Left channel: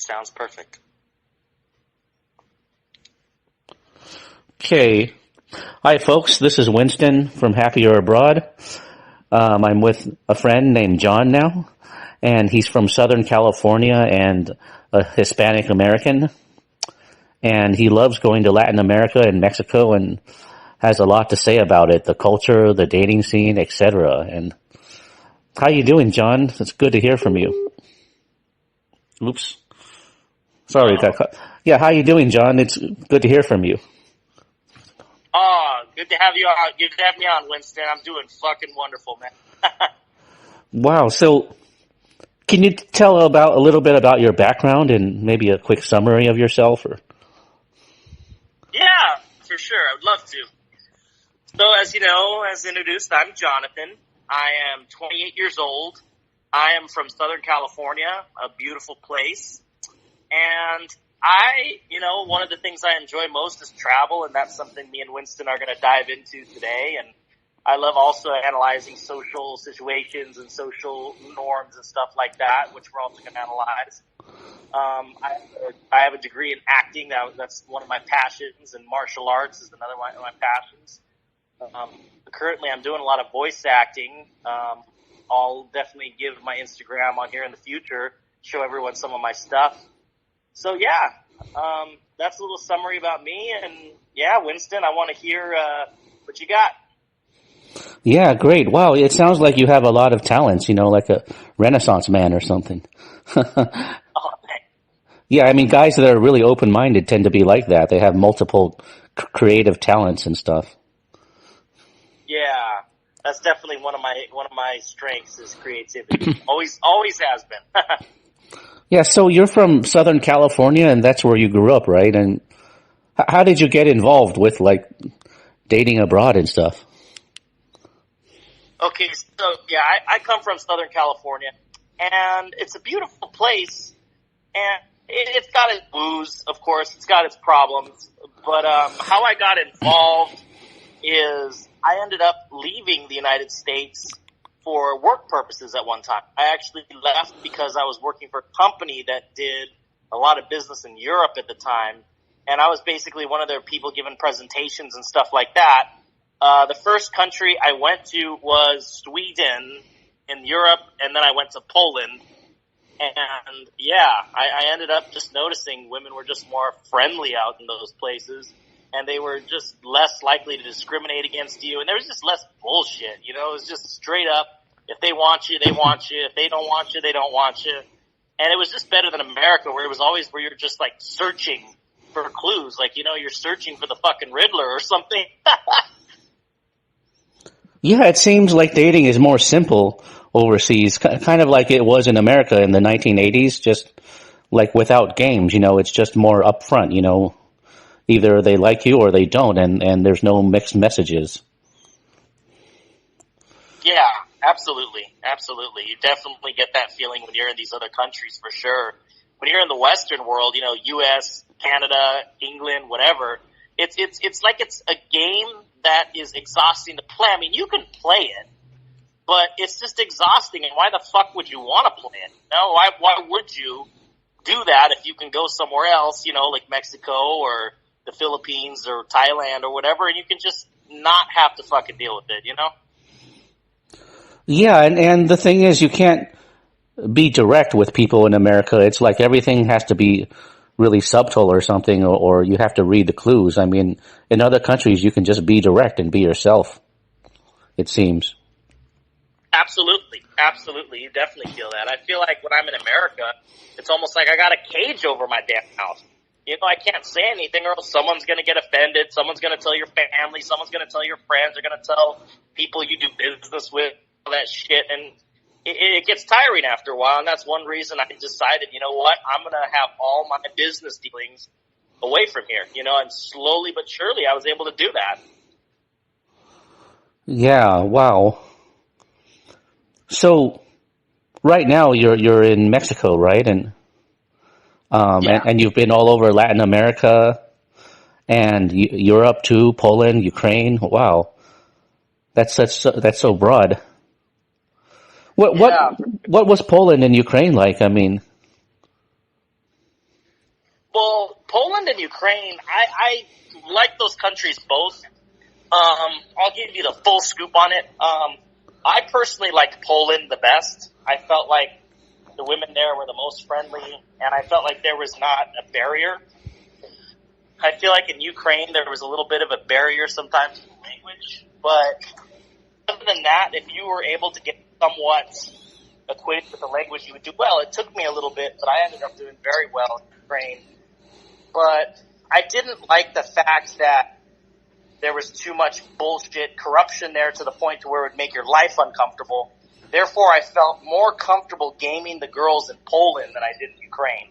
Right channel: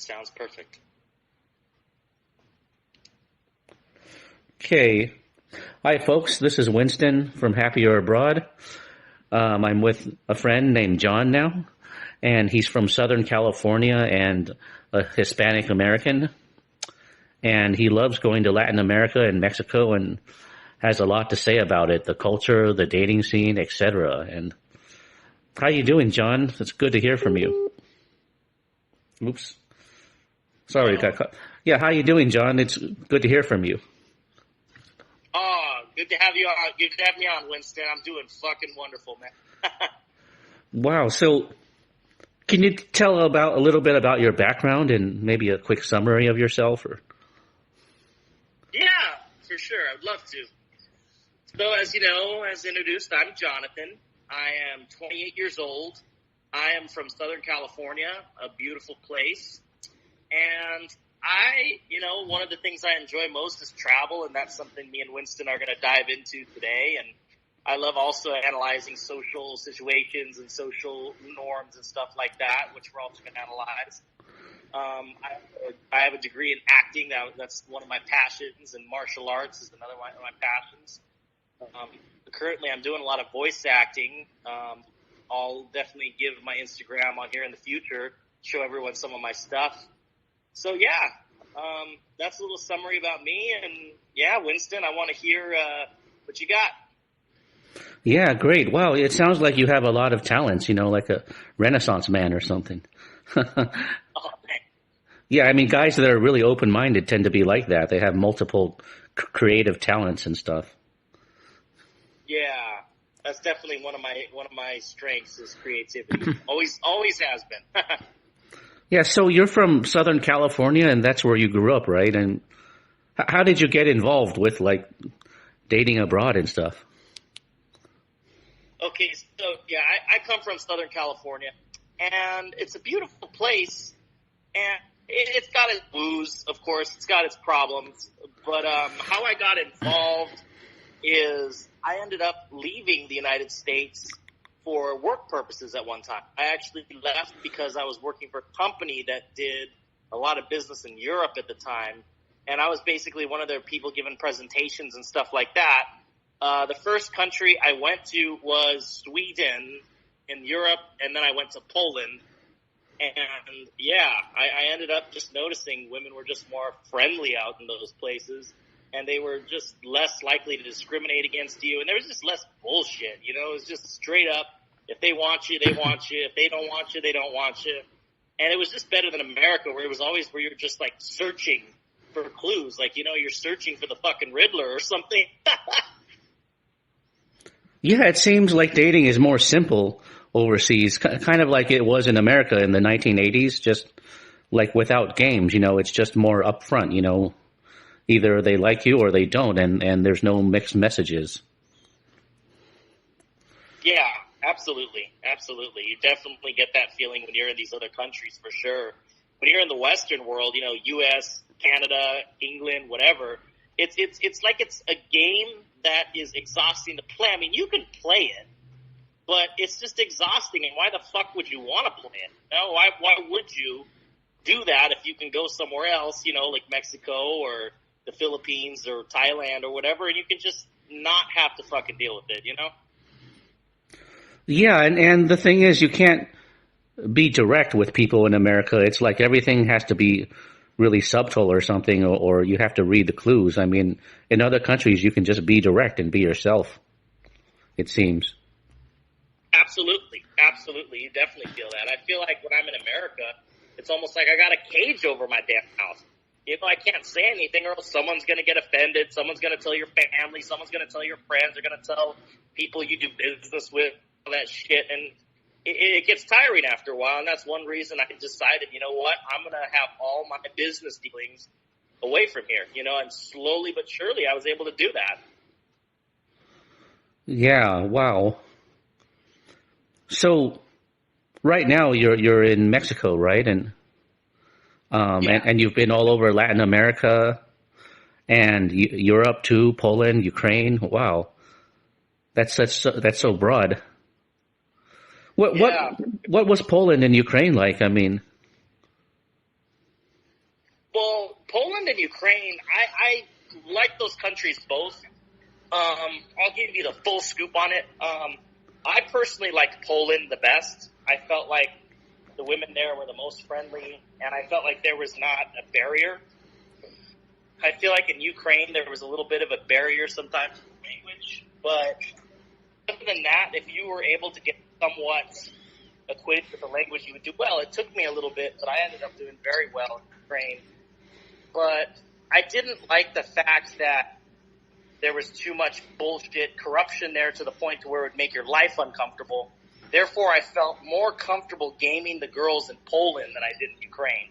That sounds perfect. Okay. Hi, folks. This is Winston from Happier Abroad. I'm with a friend named John now, and he's from Southern California and a Hispanic American. And he loves going to Latin America and Mexico and has a lot to say about it, the culture, the dating scene, etc. And how you doing, John? It's good to hear from you. Oops. Sorry, got cut. Yeah, how you doing, John? It's good to hear from you. Oh, good to have you on. Good to have me on, Winston. I'm doing fucking wonderful, man. Wow. So, can you tell about a little bit about your background and maybe a quick summary of yourself? Or Yeah, for sure. I would love to. So, as you know, as introduced, I'm Jonathan. I am 28 years old. I am from Southern California, a beautiful place. And one of the things I enjoy most is travel, and that's something me and Winston are going to dive into today. And I love also analyzing social situations and social norms and stuff like that, which we're also going to analyze. I have a degree in acting. That's one of my passions, and martial arts is another one of my passions. Currently, I'm doing a lot of voice acting. I'll definitely give my Instagram on here in the future, show everyone some of my stuff. So, yeah, that's a little summary about me. And, yeah, Winston, I want to hear what you got. yeah, great. Wow, it sounds like you have a lot of talents, like a Renaissance man or something. Oh, man. Yeah, I mean, guys that are really open-minded tend to be like that. They have multiple creative talents and stuff. Yeah, that's definitely one of my strengths is creativity. Always has been. Yeah, so you're from Southern California, and that's where you grew up, right? And how did you get involved with, dating abroad and stuff? Okay, so, yeah, I come from Southern California, and it's a beautiful place, and it's got its blues, of course. It's got its problems. But how I got involved is I ended up leaving the United States for work purposes at one time. I actually left because I was working for a company that did a lot of business in Europe at the time, and I was basically one of their people giving presentations and stuff like that. The first country I went to was Sweden in Europe, and then I went to Poland. And, yeah, I ended up just noticing women were just more friendly out in those places. And they were just less likely to discriminate against you. And there was just less bullshit, It was just straight up, if they want you, they want you. If they don't want you, they don't want you. And it was just better than America, where it was always where you're just, searching for clues. You're searching for the fucking Riddler or something. Yeah, it seems like dating is more simple overseas, kind of like it was in America in the 1980s, just without games, it's just more upfront, Either they like you or they don't, and there's no mixed messages. Yeah, absolutely. Absolutely. You definitely get that feeling when you're in these other countries, for sure. When you're in the Western world, U.S., Canada, England, whatever, it's like it's a game that is exhausting to play. I mean, you can play it, but it's just exhausting, and why the fuck would you want to play it? No, why would you do that if you can go somewhere else, like Mexico or the Philippines or Thailand or whatever, and you can just not have to fucking deal with it, Yeah, and the thing is, you can't be direct with people in America. It's like everything has to be really subtle or something, or you have to read the clues. I mean, in other countries, you can just be direct and be yourself, it seems. Absolutely. Absolutely. You definitely feel that. I feel like when I'm in America, it's almost like I got a cage over my damn house. I can't say anything or else someone's going to get offended. Someone's going to tell your family. Someone's going to tell your friends. They're going to tell people you do business with, all that shit. And it gets tiring after a while. And that's one reason I decided, you know what, I'm going to have all my business dealings away from here, and slowly but surely I was able to do that. Yeah, wow. So right now you're in Mexico, right? And Yeah. and you've been all over Latin America and Europe too, Poland, Ukraine. Wow, that's so broad. What Yeah. what was Poland and Ukraine like? I mean, Well, Poland and Ukraine, I like those countries both. I'll give you the full scoop on it. I personally liked Poland the best. I felt like the women there were the most friendly, and I felt like there was not a barrier. I feel like in Ukraine there was a little bit of a barrier sometimes in language, but other than that, if you were able to get somewhat acquainted with the language, you would do well. It took me a little bit, but I ended up doing very well in Ukraine. But I didn't like the fact that there was too much bullshit corruption there to the point to where it would make your life uncomfortable. Therefore, I felt more comfortable gaming the girls in Poland than I did in Ukraine.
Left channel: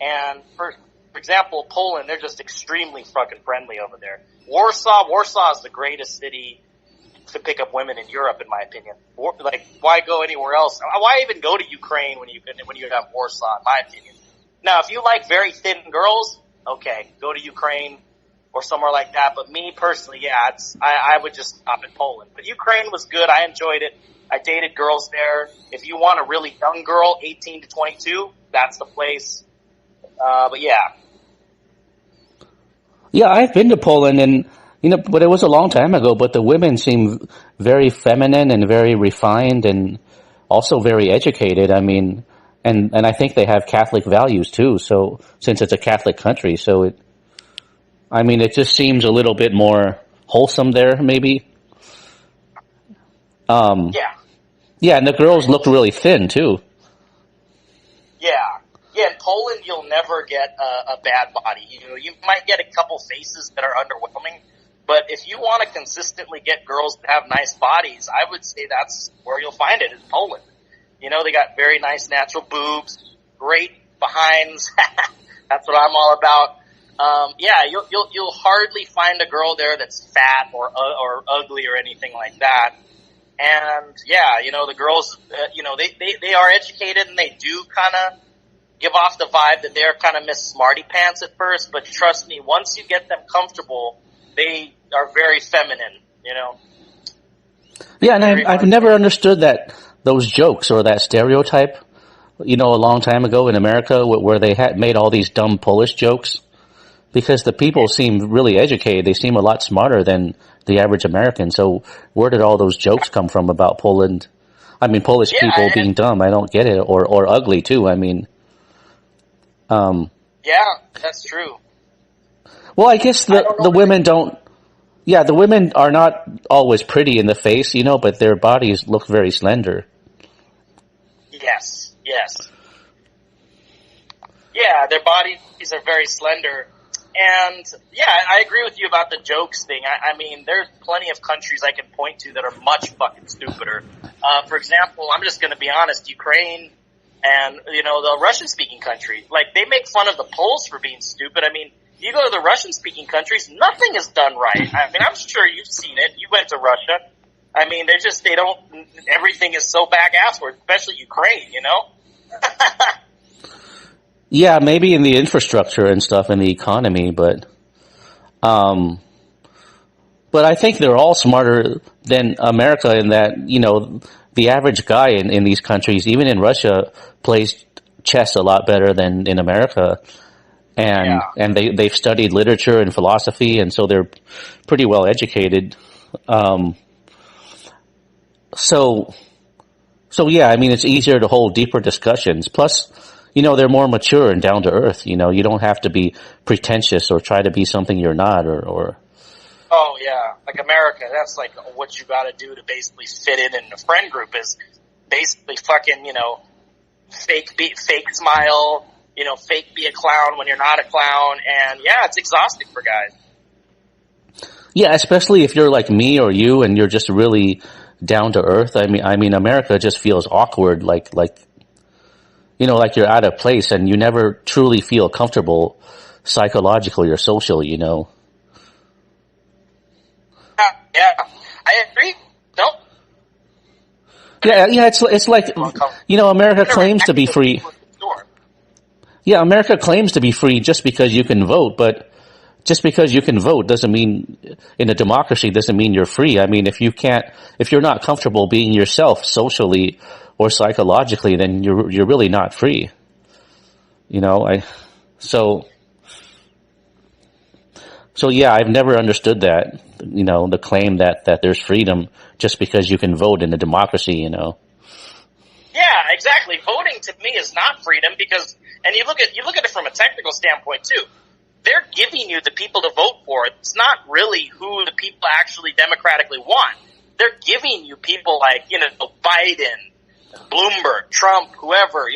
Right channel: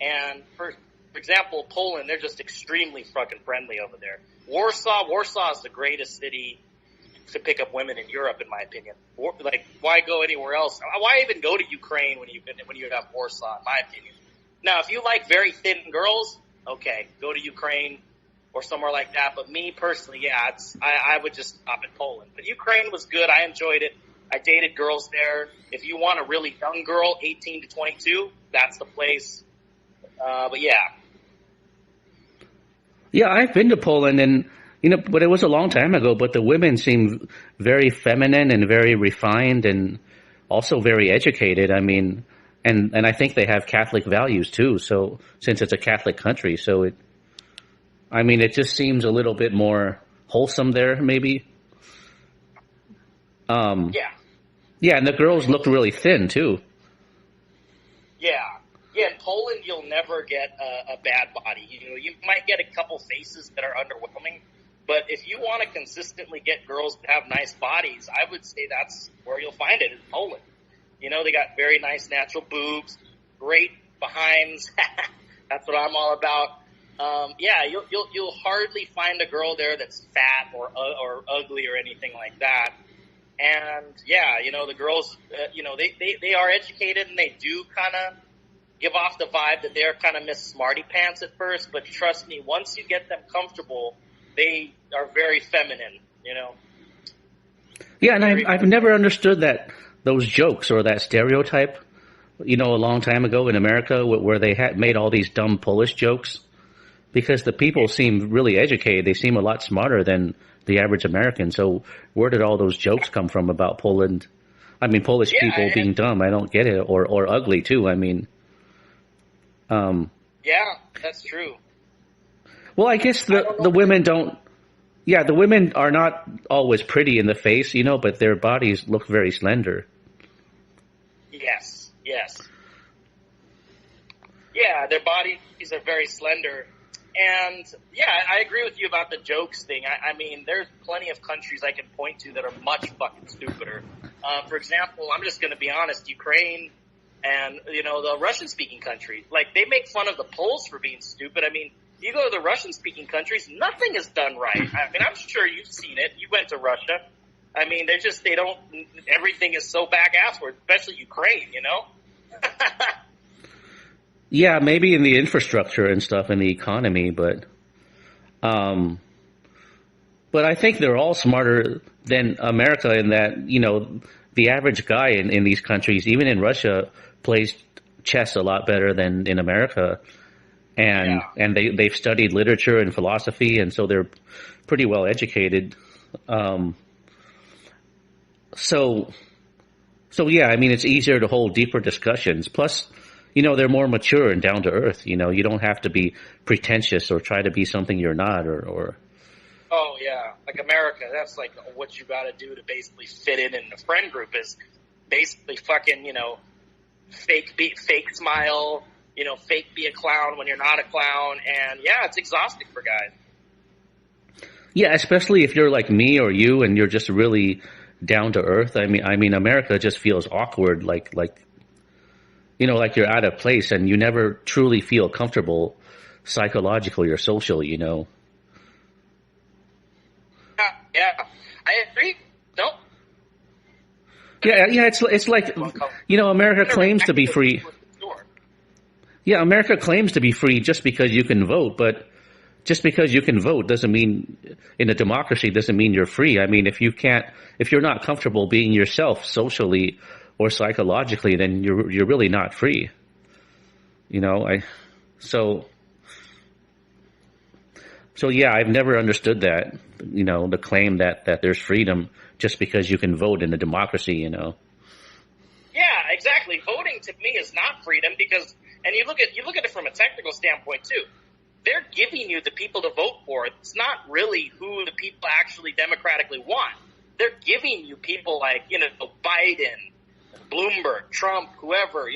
And for example, Poland, they're just extremely fucking friendly over there. Warsaw is the greatest city to pick up women in Europe, in my opinion. Like, why go anywhere else? Why even go to Ukraine when you have Warsaw, in my opinion? Now, if you like very thin girls, okay, go to Ukraine or somewhere like that. But me personally, yeah, I would just stop in Poland. But Ukraine was good. I enjoyed it. I dated girls there. If you want a really young girl, 18 to 22, that's the place. But yeah. Yeah, I've been to Poland, and but it was a long time ago. But the women seem very feminine and very refined, and also very educated. I mean, and I think they have Catholic values too. So since it's a Catholic country, so it just seems a little bit more wholesome there, maybe. Yeah. Yeah, and the girls looked really thin too. Yeah. Yeah, in Poland, you'll never get a bad body. You might get a couple faces that are underwhelming, but if you want to consistently get girls that have nice bodies, I would say that's where you'll find it, in Poland. They got very nice natural boobs, great behinds. That's what I'm all about. Yeah, you'll hardly find a girl there that's fat or ugly or anything like that. And yeah, the girls, they are educated, and they do kind of give off the vibe that they're kind of Miss Smarty Pants at first. But trust me, once you get them comfortable, they are very feminine. Yeah, and I've never understood those jokes or that stereotype. A long time ago in America, where they had made all these dumb Polish jokes, because the people seem really educated. They seem a lot smarter than the average American. So where did all those jokes come from about Poland? Polish people being dumb. I don't get it. Or ugly too. Yeah, that's true. Well, I guess the women don't. Yeah, the women are not always pretty in the face, but their bodies look very slender. Yes. Yeah, their bodies are very slender. And yeah, I agree with you about the jokes thing. There's plenty of countries I can point to that are much fucking stupider. For example, I'm just going to be honest, Ukraine and, the Russian-speaking countries, like, they make fun of the Poles for being stupid. You go to the Russian-speaking countries, nothing is done right. I'm sure you've seen it. You went to Russia. They don't, everything is so back-assward, especially Ukraine, Yeah, maybe in the infrastructure and stuff, in the economy, but I think they're all smarter than America in that, the average guy in these countries, even in Russia, plays chess a lot better than in America. And they've studied literature and philosophy, and so they're pretty well educated. So yeah, it's easier to hold deeper discussions. Plus, they're more mature and down to earth. You don't have to be pretentious or try to be something you're not or. Oh yeah, like America, that's like what you got to do to basically fit in a friend group is basically fucking, fake smile, fake be a clown when you're not a clown. And yeah, it's exhausting for guys. Yeah, especially if you're like me or you and you're just really down to earth. America just feels awkward, like you're out of place and you never truly feel comfortable psychologically or socially, Yeah, I agree. No. Yeah, it's like, America claims to be free. Yeah, America claims to be free just because you can vote, but just because you can vote doesn't mean, in a democracy, doesn't mean you're free. If you're not comfortable being yourself socially or psychologically, then you're really not free. So yeah, I've never understood that, the claim that there's freedom just because you can vote in a democracy. Yeah, exactly. Voting to me is not freedom because, and you look at it from a technical standpoint too. They're giving you the people to vote for. It's not really who the people actually democratically want. They're giving you people like, Biden, Bloomberg, Trump, whoever,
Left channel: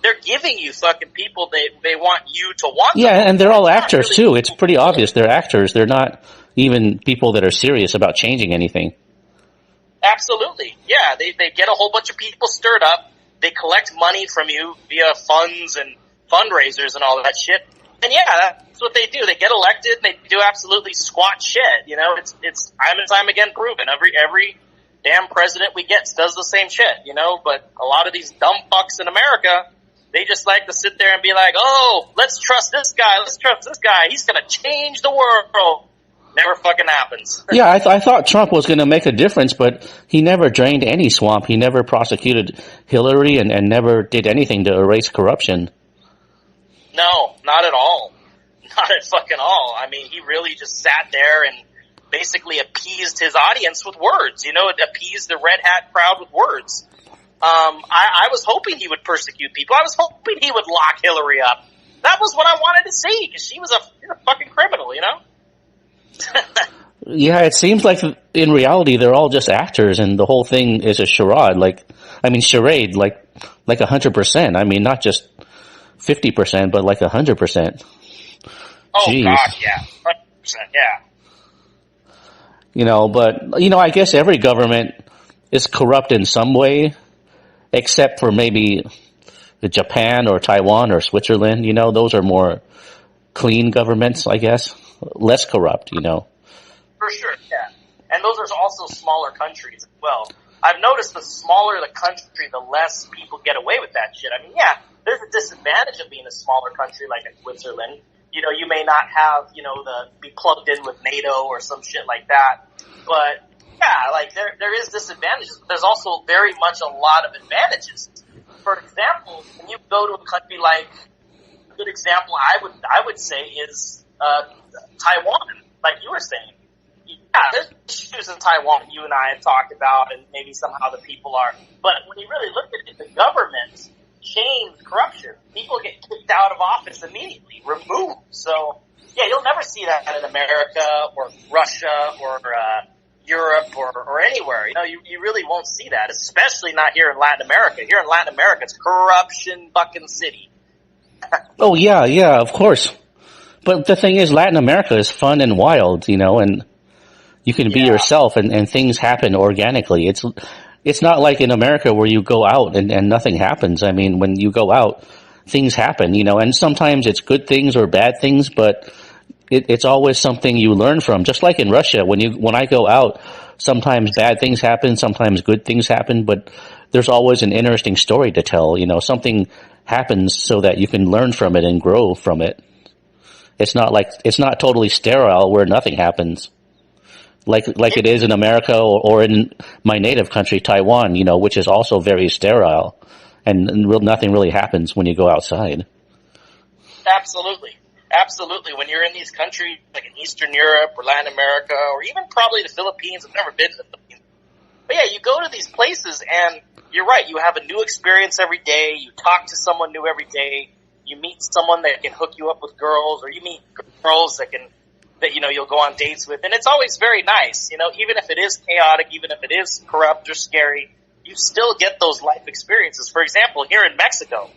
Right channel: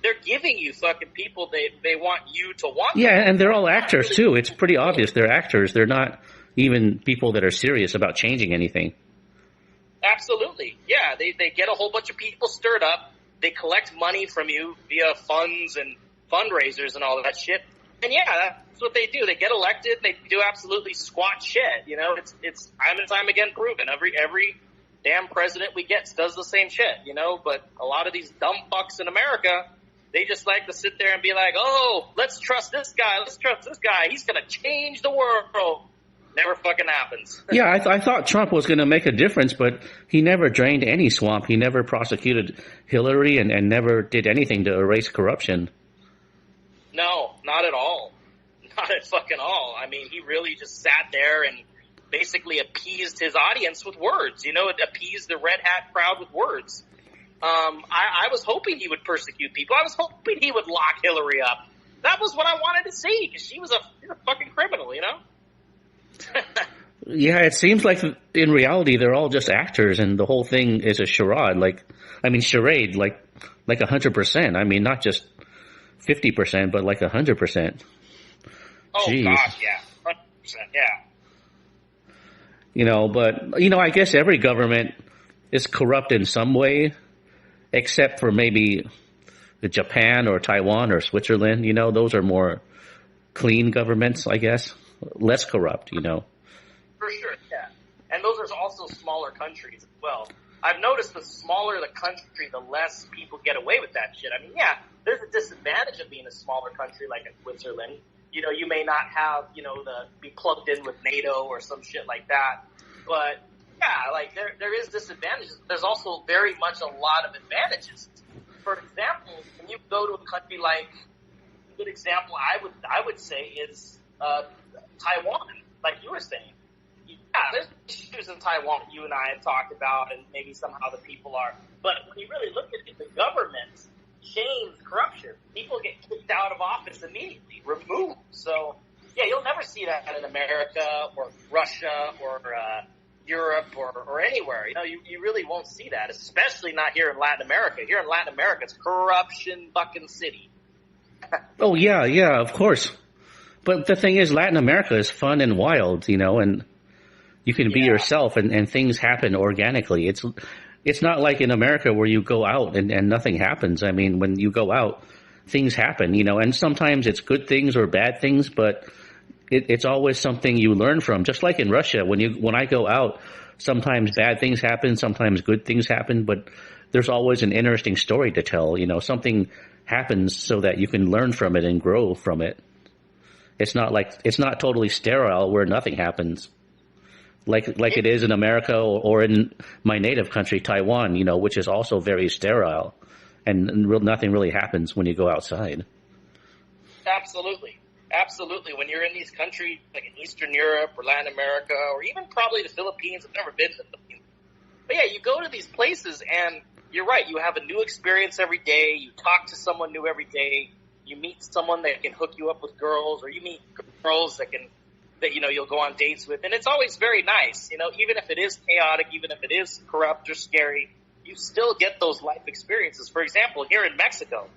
they're giving you fucking people they want you to want. Yeah, and they're all actors too. It's pretty obvious they're actors. They're not even people that are serious about changing anything. Absolutely. Yeah, they get a whole bunch of people stirred up. They collect money from you via funds and fundraisers and all that shit. And yeah, that's what they do. They get elected and they do absolutely squat shit. It's time and time again proven. Every damn president we get does the same shit, but a lot of these dumb fucks in America, they just like to sit there and be like, oh, let's trust this guy. Let's trust this guy. He's going to change the world. Never fucking happens. Yeah, I thought Trump was going to make a difference, but he never drained any swamp. He never prosecuted Hillary and never did anything to erase corruption. No, not at all. Not at fucking all. I mean, he really just sat there and basically appeased his audience with words, appeased the red hat crowd with words. I was hoping he would persecute people. I was hoping he would lock Hillary up. That was what I wanted to see because she was a fucking criminal, Yeah, it seems like in reality they're all just actors and the whole thing is a charade. Charade, like 100%. I mean, not just 50%, but like 100%. Oh, Jeez. God, yeah. 100%, yeah. But, I guess every government is corrupt in some way, except for maybe Japan or Taiwan or Switzerland. Those are more clean governments, I guess. Less corrupt, For sure, yeah. And those are also smaller countries as well. I've noticed the smaller the country, the less people get away with that shit. I mean, yeah, there's a disadvantage of being a smaller country like in Switzerland. You may not have, be plugged in with NATO or some shit like that. But, yeah, there is disadvantages. There's also very much a lot of advantages. For example, when you go to a country like, a good example I would say is Taiwan, like you were saying. Yeah, there's issues in Taiwan that you and I have talked about, and maybe somehow the people are. But when you really look at it, the government shames corruption. People get kicked out of office immediately, removed. So, yeah, you'll never see that in America or Russia or Europe or anywhere. You really won't see that, especially not here in Latin America. Here in Latin America, it's corruption fucking city. Oh, yeah, of course. But the thing is, Latin America is fun and wild, and you can be yourself and things happen organically. It's not like in America where you go out and nothing happens. I mean, when you go out, things happen, and sometimes it's good things or bad things, but it's always something you learn from. Just like in Russia, when I go out, sometimes bad things happen, sometimes good things happen, but there's always an interesting story to tell. Something happens so that you can learn from it and grow from it. It's not totally sterile where nothing happens. Like it is in America or in my native country, Taiwan, which is also very sterile, and nothing really happens when you go outside. Absolutely. When you're in these countries, like in Eastern Europe or Latin America, or even probably the Philippines, I've never been to the Philippines. But yeah, you go to these places and you're right, you have a new experience every day, you talk to someone new every day, you meet someone that can hook you up with girls, or you meet girls that you'll go on dates with, and it's always very nice, even if it is chaotic, even if it is corrupt or scary, you still get those life experiences. For example, here in Mexico,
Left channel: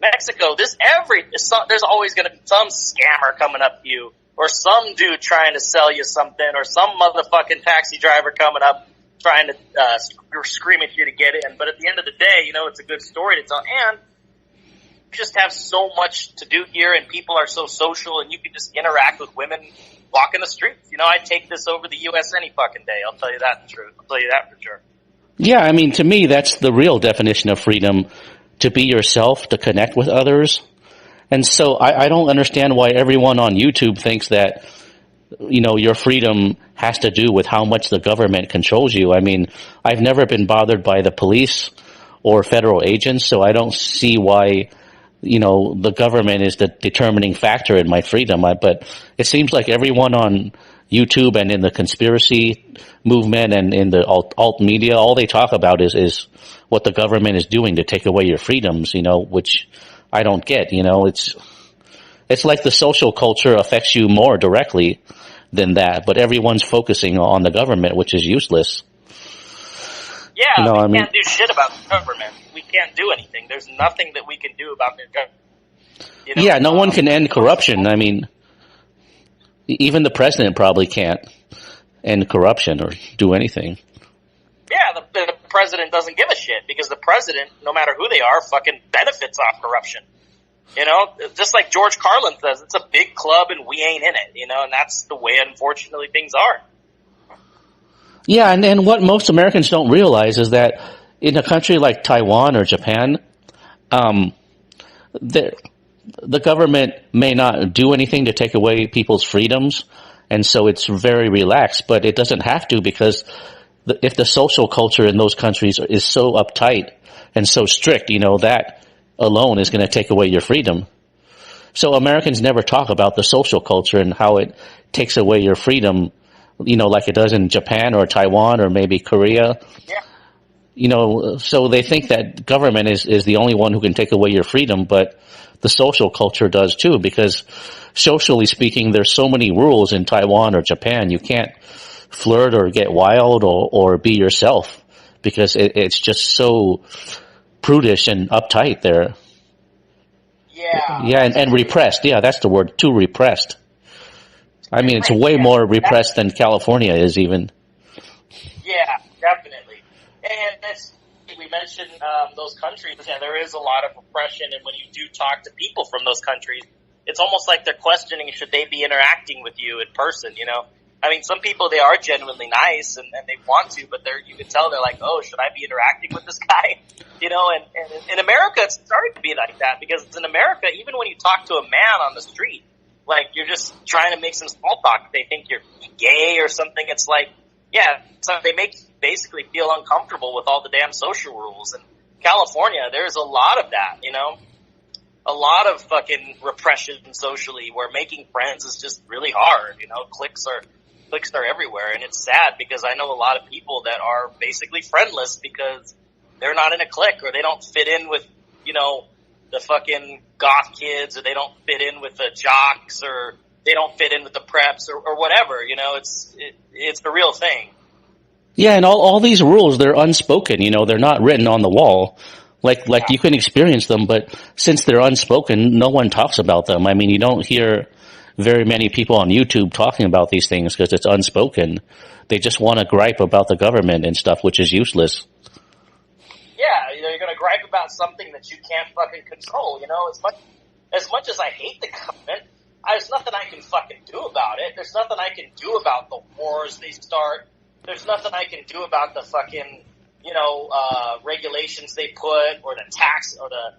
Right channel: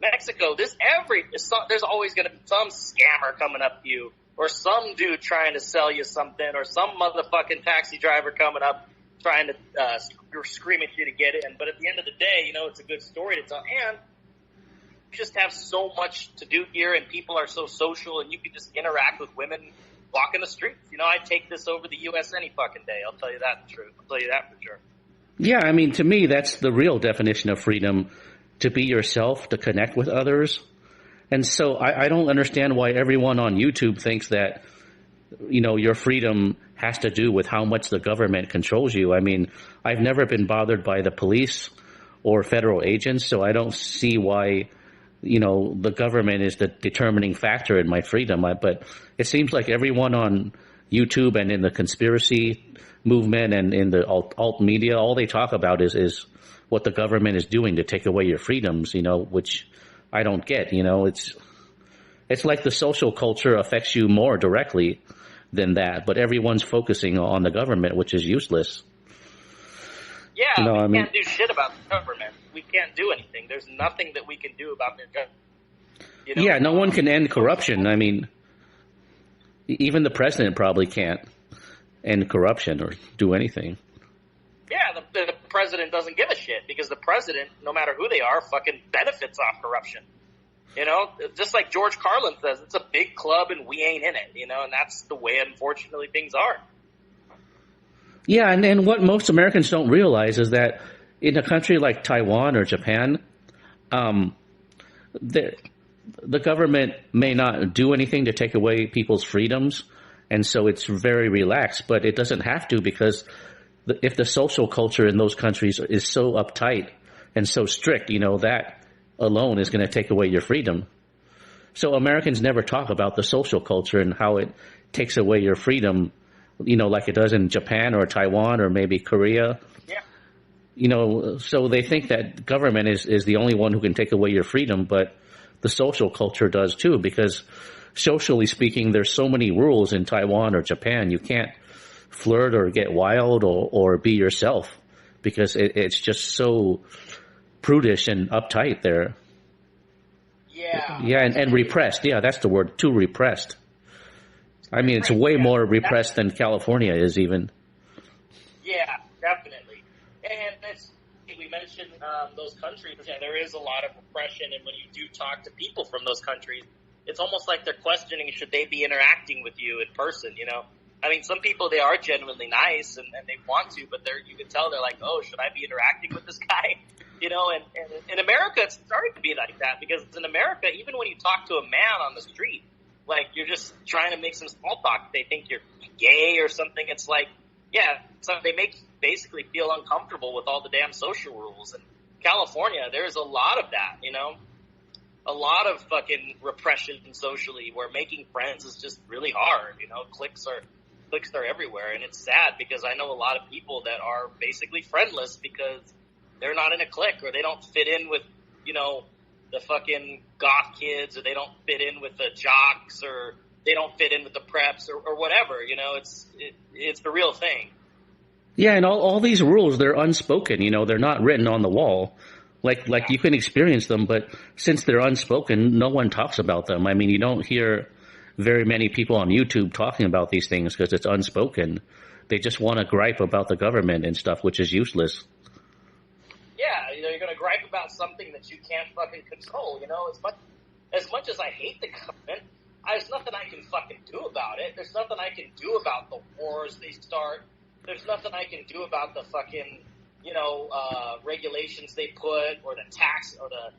there's always going to be some scammer coming up to you, or some dude trying to sell you something, or some motherfucking taxi driver coming up trying to scream at you to get in. But at the end of the day, it's a good story to tell, and you just have so much to do here, and people are so social, and you can just interact with women walking the streets. I'd take this over the U.S. any fucking day. I'll tell you that the truth. I'll tell you that for sure. Yeah, I mean, to me, that's the real definition of freedom, to be yourself, to connect with others. And so I don't understand why everyone on YouTube thinks that, your freedom has to do with how much the government controls you. I mean, I've never been bothered by the police or federal agents, so I don't see why the government is the determining factor in my freedom. But it seems like everyone on YouTube and in the conspiracy movement and in the alt media, all they talk about is what the government is doing to take away your freedoms, which I don't get. It's like the social culture affects you more directly than that, but everyone's focusing on the government, which is useless. Yeah, we can't do shit about the government. We can't do anything. There's nothing that we can do about the government. Yeah, no one can end corruption. I mean, even the president probably can't end corruption or do anything. Yeah, the president doesn't give a shit because the president, no matter who they are, fucking benefits off corruption. Just like George Carlin says, it's a big club and we ain't in it, and that's the way, unfortunately, things are. Yeah, and what most Americans don't realize is that in a country like Taiwan or Japan, the government may not do anything to take away people's freedoms, and so it's very relaxed, but it doesn't have to because if the social culture in those countries is so uptight and so strict, that alone is going to take away your freedom. So Americans never talk about the social culture and how it takes away your freedom, like it does in Japan or Taiwan or maybe Korea. Yeah. So they think that government is the only one who can take away your freedom, but the social culture does too, because socially speaking, there's so many rules in Taiwan or Japan. You can't flirt or get wild or be yourself because it's just so prudish and uptight there. Yeah. Yeah, and repressed. Yeah, that's the word, too repressed. I mean, it's way more repressed than California is even. Yeah, definitely. And we mentioned those countries. Yeah, there is a lot of repression, and when you do talk to people from those countries, it's almost like they're questioning should they be interacting with you in person, I mean, some people, they are genuinely nice and they want to, but you can tell they're like, oh, should I be interacting with this guy? And in America, it's starting to be like that because in America, even when you talk to a man on the street, like you're just trying to make some small talk. They think you're gay or something. It's like, yeah, so they make you basically feel uncomfortable with all the damn social rules. In California, there's a lot of that, a lot of fucking repression socially where making friends is just really hard. Cliques are everywhere, and it's sad because I know a lot of people that are basically friendless because they're not in a clique or they don't fit in with, the fucking goth kids, or they don't fit in with the jocks, or they don't fit in with the preps or whatever. It's the real thing. Yeah, and all these rules, they're unspoken. They're not written on the wall. Like you can experience them, but since they're unspoken, no one talks about them. I mean, you don't hear very many people on YouTube talking about these things because it's unspoken. They just want to gripe about the government and stuff, which is useless. Yeah, you're going to gripe about something that you can't fucking control, As much as I hate the government, there's nothing I can fucking do about it. There's nothing I can do about the wars they start. There's nothing I can do about the fucking, regulations they put or the tax or the,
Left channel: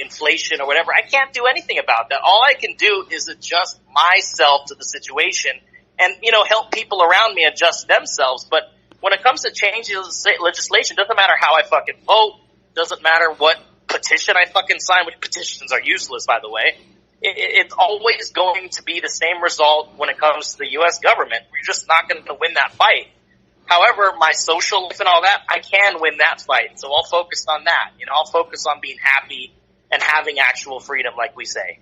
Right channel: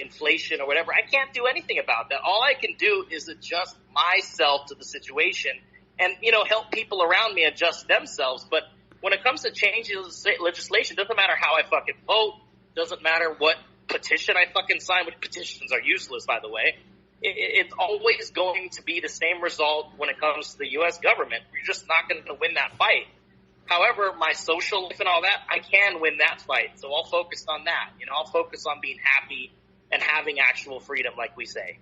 inflation or whatever. I can't do anything about that. All I can do is adjust myself to the situation and, help people around me adjust themselves. But when it comes to changing legislation, doesn't matter how I fucking vote, doesn't matter what petition I fucking sign, which petitions are useless, by the way. It's always going to be the same result when it comes to the U.S. government. We're just not going to win that fight. However, my social life and all that, I can win that fight. So I'll focus on that. I'll focus on being happy and having actual freedom, like we say.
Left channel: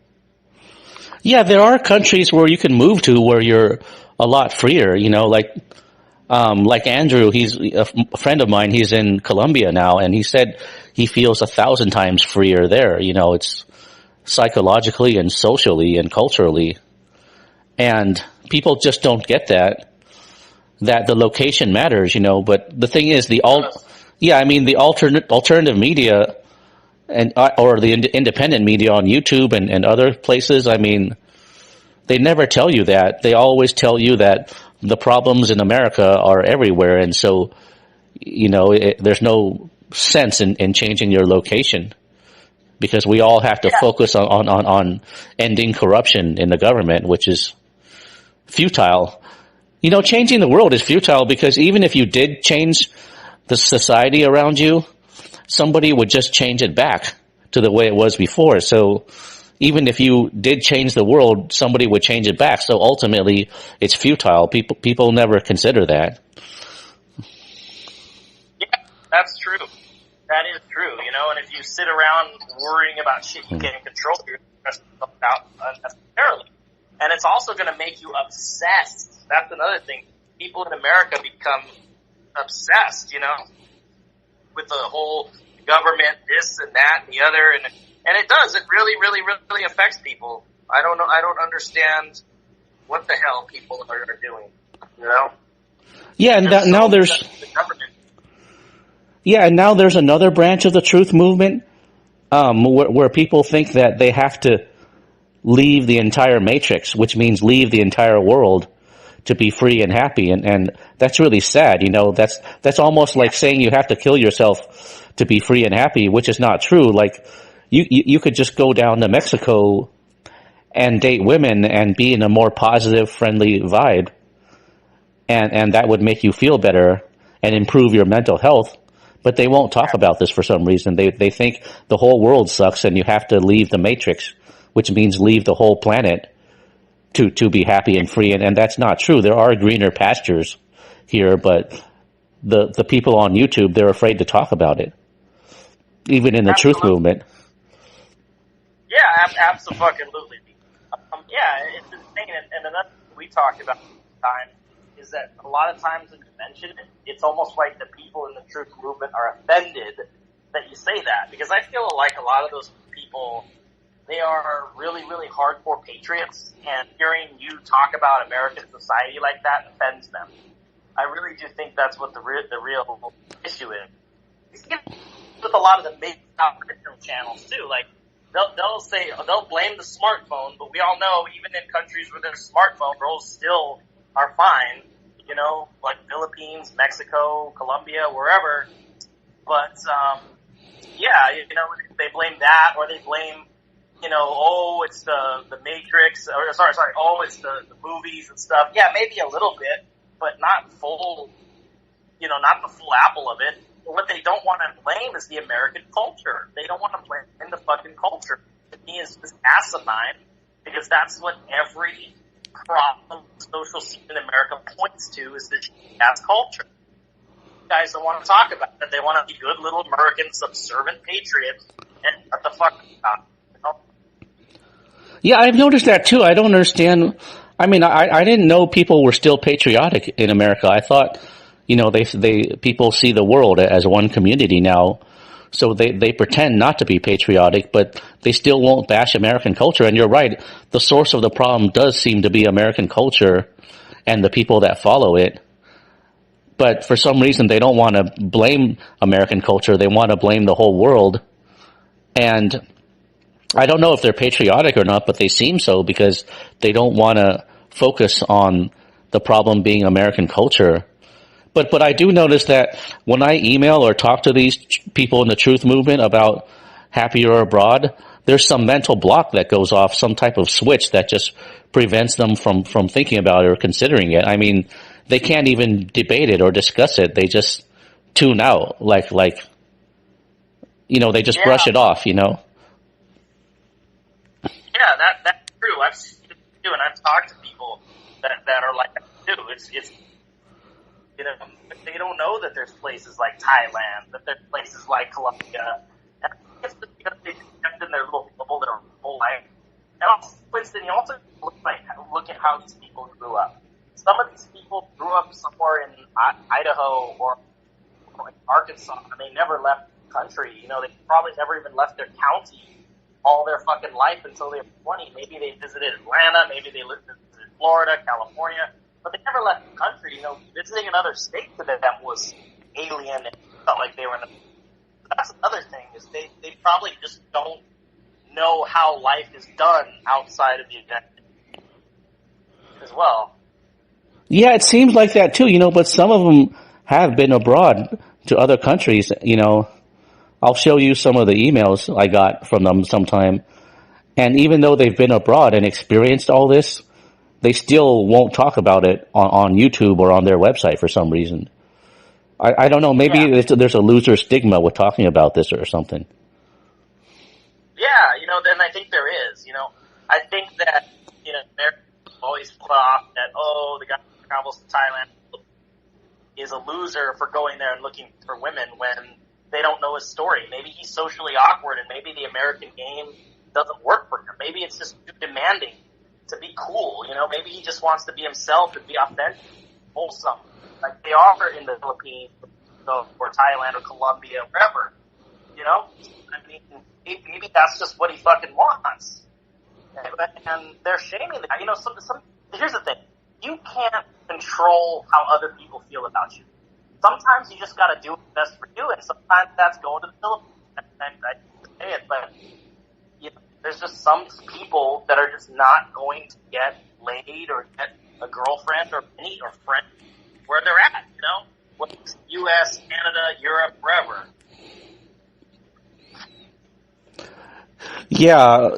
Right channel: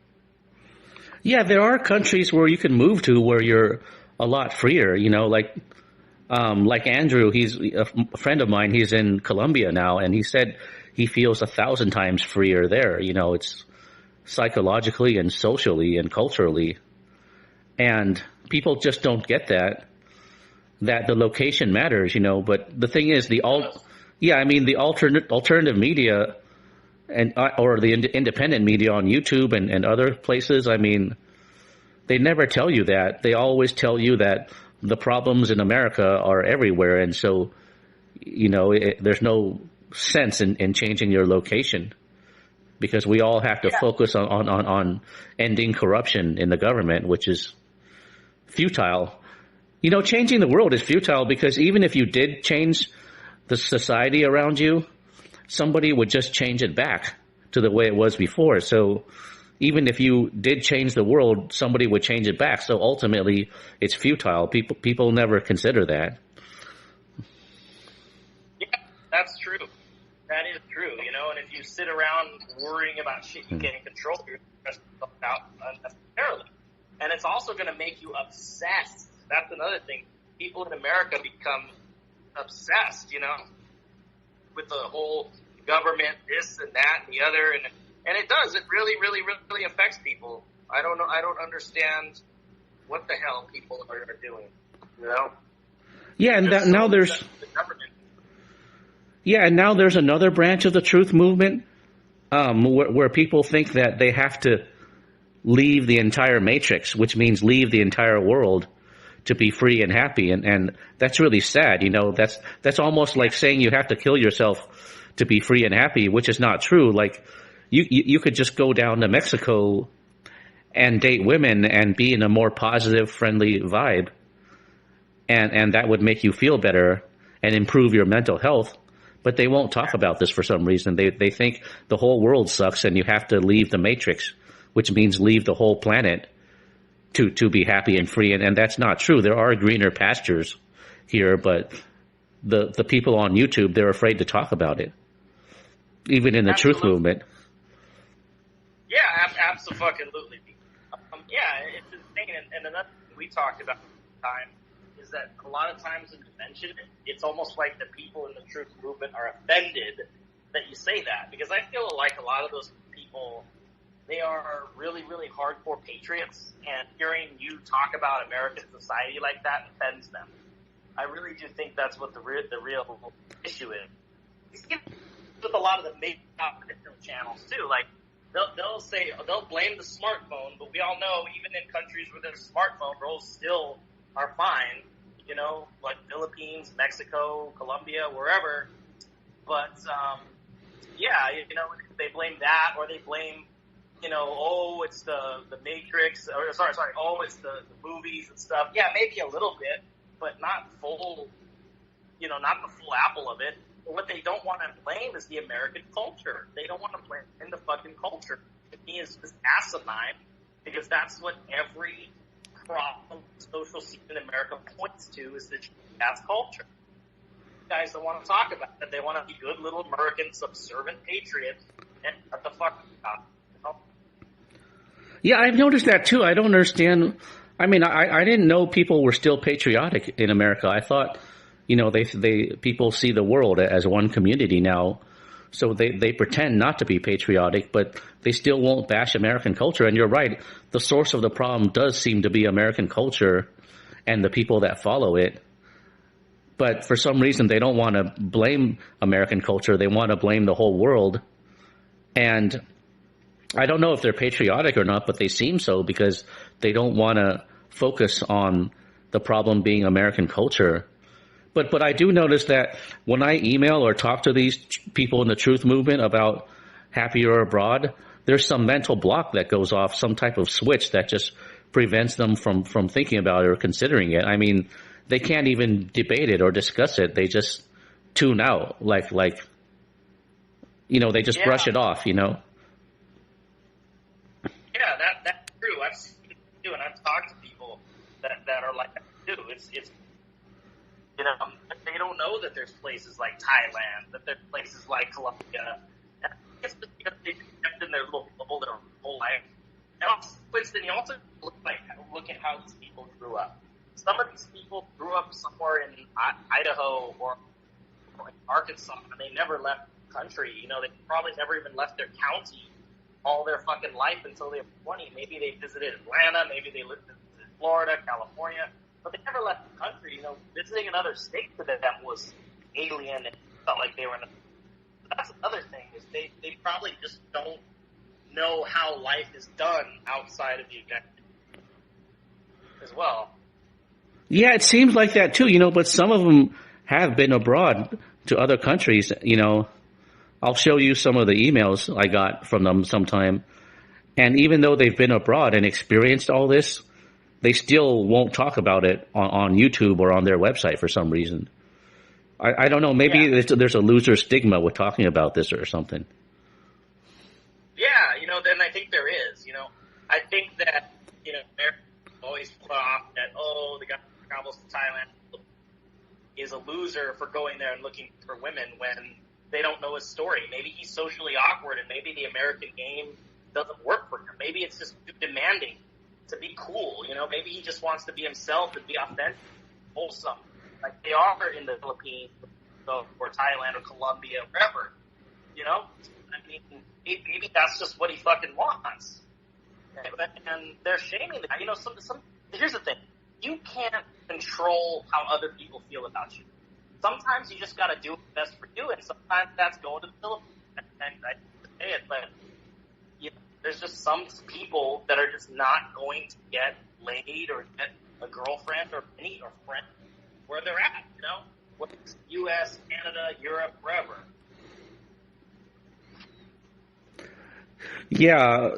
Yeah, there are countries where you can move to where you're a lot freer, like Andrew, he's a friend of mine. He's in Colombia now, and he said he feels 1,000 times freer there. It's psychologically and socially and culturally, and people just don't get that the location matters. But the thing is, the alternative media and or the independent media on YouTube and other places. I mean, they never tell you that. They always tell you that the problems in America are everywhere, and so there's no sense in changing your location because we all have to focus on ending corruption in the government, which is futile. Changing the world is futile because even if you did change the society around you, somebody would just change it back to the way it was before. So even if you did change the world, somebody would change it back. So ultimately, it's futile. People never consider that. Yeah, that's true. That is true, and if you sit around worrying about shit you can't control, you're stressing yourself out unnecessarily. And it's also going to make you obsessed. That's another thing. People in America become obsessed, with the whole government, this and that and the other. And it does. It really, really, really affects people. I don't know. I don't understand what the hell people are doing, Yeah, and now there's... Yeah, and now there's another branch of the truth movement where people think that they have to leave the entire matrix, which means leave the entire world to be free and happy. And that's really sad. That's almost like saying you have to kill yourself to be free and happy, which is not true. Like you could just go down to Mexico and date women and be in a more positive, friendly vibe. And that would make you feel better and improve your mental health. But they won't talk about this for some reason. They think the whole world sucks and you have to leave the matrix, which means leave the whole planet to be happy and free. And that's not true. There are greener pastures here, but the people on YouTube, they're afraid to talk about it, even in the truth movement. Yeah, absolutely. Yeah, it's insane. And another thing we talked about time is that a lot of times when you mention it, it's almost like the people in the truth movement are offended that you say that. Because I feel like a lot of those people, they are really, really hardcore patriots, and hearing you talk about American society like that offends them. I really do think that's what the real issue is. You see it with a lot of the major Christian channels too. Like they'll blame the smartphone, but we all know even in countries where there's smartphone, girls still are fine, like Philippines, Mexico, Colombia, wherever. But, they blame that, or they blame, it's the Matrix, or it's the movies and stuff. Yeah, maybe a little bit, but not full, not the full apple of it. But what they don't want to blame is the American culture. They don't want to blame the fucking culture. To me, it's just asinine, because that's what every problem social scene in America points to, is the ass culture. You guys don't want to talk about it. They want to be good little American subservient patriots and what the fuck about it, Yeah, I've noticed that too. I don't understand. I mean, I didn't know people were still patriotic in America. I thought, people see the world as one community now. So they pretend not to be patriotic, but they still won't bash American culture. And you're right, the source of the problem does seem to be American culture and the people that follow it. But for some reason, they don't want to blame American culture. They want to blame the whole world. And I don't know if they're patriotic or not, but they seem so, because they don't want to focus on the problem being American culture. But I do notice that when I email or talk to these people in the truth movement about happier abroad, there's some mental block that goes off, some type of switch that just prevents them from thinking about it or considering it. I mean, they can't even debate it or discuss it. They just tune out, they just brush it off, Yeah, that's true. I've seen it too, and I've talked to people that are like that too. It's they don't know that there's places like Thailand, that there's places like Colombia. And I think it's just because they've kept in their little bubble their whole life. And also, Winston, you also look at how these people grew up. Some of these people grew up somewhere in Idaho or like Arkansas, and they never left the country. They probably never even left their county all their fucking life until they were 20. Maybe they visited Atlanta, maybe they visited Florida, California. But they never left the country. Visiting another state to them was alien and felt like they were in a... That's another thing, is they probably just don't know how life is done outside of the United States as well. Yeah, it seems like that too, but some of them have been abroad to other countries. I'll show you some of the emails I got from them sometime. And even though they've been abroad and experienced all this, they still won't talk about it on YouTube or on their website for some reason. I don't know. Maybe there's a loser stigma with talking about this or something. Yeah, then I think there is. I think that Americans always put off that the guy who travels to Thailand is a loser for going there and looking for women when they don't know his story. Maybe he's socially awkward, and maybe the American game doesn't work for him. Maybe it's just too demanding to be cool. Maybe he just wants to be himself and be authentic, wholesome, like they are in the Philippines, or Thailand, or Colombia, wherever. I mean, maybe that's just what he fucking wants. And they're shaming that. Here's the thing. You can't control how other people feel about you. Sometimes you just got to do what's best for you, and sometimes that's going to the Philippines. I say it, but there's just some people that are just not going to get laid or get a girlfriend or any or friend where they're at. Whether it's U.S., Canada, Europe, wherever. Yeah.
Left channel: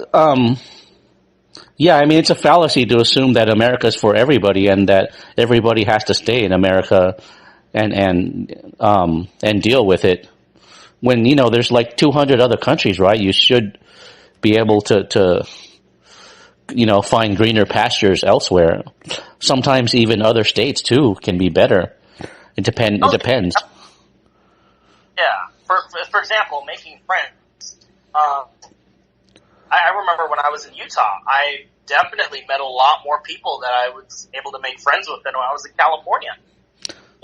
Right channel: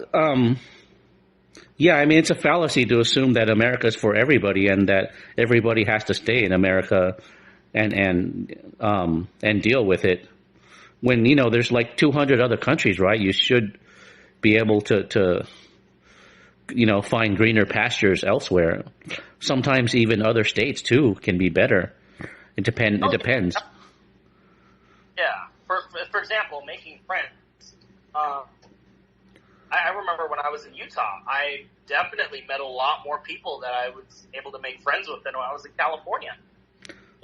Yeah, I mean, it's a fallacy to assume that America's for everybody and that everybody has to stay in America and deal with it. When, there's like 200 other countries, right? You should be able to find greener pastures elsewhere. Sometimes even other states too can be better. It depends. Yeah. For example, making friends. I remember when I was in Utah, I definitely met a lot more people that I was able to make friends with than when I was in California.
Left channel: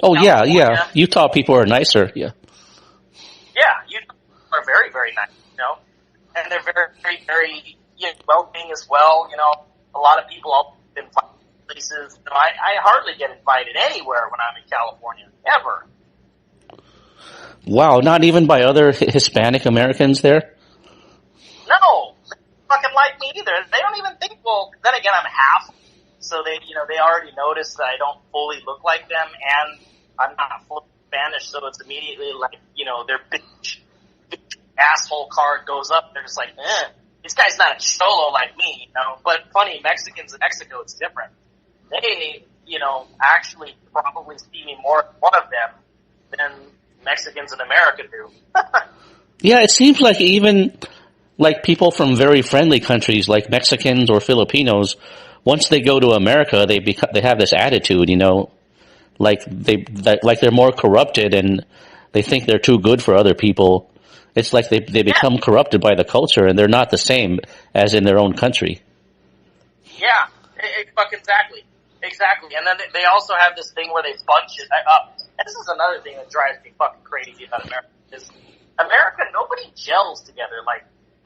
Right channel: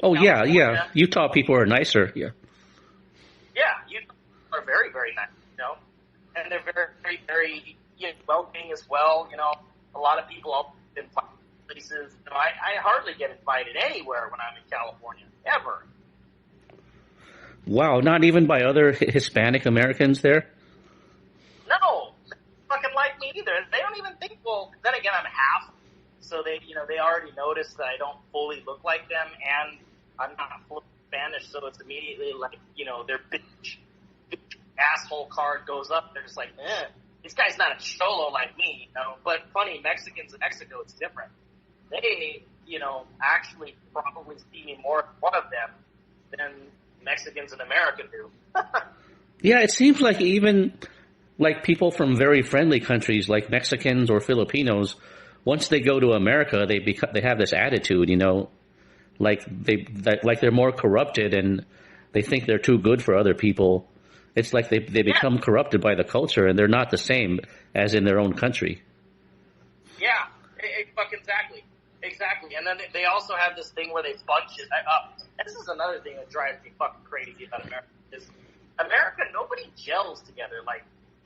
Yeah. Utah people are nicer, yeah. Yeah, Utah people are very, very nice, and they're very, very, very welcoming as well. A lot of people all invite places. I hardly get invited anywhere when I'm in California, ever. Wow, not even by other Hispanic Americans there? No, they fucking like me either. They don't even think. Well, then again, I'm half, so they already noticed that I don't fully look like them, and I'm not full Spanish, so it's immediately like their bitch asshole card goes up. They're just like, this guy's not a cholo like me, But funny, Mexicans in Mexico, it's different. They, actually probably see me more as one of them than Mexicans in America do. Yeah, it seems like even like people from very friendly countries like Mexicans or Filipinos, once they go to America, they have this attitude, like they're more corrupted and they think they're too good for other people. It's like they become corrupted by the culture and they're not the same as in their own country. Yeah, exactly. And then they also have this thing where they bunch it up. And this is another thing that drives me fucking crazy about America is America, nobody gels together. Like,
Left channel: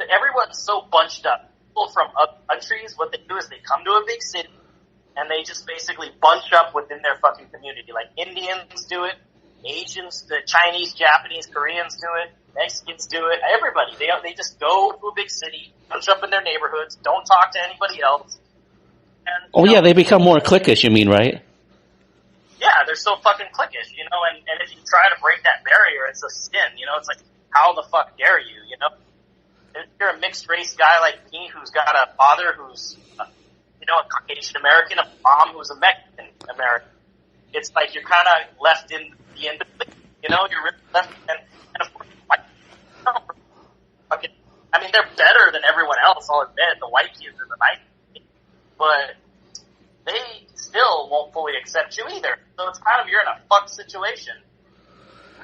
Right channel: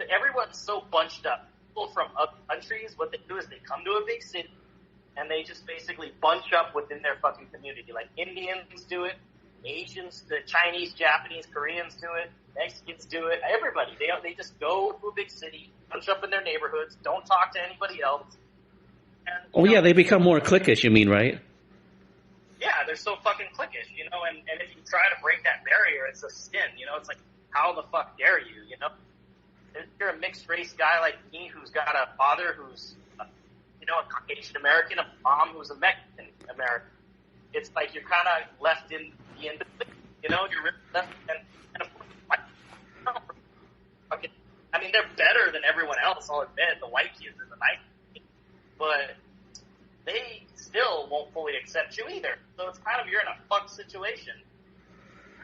everyone's so bunched up. People from other countries, what they do is they come to a big city and they just basically bunch up within their fucking community. Like, Indians do it, Asians, the Chinese, Japanese, Koreans do it, Mexicans do it, everybody. They just go to a big city, bunch up in their neighborhoods, don't talk to anybody else. And, yeah, they become more cliquish, you mean, right? Yeah, they're so fucking cliquish, and if you try to break that barrier, it's a sin, it's like, how the fuck dare you, If you're a mixed race guy like me who's got a father who's, a Caucasian American, a mom who's a Mexican American, it's like you're kind of left in the end between, you're really left, and of course, they're better than everyone else, I'll admit, the white kids are the nice kids, but they still won't fully accept you either, so it's kind of, you're in a fucked situation.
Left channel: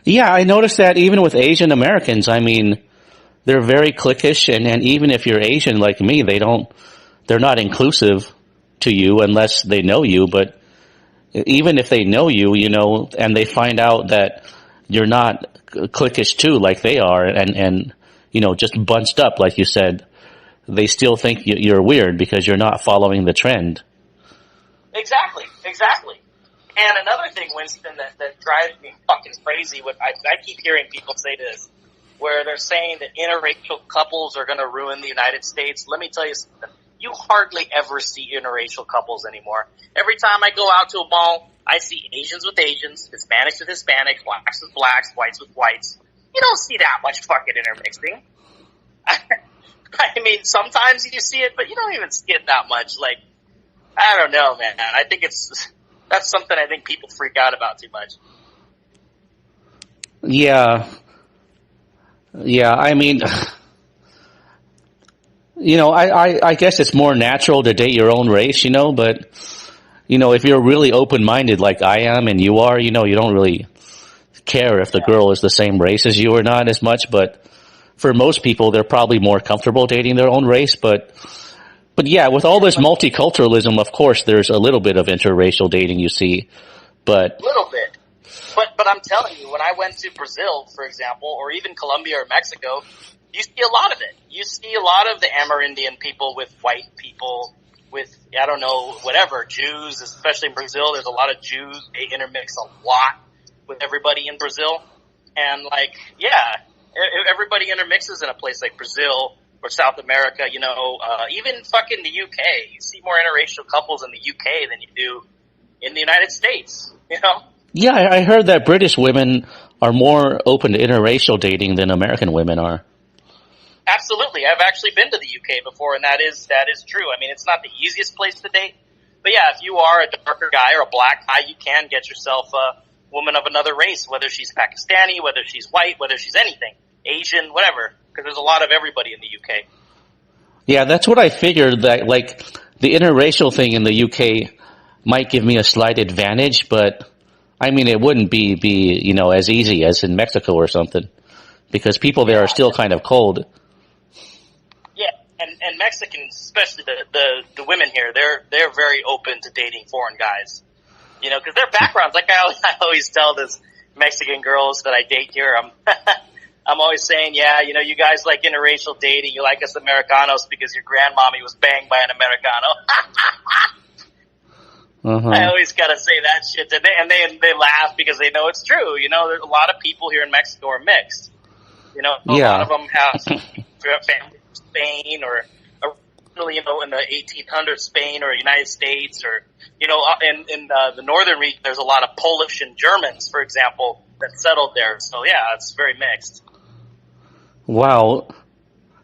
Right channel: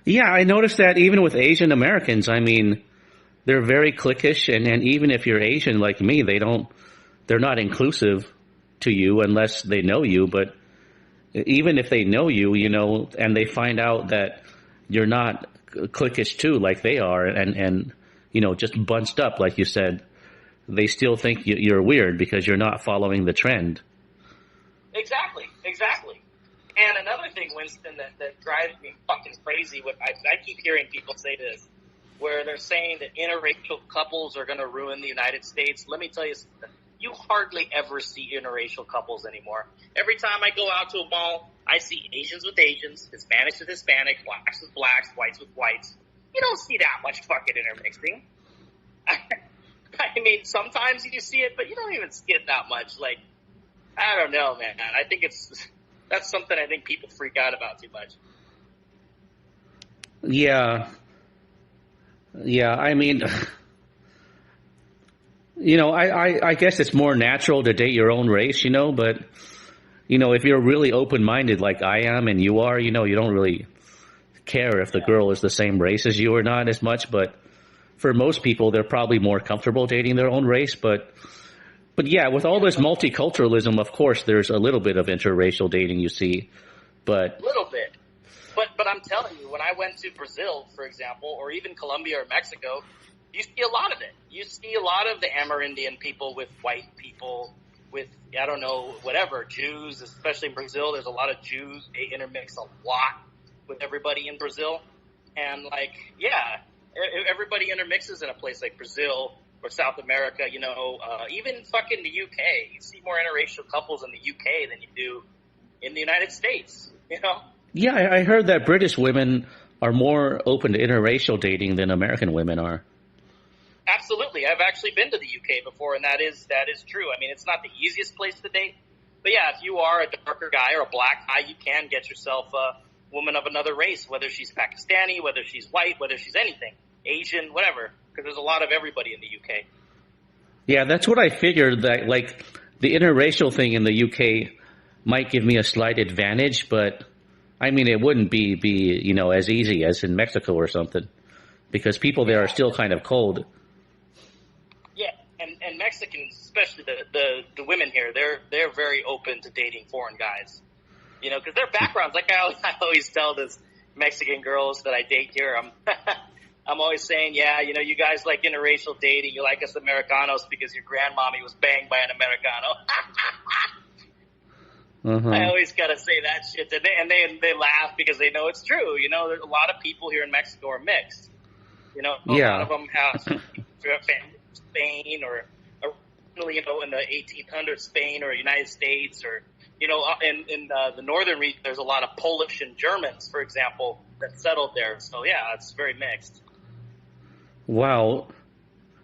Yeah, I noticed that even with Asian Americans, I mean, they're very cliquish, and even if you're Asian like me, they're not inclusive to you unless they know you, but even if they know you, and they find out that you're not cliquish too, like they are, and just bunched up, like you said, they still think you're weird because you're not following the trend. Exactly. And another thing, Winston, that drives me fucking crazy, I keep hearing people say this, where they're saying that interracial couples are going to ruin the United States. Let me tell you something. You hardly ever see interracial couples anymore. Every time I go out to a mall, I see Asians with Asians, Hispanics with Hispanics, blacks with blacks, whites with whites. You don't see that much fucking intermixing. I mean, sometimes you see it, but you don't even see it that much. Like, I don't know, man. I think that's something I think people freak out about too much. Yeah, I mean, I guess it's more natural to date your own race, but, if you're really open-minded like I am and you are, you don't really care if the girl is the same race as you or not as much, but for most people, they're probably more comfortable dating their own race, but yeah, with all this multiculturalism, of course, there's a little bit of interracial dating you see, but A little bit. But I'm telling you, when I went to Brazil, for example, or even Colombia or Mexico, you see a lot of it. You see a lot of the Amerindian people with white people, with, I don't know, whatever, Jews, especially in Brazil. There's a lot of Jews. They intermix a lot with everybody in Brazil. And, everybody intermixes in a place like Brazil or South America, even fucking the UK. You see more interracial couples in the UK than you do in the United States, Yeah, I heard that British women are more open to interracial dating than American women are. Absolutely. I've actually been to the UK before, and that is true. I mean, it's not the easiest place to date, but yeah, if you are a darker guy or a black guy, you can get yourself a woman of another race, whether she's Pakistani, whether she's white, whether she's anything, Asian, whatever, because there's a lot of everybody in the UK. Yeah, that's what I figured, that like the interracial thing in the UK might give me a slight advantage, but I mean, it wouldn't be as easy as in Mexico or something, because people there are still kind of cold. Yeah, and Mexicans, especially the women here, they're very open to dating foreign guys, because their backgrounds, like I always tell this Mexican girls that I date here, I'm always saying, you guys like interracial dating, you like us Americanos because your grandmommy was banged by an Americano. I always gotta say that shit, and they laugh because they know it's true. There's a lot of people here in Mexico are mixed. A lot of them have family from Spain or originally, in the 1800s, Spain or United States, or in the northern region, there's a lot of Polish and Germans, for example, that settled there. So yeah, it's very mixed. Wow.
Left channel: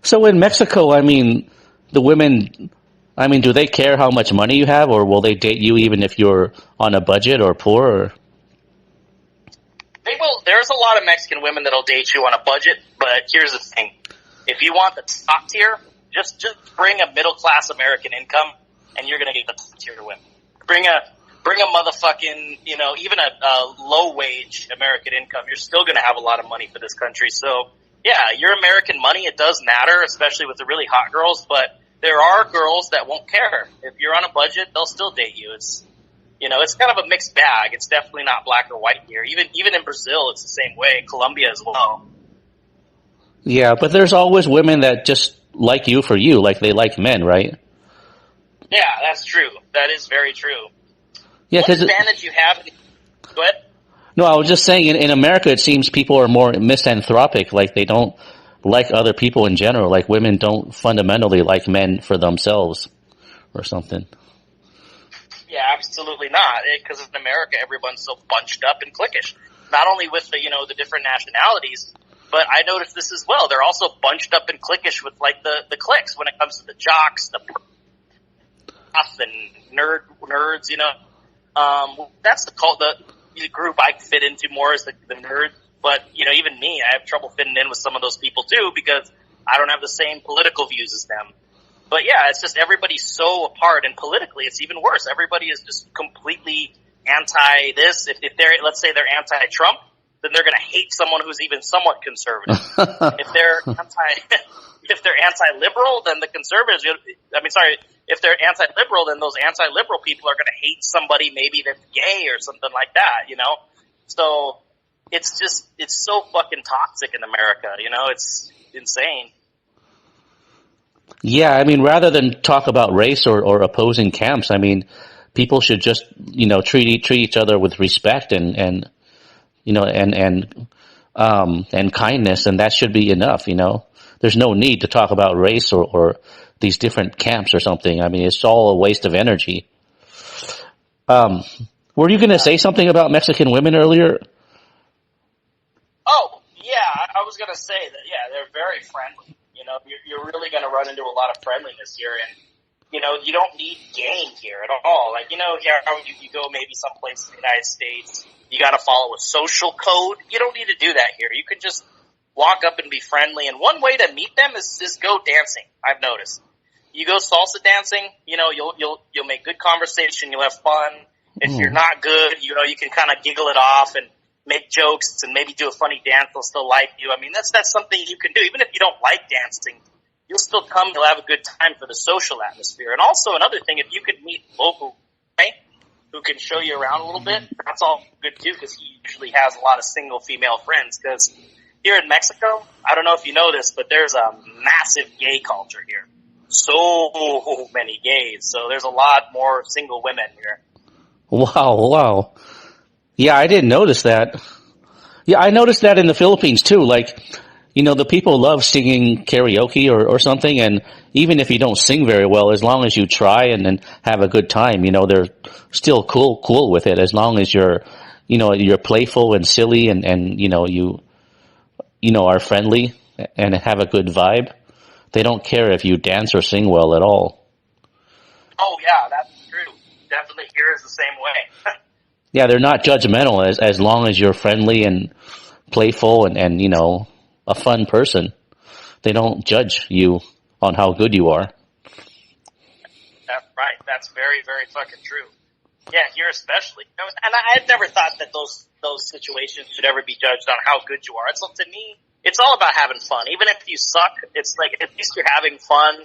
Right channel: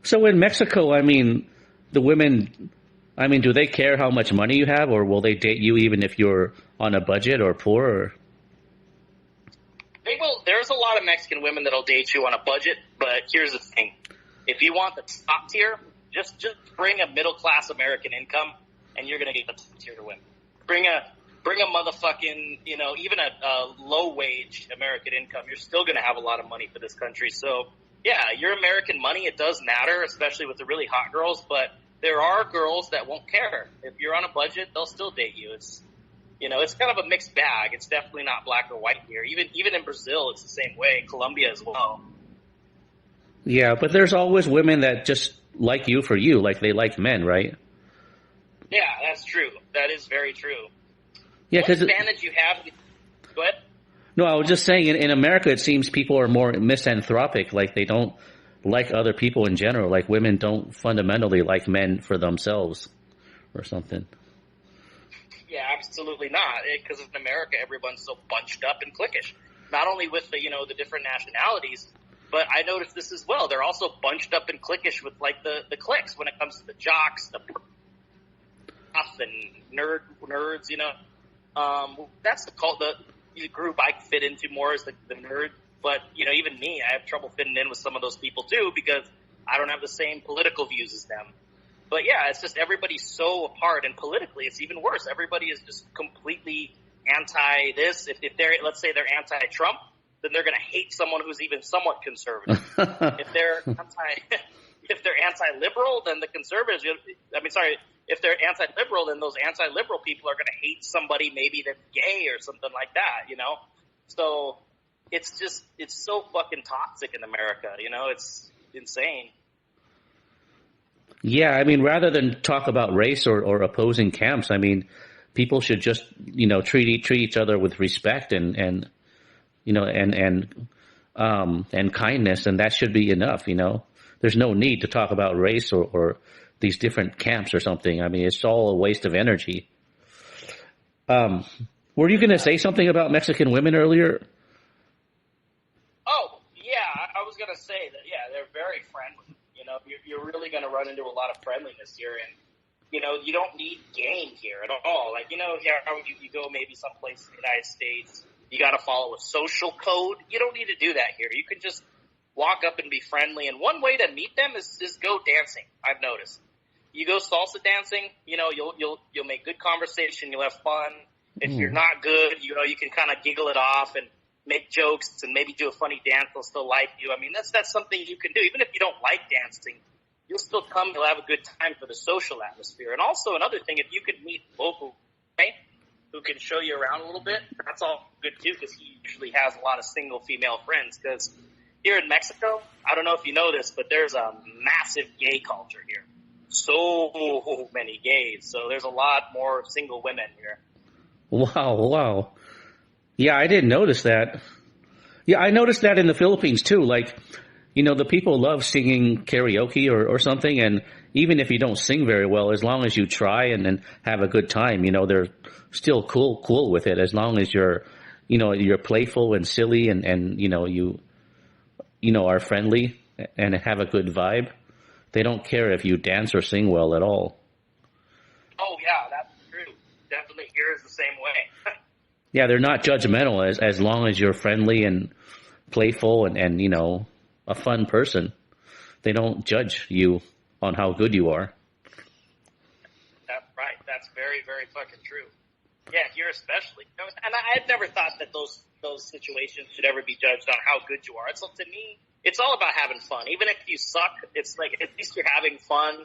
So in Mexico, the women, do they care how much money you have, or will they date you even if you're on a budget or poor? Or? They will. There's a lot of Mexican women that'll date you on a budget, but here's the thing: if you want the top tier, just bring a middle class American income, and you're gonna get the top tier women. Bring a motherfucking, even a low wage American income, you're still gonna have a lot of money for this country. So yeah, your American money, it does matter, especially with the really hot girls, but there are girls that won't care. If you're on a budget, they'll still date you. It's, it's kind of a mixed bag. It's definitely not black or white here. Even in Brazil, it's the same way. Colombia as well. Yeah, but there's always women that just like you for you, like they like men, right? Yeah, that's true. That is very true. Yeah, what advantage you have? Go ahead. No, I was just saying, in America, it seems people are more misanthropic. Like, they don't like other people in general. Like, women don't fundamentally like men for themselves or something. Yeah, absolutely not. Because in America, everyone's so bunched up and cliquish. Not only with the different nationalities, but I noticed this as well. They're also bunched up and cliquish with, like, the cliques when it comes to the jocks, the and nerds, that's the group I fit into more as the nerd. But, even me, I have trouble fitting in with some of those people too, because I don't have the same political views as them. But yeah, it's just everybody's so apart, and politically it's even worse. Everybody is just completely anti this. If they're, let's say they're anti-Trump, then they're going to hate someone who's even somewhat conservative. If they're anti-liberal, then the conservatives, if they're anti-liberal, then those anti-liberal people are going to hate somebody maybe that's gay or something like that, So it's so fucking toxic in America, it's insane. Yeah, rather than talk about race or opposing camps, people should just, treat each other with respect and kindness, and that should be enough, There's no need to talk about race or these different camps or something. It's all a waste of energy. Were you going to say something about Mexican women earlier? Oh, yeah, I was going to say that, yeah, they're very friendly. You're really going to run into a lot of friendliness here, and, you don't need gang here at all. Like, here you go maybe someplace in the United States, you got to follow a social code. You don't need to do that here. You can just walk up and be friendly, and one way to meet them is go dancing, I've noticed. you go salsa dancing, you'll make good conversation, you'll have fun. If you're not good, you can kind of giggle it off and make jokes and maybe do a funny dance. They'll still like you. I mean, that's something you can do. Even if you don't like dancing, you'll still come. You'll have a good time for the social atmosphere. And also another thing, if you could meet local, right, who can show you around a little bit, that's all good too, because he usually has a lot of single female friends. Because here in Mexico, I don't know if you know this, but there's a massive gay culture here. So many gays. So there's a lot more single women here. Wow. Yeah, I didn't notice that. Yeah, I noticed that in the Philippines too. Like, the people love singing karaoke or something, and even if you don't sing very well, as long as you try and have a good time, they're still cool with it, as long as you're playful and silly and you are friendly and have a good vibe. They don't care if you dance or sing well at all. Oh yeah, that's true. Definitely here is the same way. Yeah, they're not judgmental as long as you're friendly and playful and a fun person. They don't judge you on how good you are. That's right. That's very, very fucking true. Yeah, here especially. And I've never thought that those situations should ever be judged on how good you are. So to me, it's all about having fun. Even if you suck, it's like at least you're having fun,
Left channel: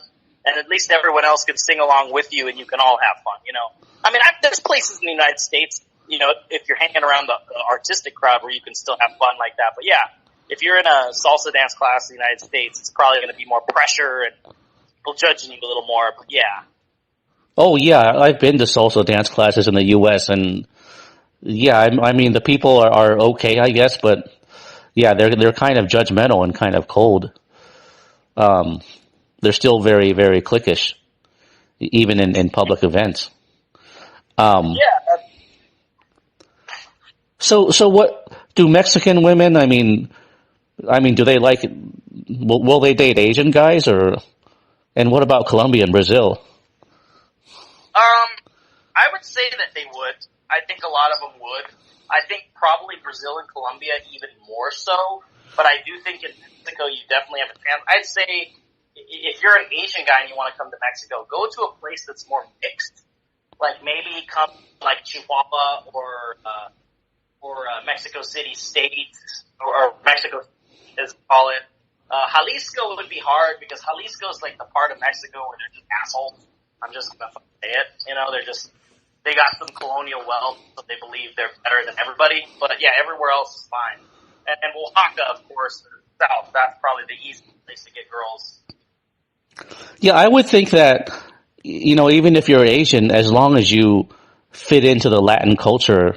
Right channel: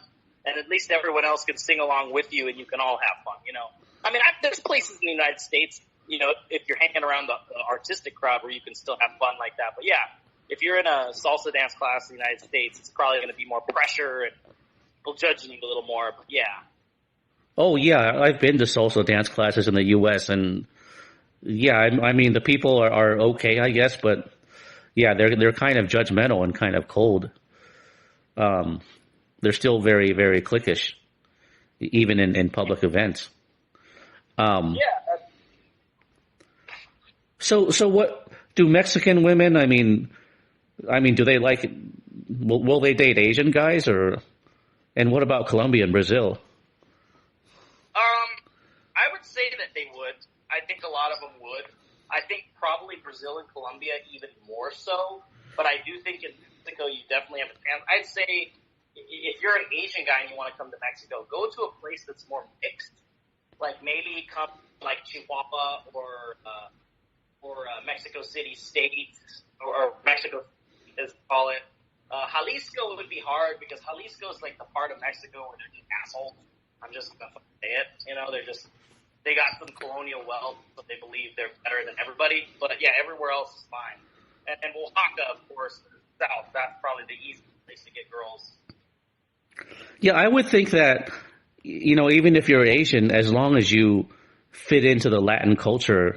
and at least everyone else can sing along with you, and you can all have fun. I mean, there's places in the United States, if you're hanging around the artistic crowd where you can still have fun like that. But yeah, if you're in a salsa dance class in the United States, it's probably going to be more pressure and people judging you a little more. But yeah. Oh yeah, I've been to salsa dance classes in the U.S. and yeah, I mean the people are okay, I guess, but yeah, they're kind of judgmental and kind of cold. They're still very, very cliquish, even in public events. Yeah. So what do Mexican women? I mean, do they like? Will they date Asian guys and what about Colombia and Brazil? I would say that they would. I think a lot of them would. I think probably Brazil and Colombia even more so. But I do think in Mexico you definitely have a chance. I'd say if you're an Asian guy and you want to come to Mexico, go to a place that's more mixed. Like maybe come like Chihuahua or Mexico City State or Mexico, as we call it. Jalisco would be hard because Jalisco is like the part of Mexico where they're just assholes. I'm just gonna say it. They got some colonial wealth, so they believe they're better than everybody. But yeah, everywhere else is fine. And Oaxaca, of course, south. That's probably the easiest place to get girls. Yeah, I would think that even if you're Asian, as long as you fit into the Latin culture,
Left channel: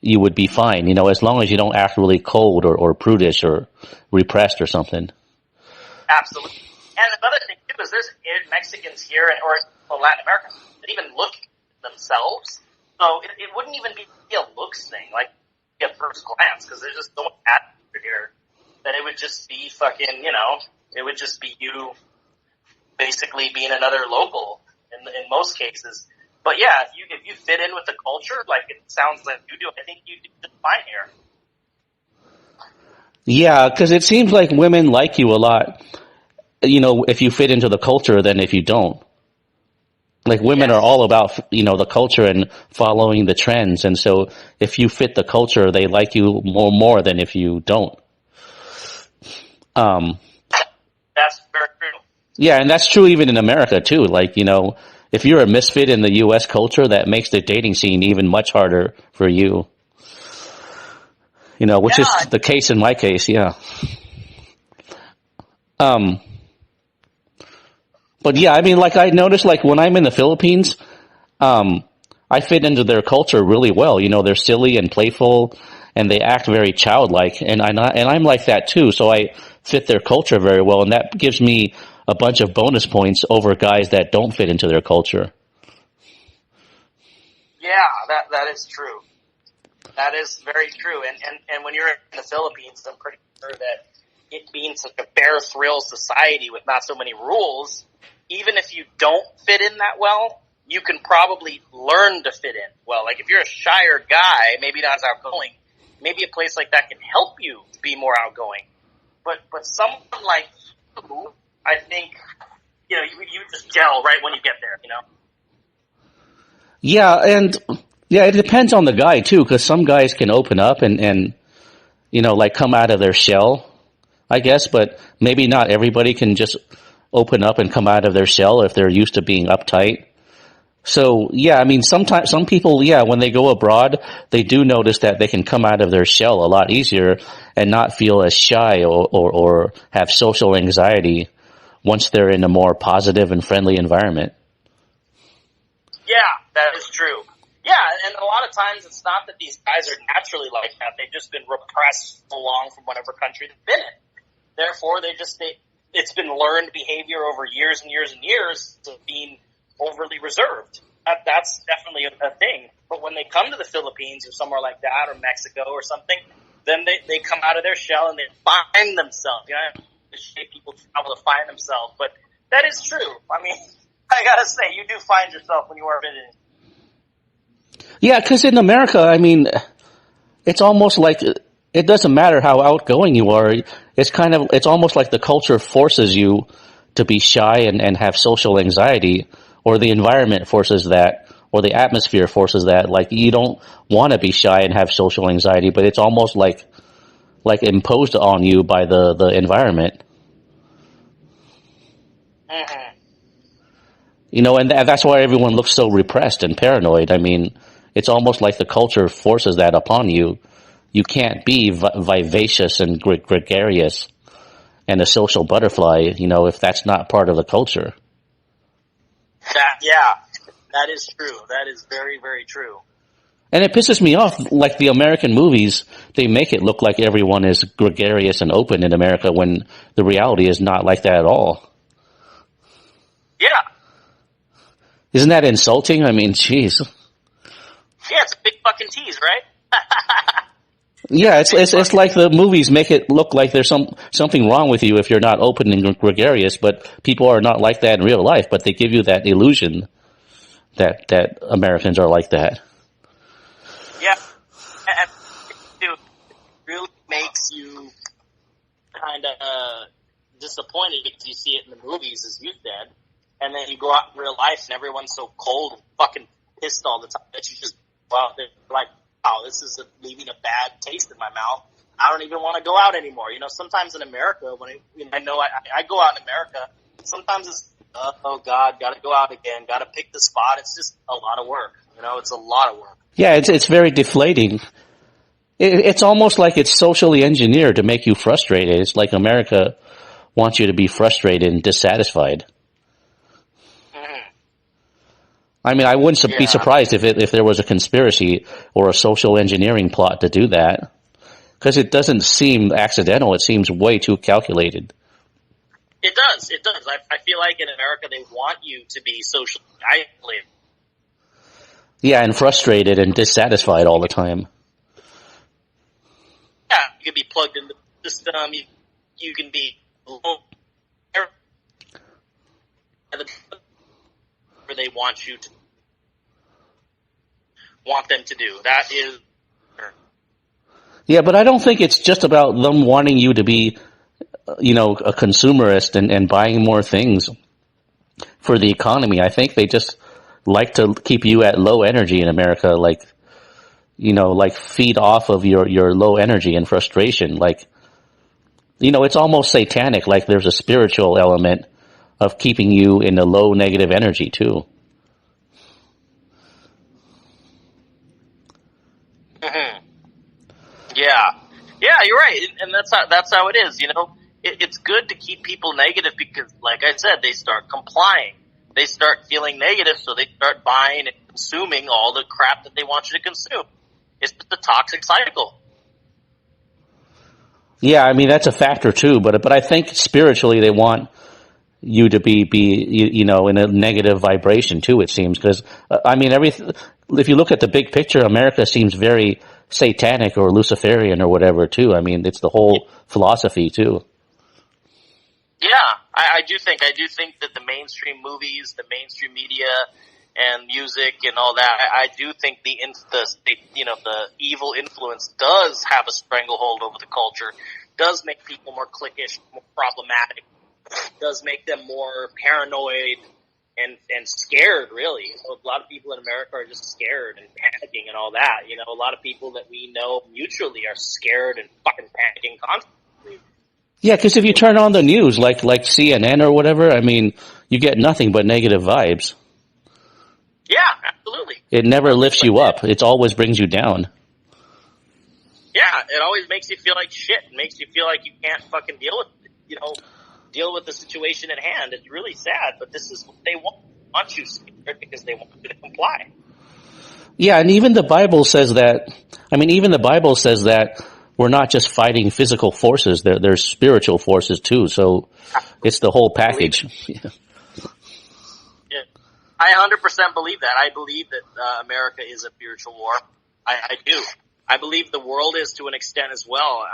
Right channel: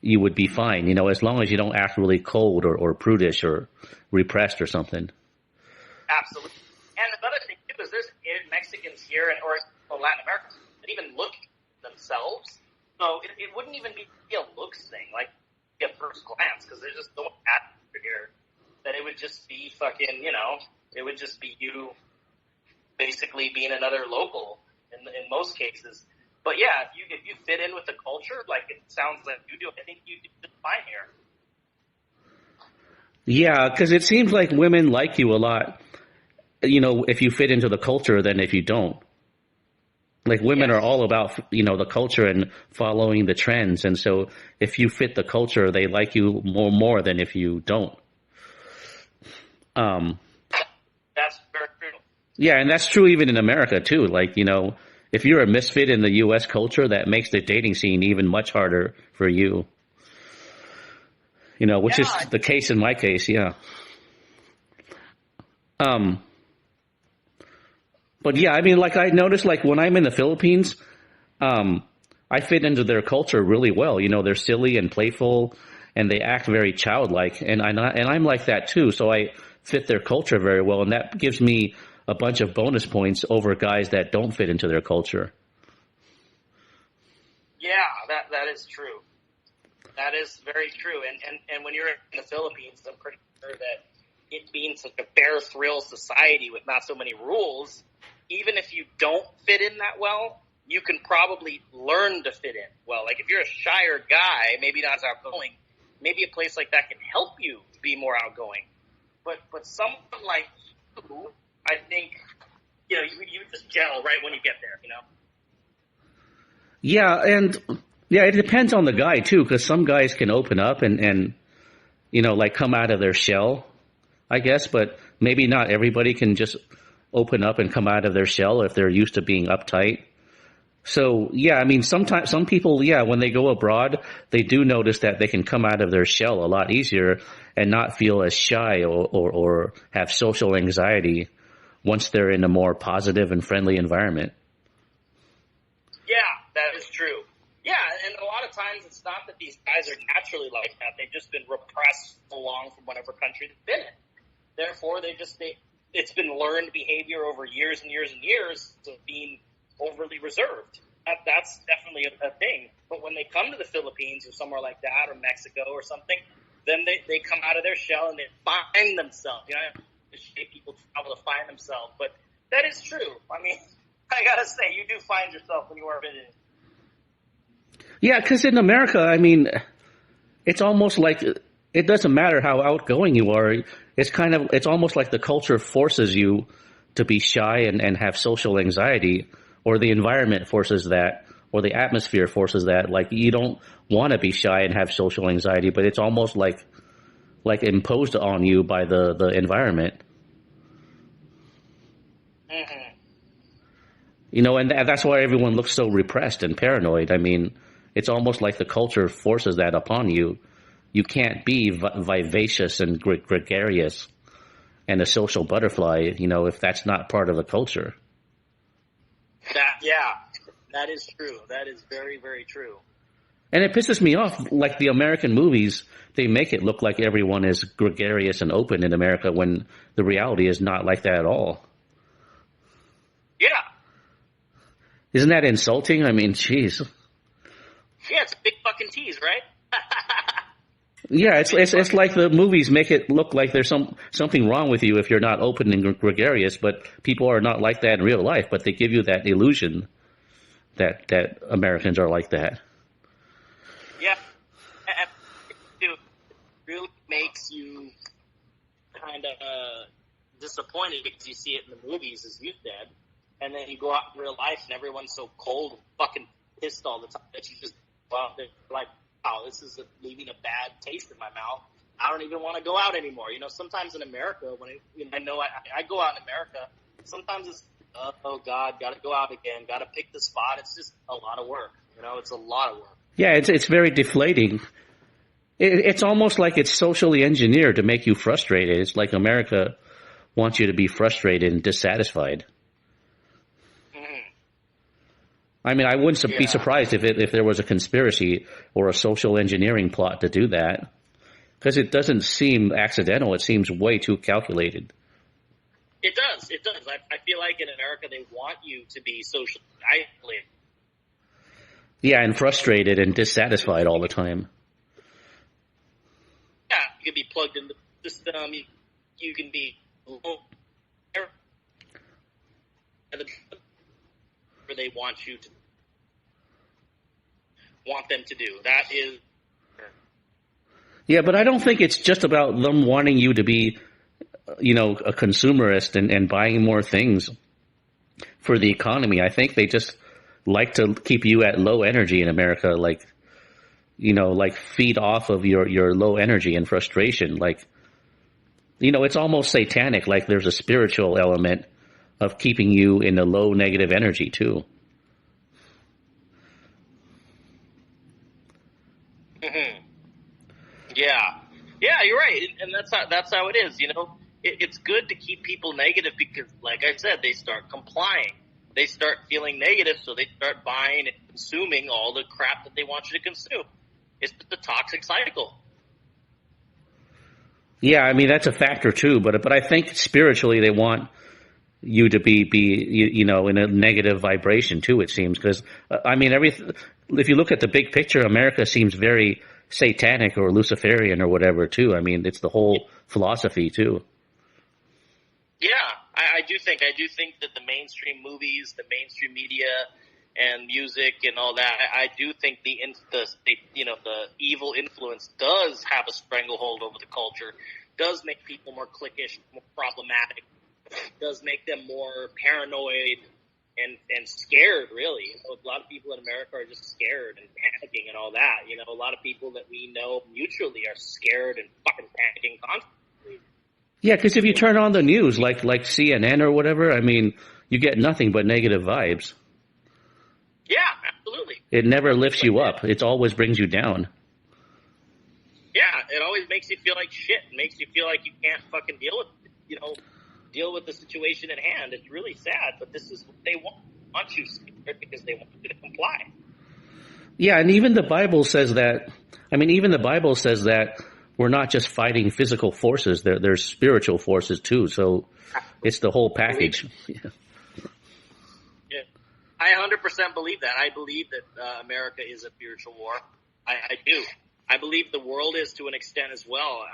you would be fine. As long as you don't act really cold or prudish or repressed or something. Absolutely. And another thing too is there's Mexicans here or Latin America that even look themselves. So it wouldn't even be a looks thing, like at first glance, because there's just so much attitude here that it would just be fucking, it would just be you basically being another local in most cases. But yeah, if you fit in with the culture, like it sounds like you do, I think you do just fine here. Yeah, because it seems like women like you a lot, if you fit into the culture than if you don't. Like women are all about, the culture and following the trends. And so if you fit the culture, they like you more than if you don't. That's very true. Yeah, and that's true even in America too. Like, if you're a misfit in the U.S. culture, that makes the dating scene even much harder for you. Which is the case in my case, yeah. But yeah, I mean, like I noticed, like when I'm in the Philippines, I fit into their culture really well. They're silly and playful, and they act very childlike, and I'm like that too. So I fit their culture very well, and that gives me a bunch of bonus points over guys that don't fit into their culture. Yeah, that is true. That is very true. And when you're in the Philippines, I'm pretty sure that it being such a bear thrill society with not so many rules, even if you don't fit in that well, you can probably learn to fit in well. Like if you're a shyer guy, maybe not as outgoing, maybe a place like that can help you be more outgoing. But someone like you, I think you just gel right when you get there, Yeah, and yeah, it depends on the guy too, because some guys can open up and like come out of their shell, I guess, but maybe not everybody can just open up and come out of their shell if they're used to being uptight. So yeah, I mean, sometimes some people, yeah, when they go abroad, they do notice that they can come out of their shell a lot easier and not feel as shy or have social anxiety once they're in a more positive and friendly environment. Yeah, that is true. Yeah, and a lot of times it's not that these guys are naturally like that. They've just been repressed so long from whatever country they've been in. Therefore, it's been learned behavior over years and years and years of being overly reserved. That's definitely a thing. But when they come to the Philippines or somewhere like that, or Mexico or something, then they come out of their shell and they find themselves. People travel to find themselves. But that is true. I mean, I gotta say, you do find yourself when you are visiting. Yeah, because in America, I mean, it's almost like it doesn't matter how outgoing you are. It's almost like the culture forces you to be shy and have social anxiety, or the environment forces that, or the atmosphere forces that. Like, you don't want to be shy and have social anxiety, but it's almost like imposed on you by the environment. Mm-hmm. And that's why everyone looks so repressed and paranoid. I mean, it's almost like the culture forces that upon you. You can't be vivacious and gregarious and a social butterfly, if that's not part of the culture. That is true. That is very, very true. And it pisses me off, like the American movies, they make it look like everyone is gregarious and open in America when the reality is not like that at all. Yeah. Isn't that insulting? I mean, jeez. Yeah, it's a big fucking tease, right? Yeah, it's like the movies make it look like there's something wrong with you if you're not open and gregarious, but people are not like that in real life, but they give you that illusion that Americans are like that. Yeah. And it really makes you kind of disappointed because you see it in the movies, as you said, and then you go out in real life and everyone's so cold and fucking pissed all the time that you just go out there like, wow, this is leaving a bad taste in my mouth. I don't even want to go out anymore. Sometimes in America, when I know I go out in America, sometimes it's, oh God, got to go out again, got to pick the spot. It's just a lot of work. It's a lot of work. Yeah, it's very deflating. It's almost like it's socially engineered to make you frustrated. It's like America wants you to be frustrated and dissatisfied. I mean, I wouldn't be surprised if there was a conspiracy or a social engineering plot to do that, because it doesn't seem accidental. It seems way too calculated. It does. I feel like in America they want you to be socially isolated. Yeah, and frustrated and dissatisfied all the time. Yeah, you can be plugged into the system. You can be where they want them to do. That is. Yeah, but I don't think it's just about them wanting you to be, a consumerist and buying more things for the economy. I think they just like to keep you at low energy in America, like feed off of your low energy and frustration. Like, it's almost satanic. Like, there's a spiritual element of keeping you in a low negative energy too. Mm-hmm. Yeah, you're right, and that's how it is. It's good to keep people negative because, like I said, they start complying. They start feeling negative, so they start buying and consuming all the crap that they want you to consume. It's the toxic cycle. Yeah, I mean, that's a factor too, but I think spiritually they want you to be in a negative vibration too, it seems, because if you look at the big picture, America seems very satanic or Luciferian or whatever too. I mean, it's the whole philosophy too. Yeah, I do think that the mainstream movies, the mainstream media, and music and all that, I do think the evil influence does have a stranglehold over the culture, does make people more cliquish, more problematic, does make them more paranoid and scared, really. So a lot of people in America are just scared and panicking and all that. A lot of people that we know mutually are scared and fucking panicking constantly. Yeah, because if you turn on the news, like CNN or whatever, I mean, you get nothing but negative vibes. Yeah, absolutely. It never lifts you up. It always brings you down. Yeah, it always makes you feel like shit. It makes you feel like you can't fucking deal with the situation at hand. It's really sad, but this is what they want you scared because they want you to comply. Yeah, and even the Bible says that. I mean, even the Bible says that we're not just fighting physical forces; there's spiritual forces too. So it's the whole package. Yeah, I 100% believe that. I believe that America is a spiritual war. I do. I believe the world is to an extent as well.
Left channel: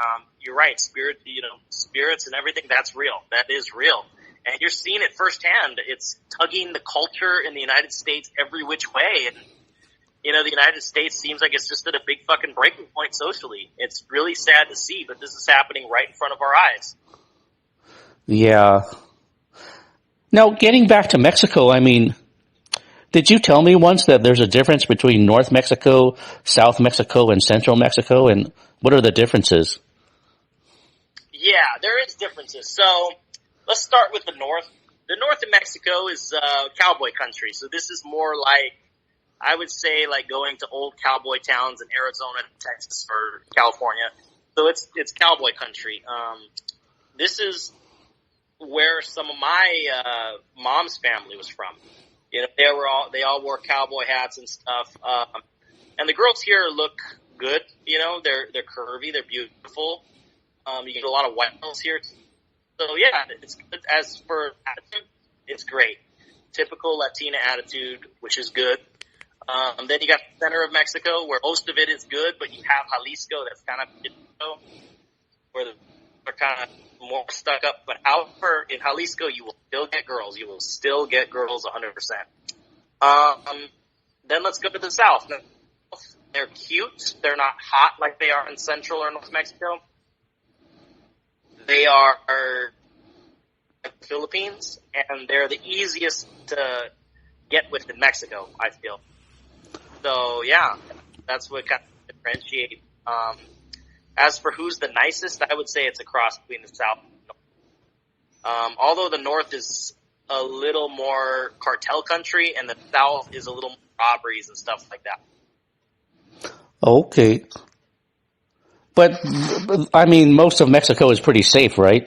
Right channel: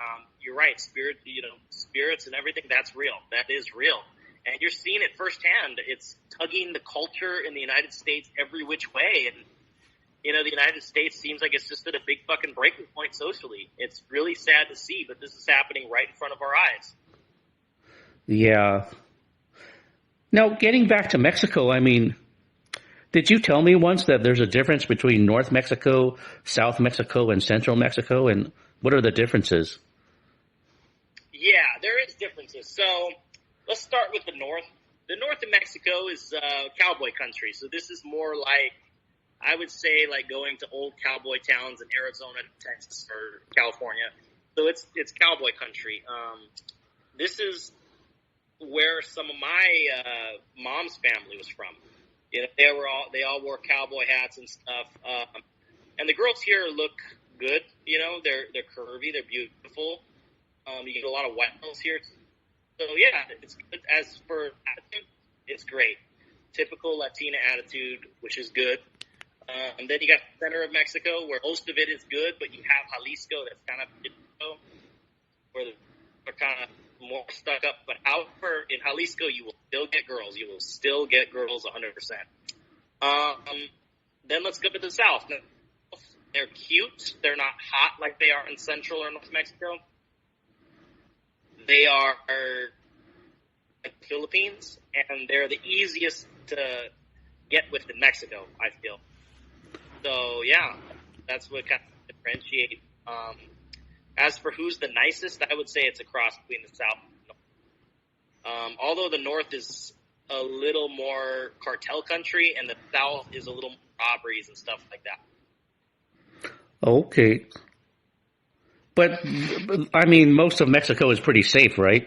You're right. Spirits and everything, that's real. That is real. And you're seeing it firsthand. It's tugging the culture in the United States every which way. And, the United States seems like it's just at a big fucking breaking point socially. It's really sad to see, but this is happening right in front of our eyes. Yeah. Now, getting back to Mexico, I mean, did you tell me once that there's a difference between North Mexico, South Mexico, and Central Mexico? And what are the differences? Yeah, there is differences. So let's start with the North. The North of Mexico is cowboy country. So this is more like, I would say, like going to old cowboy towns in Arizona, Texas, or California. So it's cowboy country. This is where some of my mom's family was from. They all wore cowboy hats and stuff. And the girls here look good. They're curvy, they're beautiful. You get a lot of white girls here. So yeah, it's good. As for attitude, it's great. Typical Latina attitude, which is good. Then you got the center of Mexico, where most of it is good, but you have Jalisco, that's kind of where they're kind of more stuck up. But however, in Jalisco, you will still get girls. You will still get girls 100%. Then let's go to the South. They're cute. They're not hot like they are in Central or North Mexico. They are like the Philippines, and they're the easiest to get with in Mexico, I feel. So, yeah, that's what kind of differentiates. As for who's the nicest, I would say it's a cross between the South and the North. Although the North is a little more cartel country, and the South is a little more robberies and stuff like that. Okay. But, I mean, most of Mexico is pretty safe, right?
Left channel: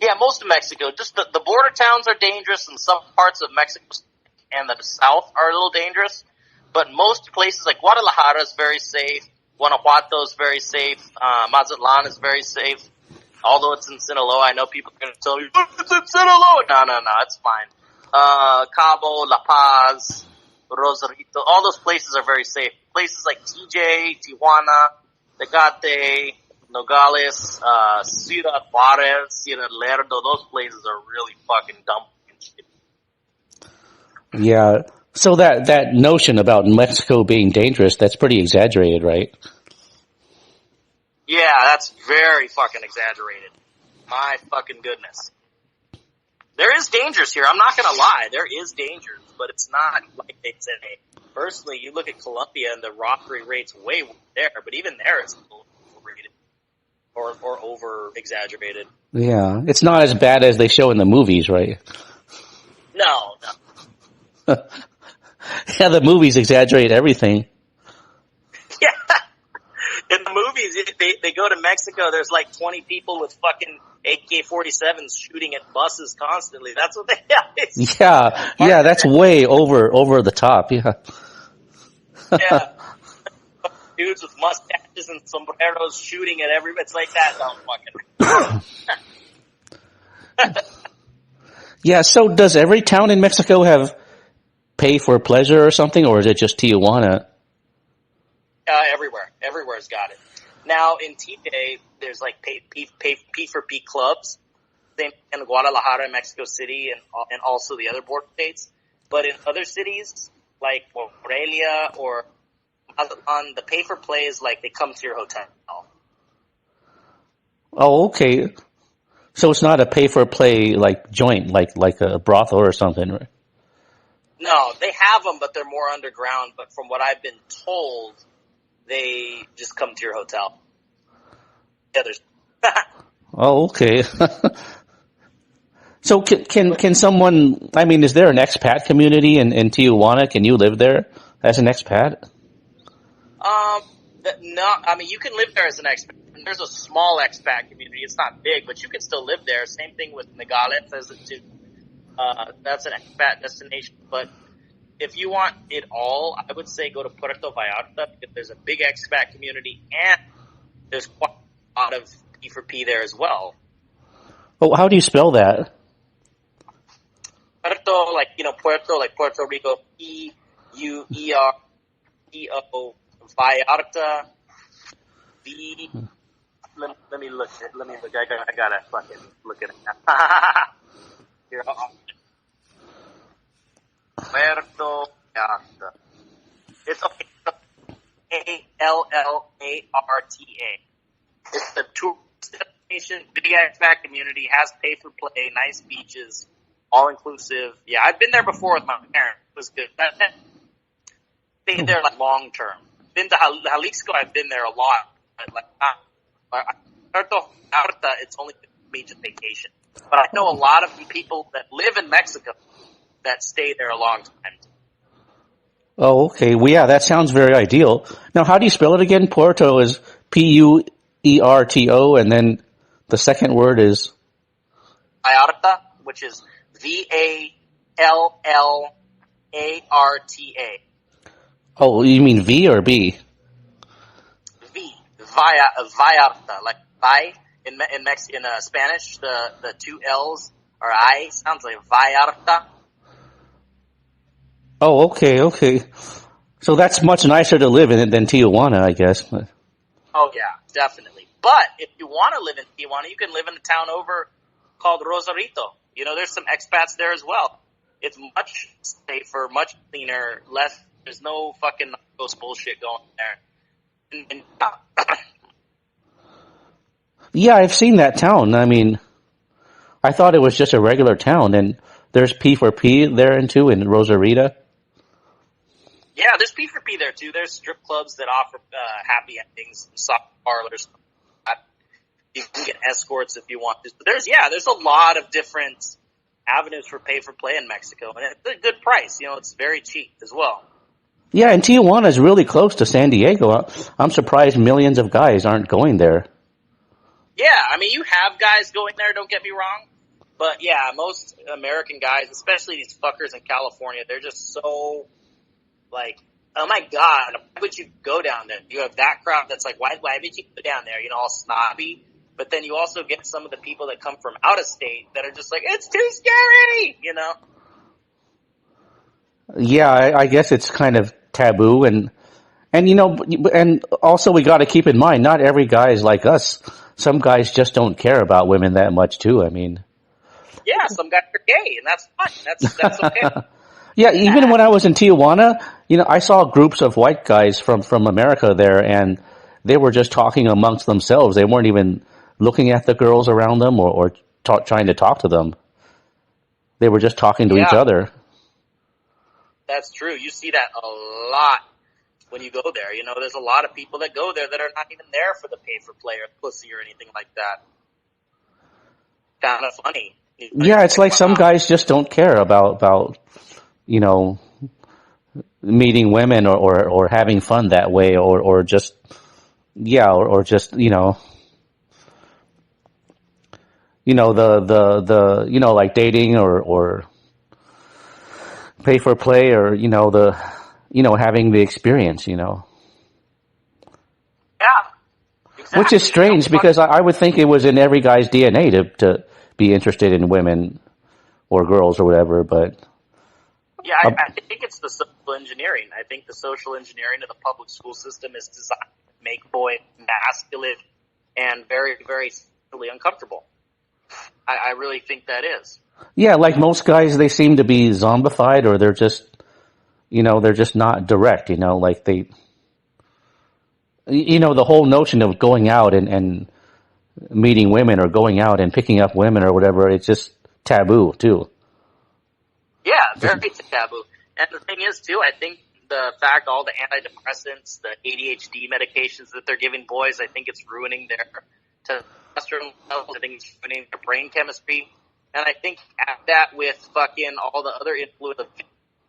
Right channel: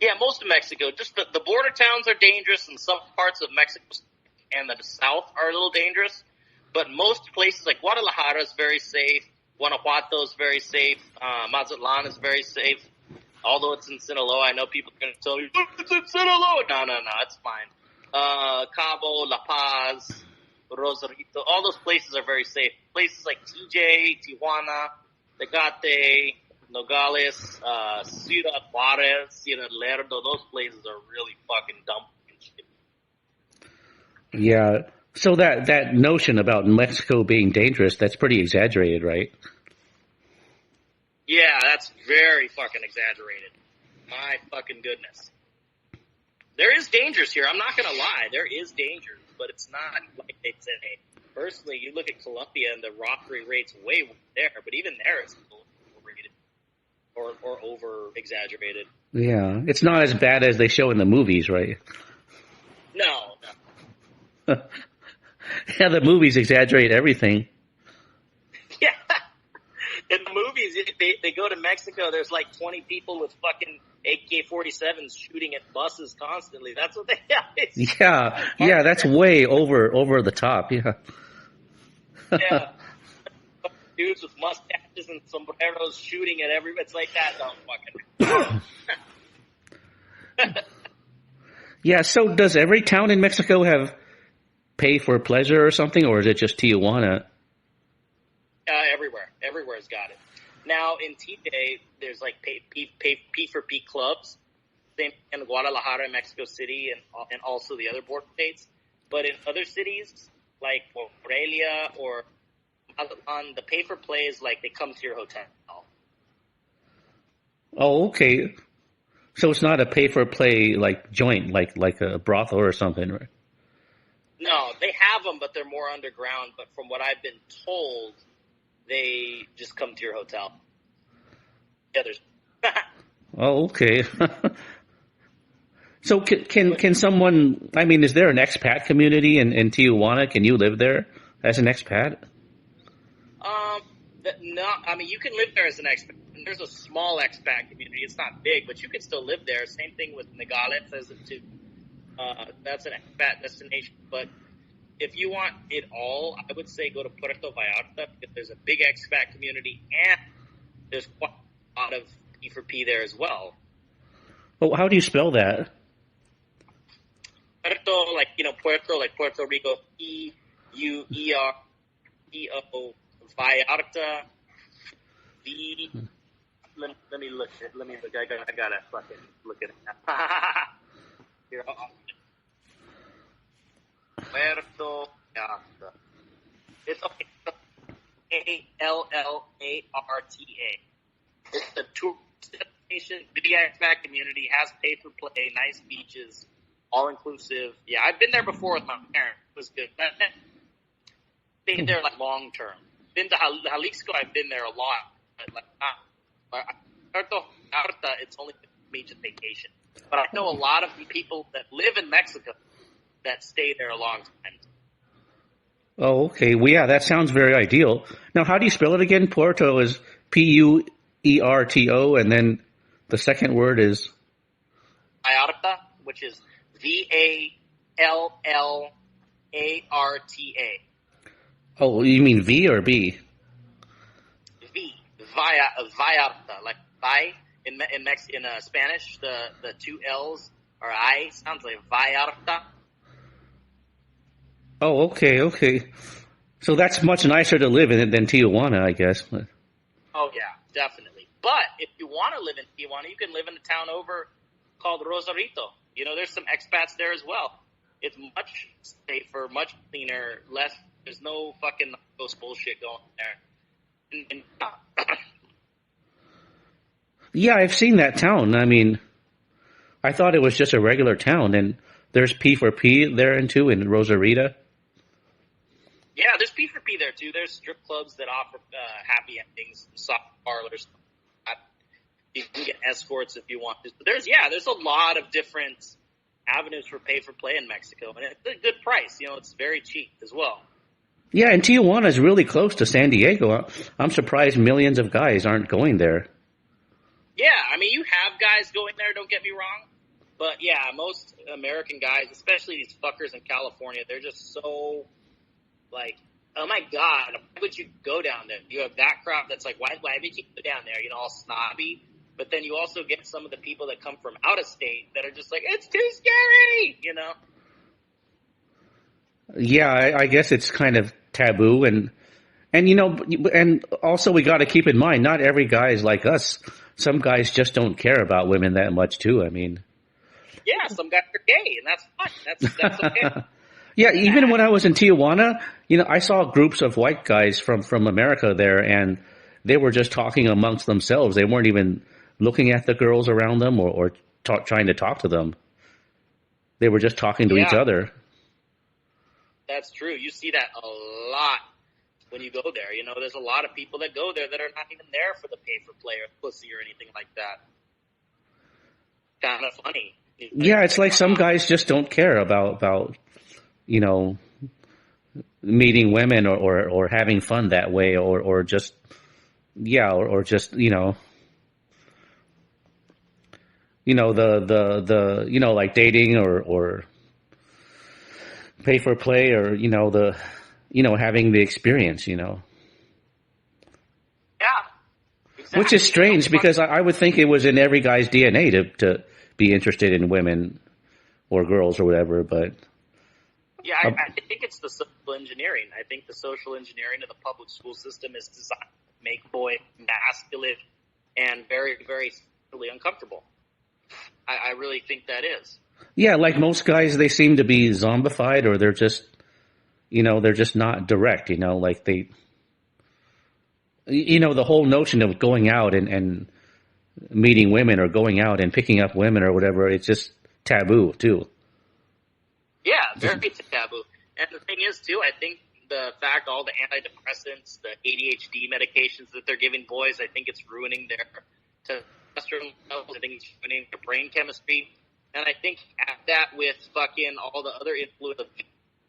Yeah, most of Mexico. Just the border towns are dangerous, and some parts of Mexico and the South are a little dangerous. But most places, like Guadalajara is very safe. Guanajuato is very safe. Mazatlan is very safe. Although it's in Sinaloa, I know people are going to tell you, it's in Sinaloa. No, it's fine. Cabo, La Paz, Rosarito, all those places are very safe. Places like TJ, Tijuana, Tecate, Nogales, Ciudad Juarez, Lerdo, those places are really fucking dumb and shit. Yeah. So that notion about Mexico being dangerous, that's pretty exaggerated, right? Yeah, that's very fucking exaggerated. My fucking goodness. There is dangers here. I'm not going to lie. There is dangers, but it's not like they say. Personally, you look at Colombia and the robbery rate's way there, but even there it's overrated or over exaggerated. Yeah. It's not as bad as they show in the movies, right? No. Yeah, the movies exaggerate everything. Yeah. In the movies, they go to Mexico, there's like 20 people with fucking AK-47s shooting at buses constantly. That's what they have. Yeah, that's way over the top, yeah. Yeah. Dudes with mustaches and sombreros shooting at everybody. It's like that, don't fucking. Yeah, so does every town in Mexico have pay for pleasure or something, or is it just Tijuana? Everywhere's got it. Now in TJ, there's like P for P clubs. Same in Guadalajara, Mexico City, and also the other border states. But in other cities like Morelia or Mazatlan, the pay for play is like they come to your hotel. Oh, okay. So it's not a pay for play like joint, like a brothel or something, right? No, they have them, but they're more underground. But from what I've been told, they just come to your hotel. Yeah, there's. Oh, okay. So can someone? I mean, is there an expat community in Tijuana? Can you live there as an expat? No, I mean you can live there as an expat. And there's a small expat community. It's not big, but you can still live there. Same thing with Nogales as it too. That's an expat destination. But if you want it all, I would say go to Puerto Vallarta because there's a big expat community and there's quite a lot of P4P there as well. Oh, how do you spell that? Puerto, Puerto, like Puerto Rico, Puerto, Vallarta, let me look. I gotta fucking look at it. Here, Puerto Vallarta. It's okay. Allarta. It's a tourist destination, big expat community, has pay for play, nice beaches, all inclusive. Yeah, I've been there before with my parents. It was good. Stayed there like long term. Been to Jalisco. I've been there a lot. Puerto Vallarta, it's only me just vacation. But I know a lot of people that live in Mexico that stay there a long time. Oh, okay. Well, yeah, that sounds very ideal. Now, how do you spell it again? Puerto is Puerto, and then the second word is Vallarta, which is Vallarta. Oh, you mean V or B? Vallarta, like vi in Spanish. The two L's are I. Sounds like Vallarta. Oh, okay. So that's much nicer to live in it than Tijuana, I guess. Oh yeah, definitely. But if you want to live in Tijuana, you can live in a town over called Rosarito. You know, there's some expats there as well. It's much safer, much cleaner, less. There's no fucking ghost bullshit going there. Yeah, I've seen that town. I mean, I thought it was just a regular town, and there's P4P there too in Rosarita. Yeah, there's P4P there too. There's strip clubs that offer happy endings, soft parlors. You can get escorts if you want to. But there's a lot of different avenues for pay for play in Mexico, and it's a good price. You know, it's very cheap as well. Yeah, and Tijuana is really close to San Diego. I'm surprised millions of guys aren't going there. Yeah, I mean, you have guys going there, don't get me wrong. But yeah, most American guys, especially these fuckers in California, they're just so, like, oh my God, why would you go down there? You have that crowd that's like, why would you go down there? You know, all snobby. But then you also get some of the people that come from out of state that are just like, it's too scary, you know? Yeah, I guess it's kind of taboo, and you know, and also we got to keep in mind, not every guy is like us. Some guys just don't care about women that much too. I mean, yeah, some guys are gay, and that's fine. That's okay. Yeah, even when I was in Tijuana, you know, I saw groups of white guys from America there, and they were just talking amongst themselves. They weren't even looking at the girls around them or trying to talk to them. They were just talking to each other. That's true. You see that a lot when you go there. You know, there's a lot of people that go there that are not even there for the pay for play or pussy or anything like that. Kind of funny. Yeah, it's like some guys just don't care about you know, meeting women or having fun that way or just or just the like dating or pay for play or having the experience. Yeah. Exactly. Which is strange because I would think it was in every guy's DNA to be interested in women or girls or whatever, but yeah, I think it's the social engineering. I think the social engineering of the public school system is designed to make boys masculine and very, very sexually uncomfortable. I really think that is. Yeah, like most guys, they seem to be zombified, or they're just not direct. Like the whole notion of going out and meeting women or going out and picking up women or whatever. It's just taboo too. Yeah, very taboo. And the thing is, too, I think the fact all the antidepressants, the ADHD medications that they're giving boys, I think it's ruining their testosterone levels. I think it's ruining their brain chemistry. And I think at that with fucking all the other influence of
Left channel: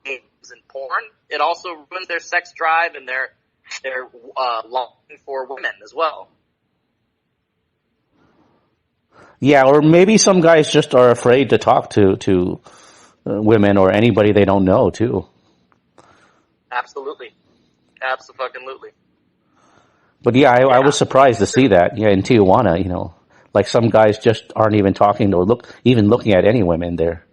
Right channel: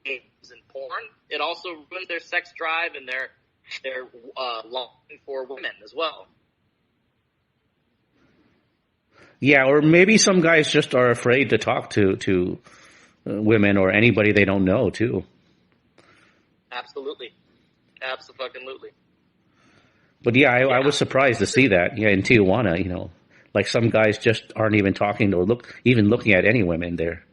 games and porn, it also ruins their sex drive and their longing for women as well. Yeah, or maybe some guys just are afraid to talk to women or anybody they don't know too. Absolutely. Absolutely. But yeah, I was surprised to see that. Yeah, in Tijuana, you know, like some guys just aren't even talking or looking at any women there.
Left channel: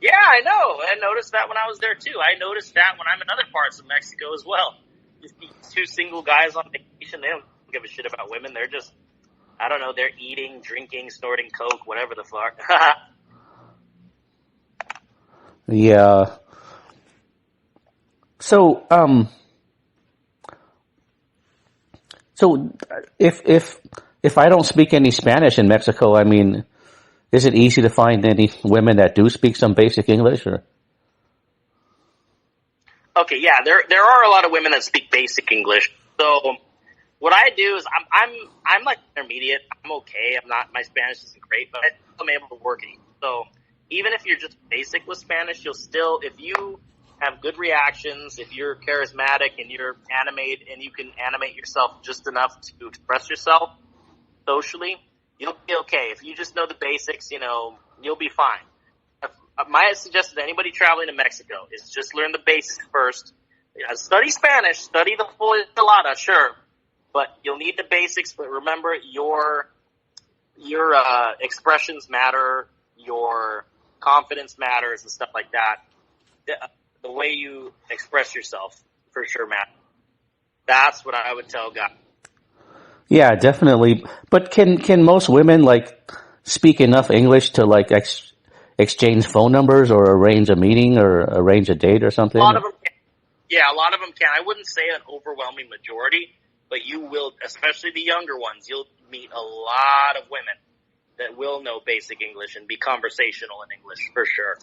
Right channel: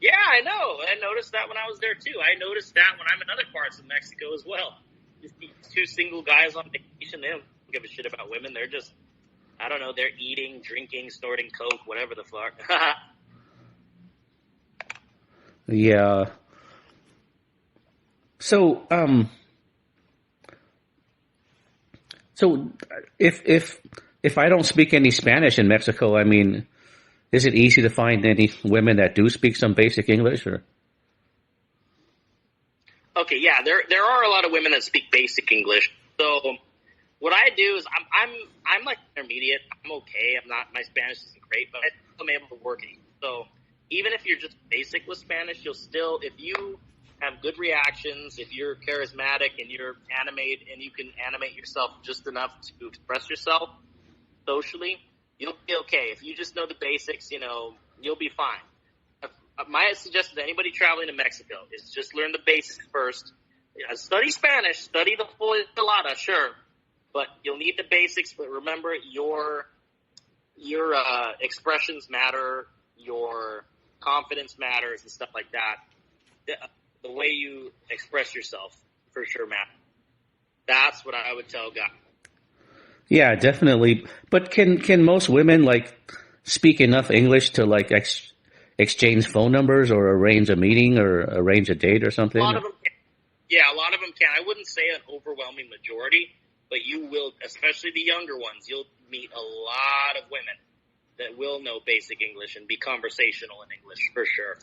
Yeah, I know. I noticed that when I was there too. I noticed that when I'm in other parts of Mexico as well. Just these two single guys on vacation, they don't give a shit about women. They're just, I don't know, they're eating, drinking, snorting coke, whatever the fuck. Yeah. So, so if I don't speak any Spanish in Mexico, I mean, is it easy to find any women that do speak some basic English or? Okay, yeah, there are a lot of women that speak basic English. So what I do is I'm like intermediate. I'm okay. My Spanish isn't great, but I'm able to work it. So even if you're just basic with Spanish, you'll still, if you have good reactions, if you're charismatic and you're animated and you can animate yourself just enough to express yourself socially, you'll be okay. If you just know the basics, you know, you'll be fine. My suggestion to anybody traveling to Mexico is just learn the basics first. Study Spanish, study the full enchilada, sure, but you'll need the basics. But remember, your expressions matter, your confidence matters, and stuff like that. The way you express yourself for sure matters. That's what I would tell guys. Yeah, definitely. But can most women like speak enough English to like exchange phone numbers or arrange a meeting or arrange a date or something? A lot of them can. Yeah, a lot of them can. I wouldn't say an overwhelming majority, but you will, especially the younger ones, you'll meet a lot of women that will know basic English and be conversational in English for sure.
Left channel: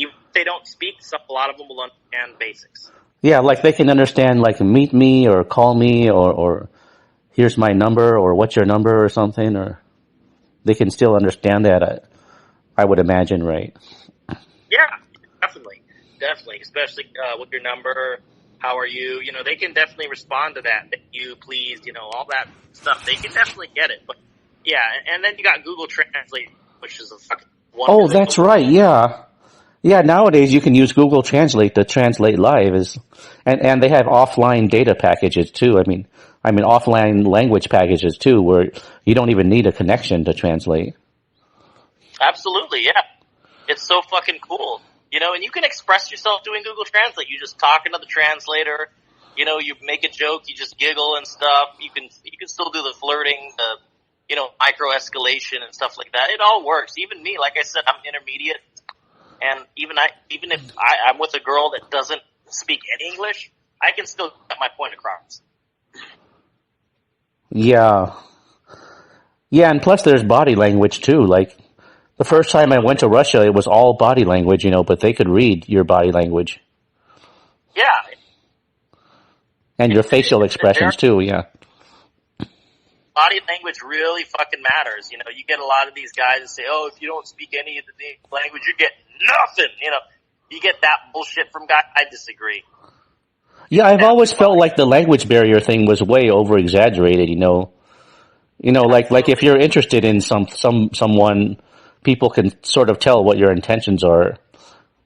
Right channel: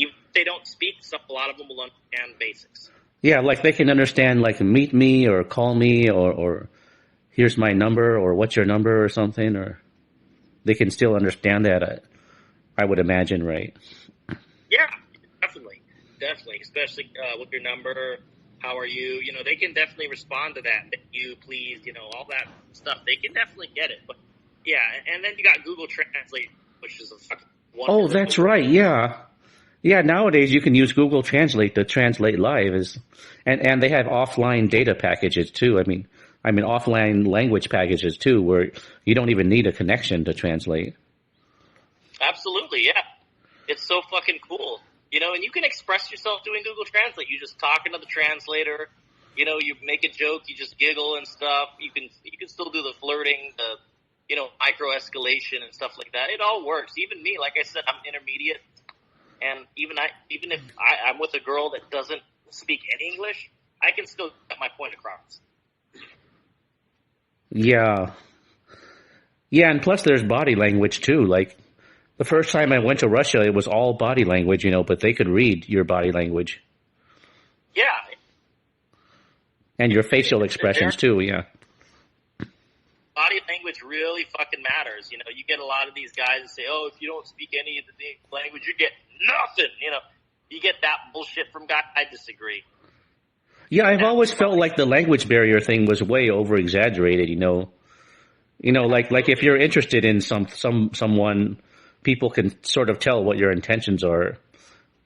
Even if they don't speak, a lot of them will understand basics. Yeah, like they can understand like meet me or call me or here's my number or what's your number or something, or they can still understand that. I would imagine, right? Yeah, definitely, especially with your number. How are you? You know, they can definitely respond to that. Thank you, please, you know, all that stuff. They can definitely get it. But yeah, and then you got Google Translate, which is a fucking wonderful. Oh, that's right. Yeah. Yeah, nowadays you can use Google Translate to translate live and they have offline data packages too. I mean offline language packages too, where you don't even need a connection to translate. Absolutely, yeah. It's so fucking cool. You know, and you can express yourself doing Google Translate. You just talking to the translator. You know, you make a joke, you just giggle and stuff. You can still do the flirting, the, you know, micro escalation and stuff like that. It all works. Even me, like I said, I'm intermediate, and even if I'm with a girl that doesn't speak any English, I can still get my point across. Yeah. Yeah, and plus there's body language too. Like the first time I went to Russia, it was all body language, you know, but they could read your body language. Yeah. And your facial expressions too, yeah. Body language really fucking matters. You know, you get a lot of these guys that say, oh, if you don't speak any of the language, you get nothing. You know, you get that bullshit from guys. I disagree. Yeah, I've always felt like the language barrier thing was way over exaggerated, you know. You know, like if you're interested in someone, people can sort of tell what your intentions are.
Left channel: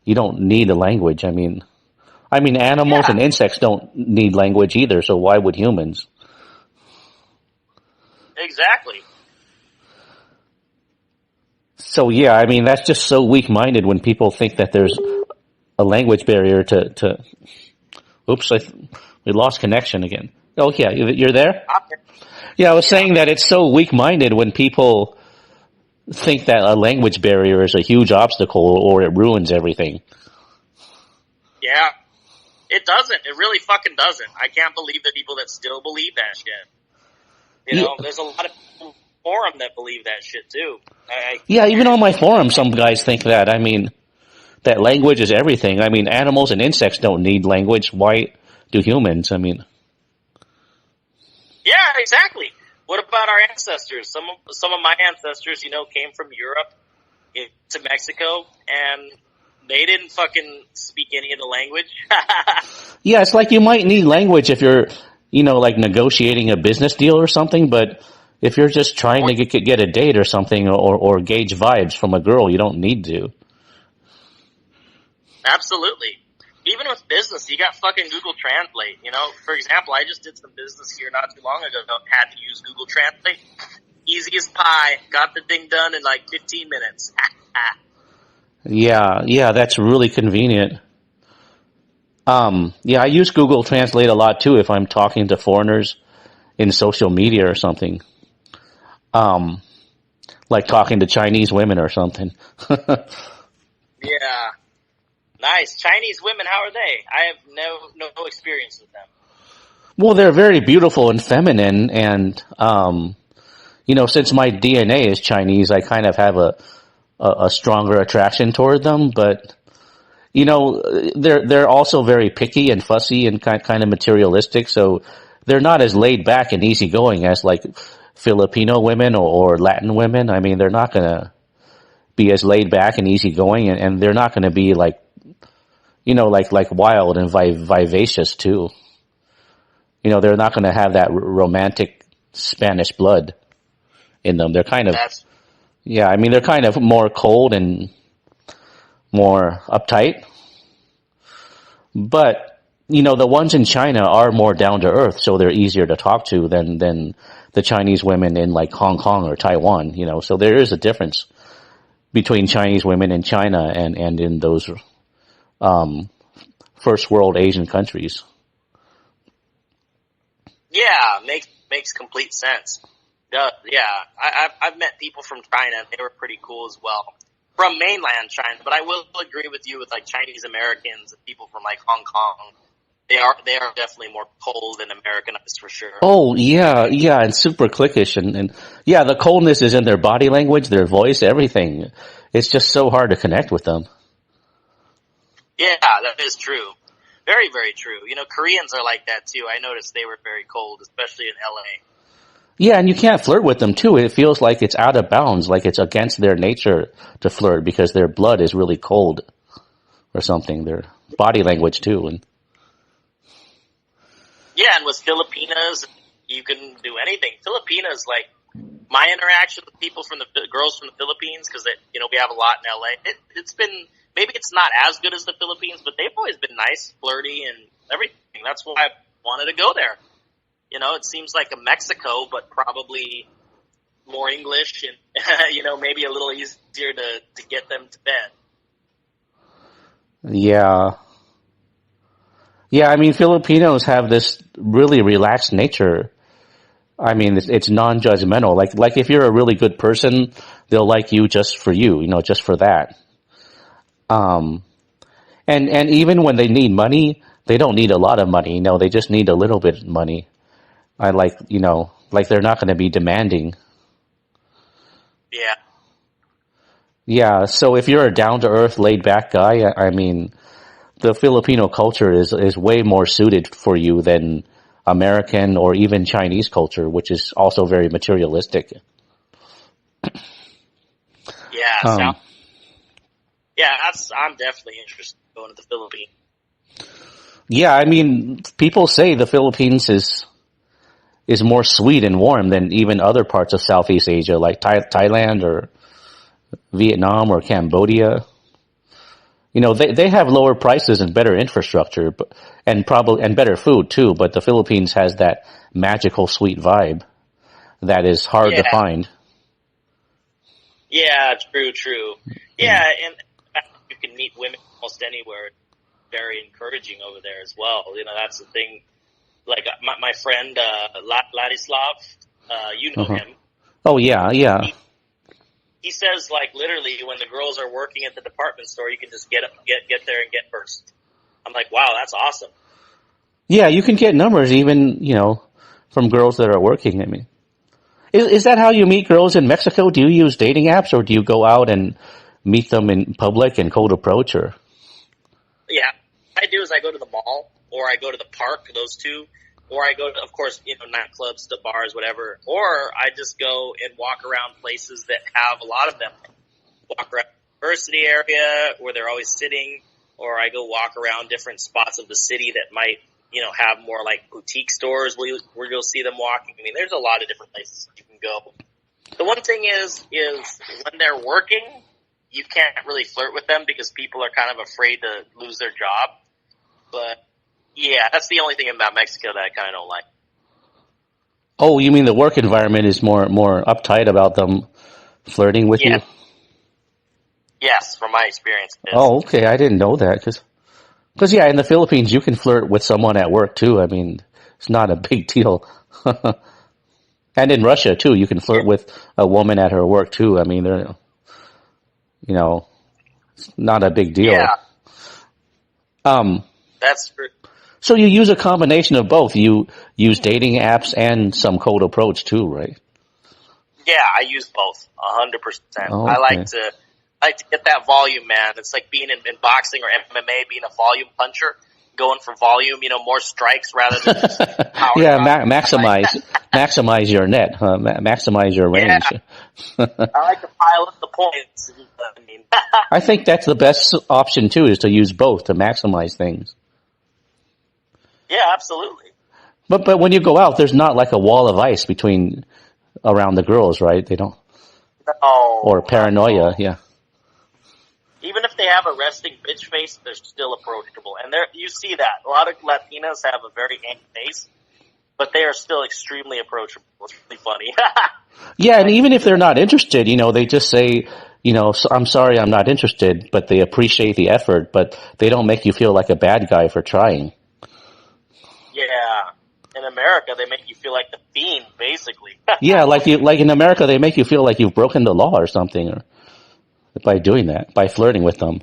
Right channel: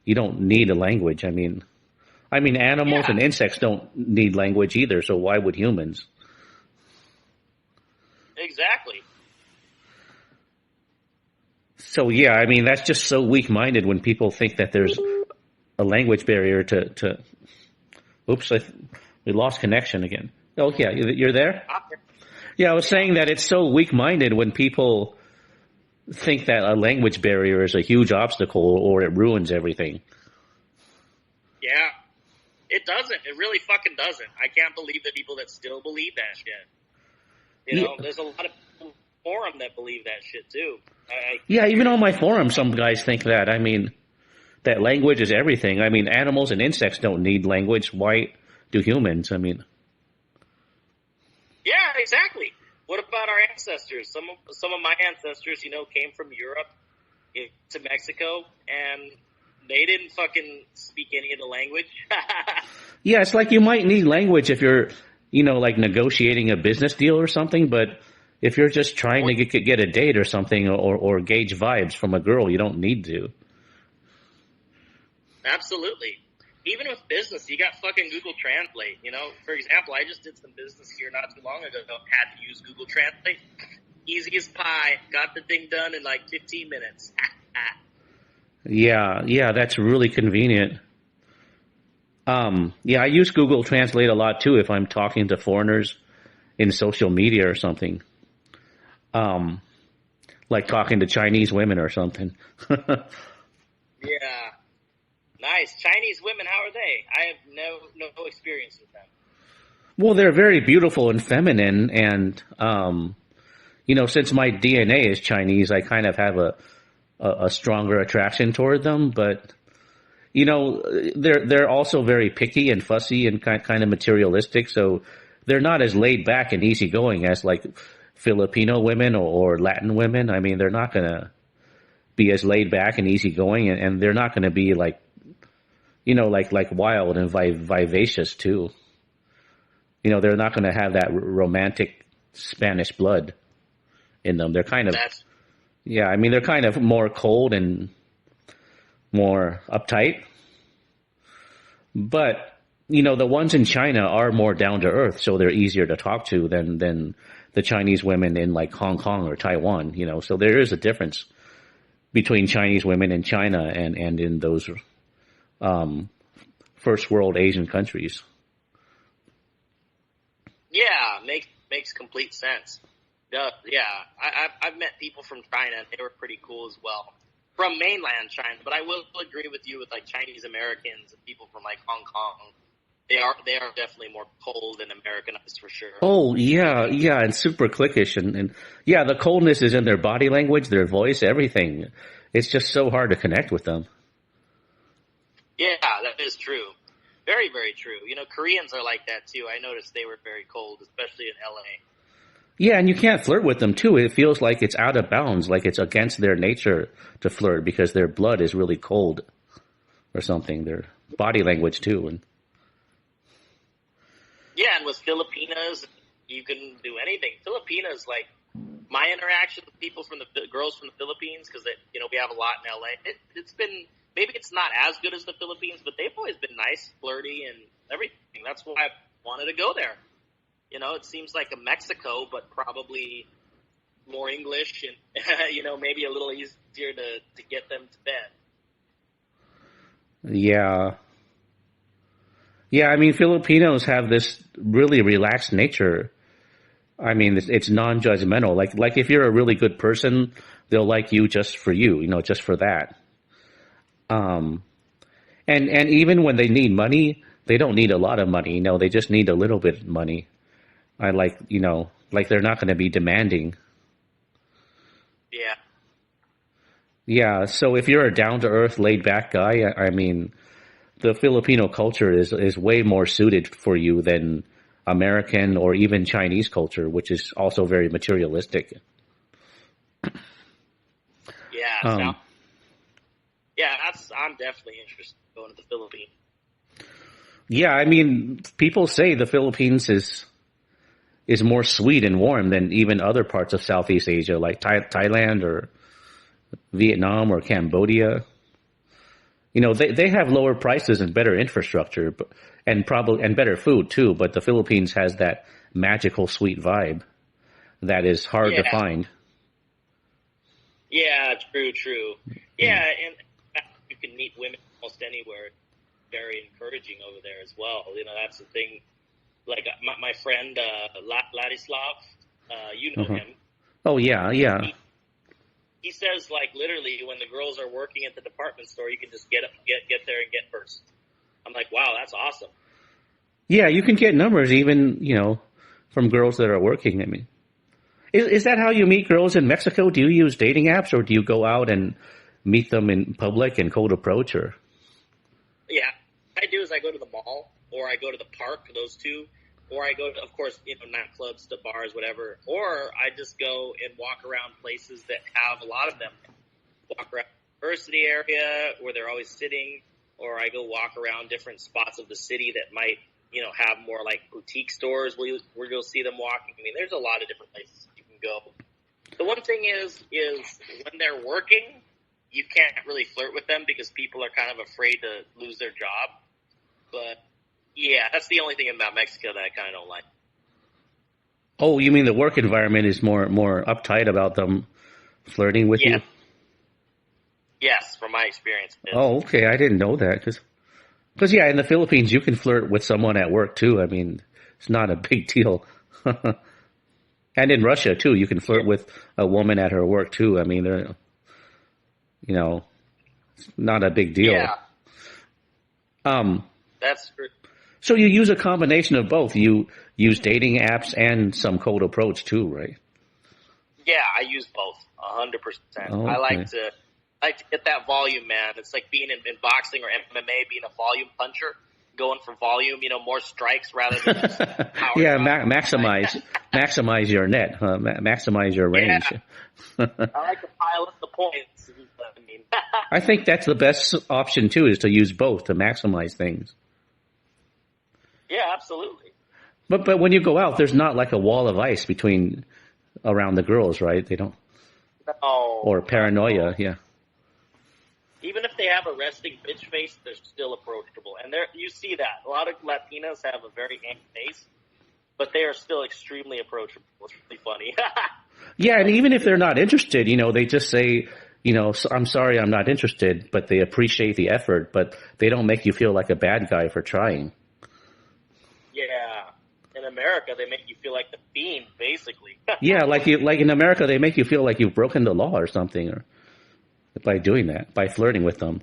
You don't need a language. I mean animals and insects don't need language either, so why would humans? Exactly. So yeah, I mean that's just so weak-minded when people think that there's a language barrier to Oops, we lost connection again. Oh yeah, you're there? Yeah, I was saying that it's so weak-minded when people think that a language barrier is a huge obstacle or it ruins everything. Yeah. It doesn't. It really fucking doesn't. I can't believe the people that still believe that shit. You know, there's a lot of forum that believe that shit too. Yeah, even on my forum, some guys think that. I mean, that language is everything. I mean, animals and insects don't need language. Why do humans? I mean, yeah, exactly. What about our ancestors? Some of my ancestors, came from Europe to Mexico, and they didn't fucking speak any of the language. yeah, it's like you might need language if you're, like negotiating a business deal or something, but if you're just trying to get a date or something or gauge vibes from a girl, you don't need to. Absolutely. Even with business, you got fucking Google Translate. For example, I just did some business here not too long ago. Had to use Google Translate. Easy as pie. Got the thing done in like 15 minutes. Yeah, that's really convenient. Yeah, I use Google Translate a lot too if I'm talking to foreigners in social media or something. Like talking to Chinese women or something. Yeah. Nice. Chinese women, how are they? I have no experience with them. Well, they're very beautiful and feminine, and since my DNA is Chinese, I kind of have a stronger attraction toward them. But they're also very picky and fussy and kind of materialistic. So they're not as laid back and easygoing as like Filipino women or Latin women. I mean, they're not gonna be as laid back and easygoing, and they're not gonna be like like wild and vivacious too. They're not going to have that romantic Spanish blood in them. They're kind of, they're kind of more cold and more uptight. But, the ones in China are more down to earth, so they're easier to talk to than the Chinese women in like Hong Kong or Taiwan, So there is a difference between Chinese women in China and in those first world Asian countries. Yeah, makes complete sense. Yeah, I've met people from China, and they were pretty cool as well. From mainland China, but I will agree with you with like Chinese Americans and people from like Hong Kong. They are definitely more cold and Americanized for sure. Oh yeah, and super cliquish and yeah, the coldness is in their body language, their voice, everything. It's just so hard to connect with them. Yeah, that is true. Very, very true. Koreans are like that too. I noticed they were very cold, especially in LA. Yeah, and you can't flirt with them too. It feels like it's out of bounds, like it's against their nature to flirt because their blood is really cold or something. Their body language too. And yeah, and with Filipinas, you can do anything. Filipinas, like my interaction with people from the girls from the Philippines, because we have a lot in LA. It's been. Maybe it's not as good as the Philippines, but they've always been nice, flirty, and everything. That's why I wanted to go there. It seems like a Mexico, but probably more English and, maybe a little easier to get them to bed. Yeah. Yeah, I mean, Filipinos have this really relaxed nature. I mean, it's non-judgmental. Like if you're a really good person, they'll like you just for you, just for that. And even when they need money, they don't need a lot of money. They just need a little bit of money. Like they're not going to be demanding. Yeah. Yeah. So if you're a down to earth, laid back guy, I mean, the Filipino culture is way more suited for you than American or even Chinese culture, which is also very materialistic. Yeah. Yeah, I'm definitely interested in going to the Philippines. Yeah, I mean, people say the Philippines is more sweet and warm than even other parts of Southeast Asia, like Thailand or Vietnam or Cambodia. They have lower prices and better infrastructure, and better food too. But the Philippines has that magical sweet vibe that is hard to find. Yeah, true. Yeah, and you can meet women almost anywhere. Very encouraging over there as well. That's the thing. Like my friend Ladislav, you know him. Oh yeah. He says like literally when the girls are working at the department store, you can just get there and get first. I'm like, wow, that's awesome. Yeah, you can get numbers even from girls that are working. I mean, Is that how you meet girls in Mexico? Do you use dating apps, or do you go out and meet them in public and cold approach? Or Yeah, what I do is I go to the mall or I go to the park, those two, or I go to, of course, nightclubs, to bars, whatever, or I just go and walk around places that have a lot of them. Walk around the university area where they're always sitting, or I go walk around different spots of the city that might, have more like boutique stores where you'll see them walking. I mean, there's a lot of different places you can go. The one thing is when they're working, you can't really flirt with them because people are kind of afraid to lose their job. But yeah, that's the only thing about Mexico that I kind of don't like. oh, you mean the work environment is more uptight about them flirting with Yeah. you? Yes, from my experience. It is. Oh, okay. I didn't know that because yeah, in the Philippines you can flirt with someone at work too. I mean, it's not a big deal. And in Russia too, you can flirt with a woman at her work too. I mean, they're it's not a big deal. Yeah, Um, that's true. so you use a combination of both. You use dating apps and some cold approach too, right? Yeah, I use both 100%. Oh, I okay. like to get that volume, man. It's like being in boxing or MMA, being a volume puncher, going for volume, more strikes rather than just power. Yeah, drive. maximize your net, huh? Maximize your range. I like to pile up the points. I mean, I think that's the best option too, is to use both to maximize things. yeah, absolutely. But when you go out, there's not like a wall of ice around the girls, right? They don't, No, or paranoia. Yeah. even if they have a resting bitch face, they're still approachable. And you see that. A lot of Latinas have a very angry face, but they are still extremely approachable. It's really funny. Yeah, and even if they're not interested, they just say, I'm sorry, I'm not interested, but they appreciate the effort, but they don't make you feel like a bad guy for trying. Yeah. In America, they make you feel like the fiend, basically. Yeah, like in America, they make you feel like you've broken the law or something, or by doing that, by flirting with them.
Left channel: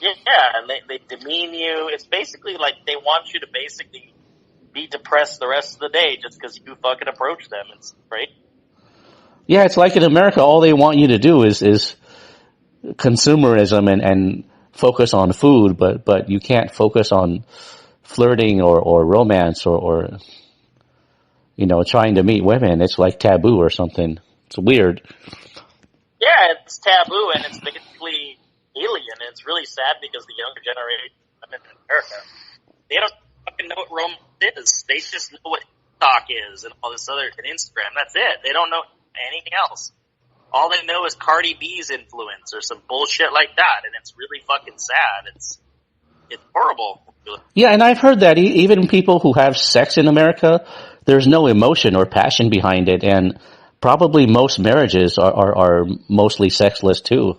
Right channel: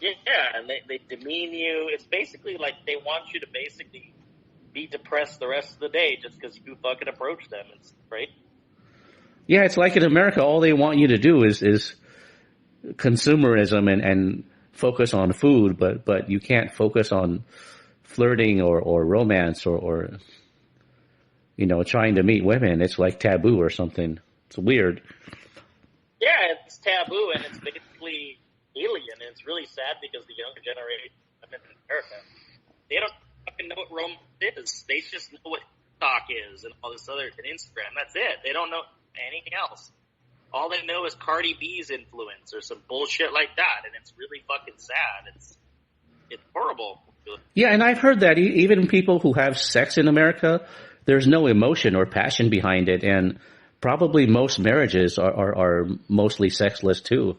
Yeah, and they demean you. It's basically like they want you to basically be depressed the rest of the day just because you fucking approach them. It's right. Yeah, it's like in America, all they want you to do is consumerism and focus on food, but you can't focus on flirting or romance or trying to meet women. It's like taboo or something. It's weird. Yeah, it's taboo and it's basically alien. And it's really sad because the younger generation in America, they don't fucking know what romance is. They just know what TikTok is and all this other and Instagram. That's it. They don't know anything else. All they know is Cardi B's influence or some bullshit like that, and it's really fucking sad. It's horrible. Yeah, and I've heard that even people who have sex in America, there's no emotion or passion behind it, and probably most marriages are mostly sexless too.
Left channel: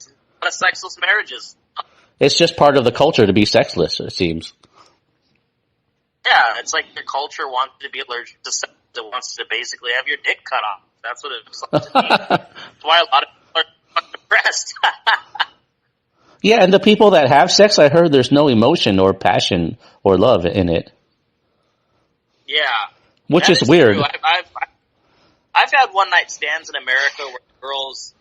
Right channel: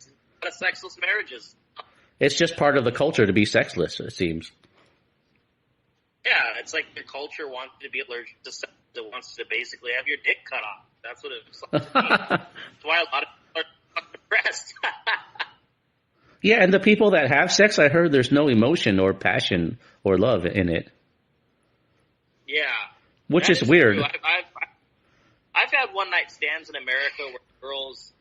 A lot of sexless marriages. It's just part of the culture to be sexless, it seems. Yeah, it's like the culture wants to be allergic to sex. It wants to basically have your dick cut off. That's what it looks like to me. That's why a lot of people are fucking depressed. Yeah, and the people that have sex, I heard there's no emotion or passion or love in it. Yeah, Which that is weird. true. I've had one night stands in America where girls,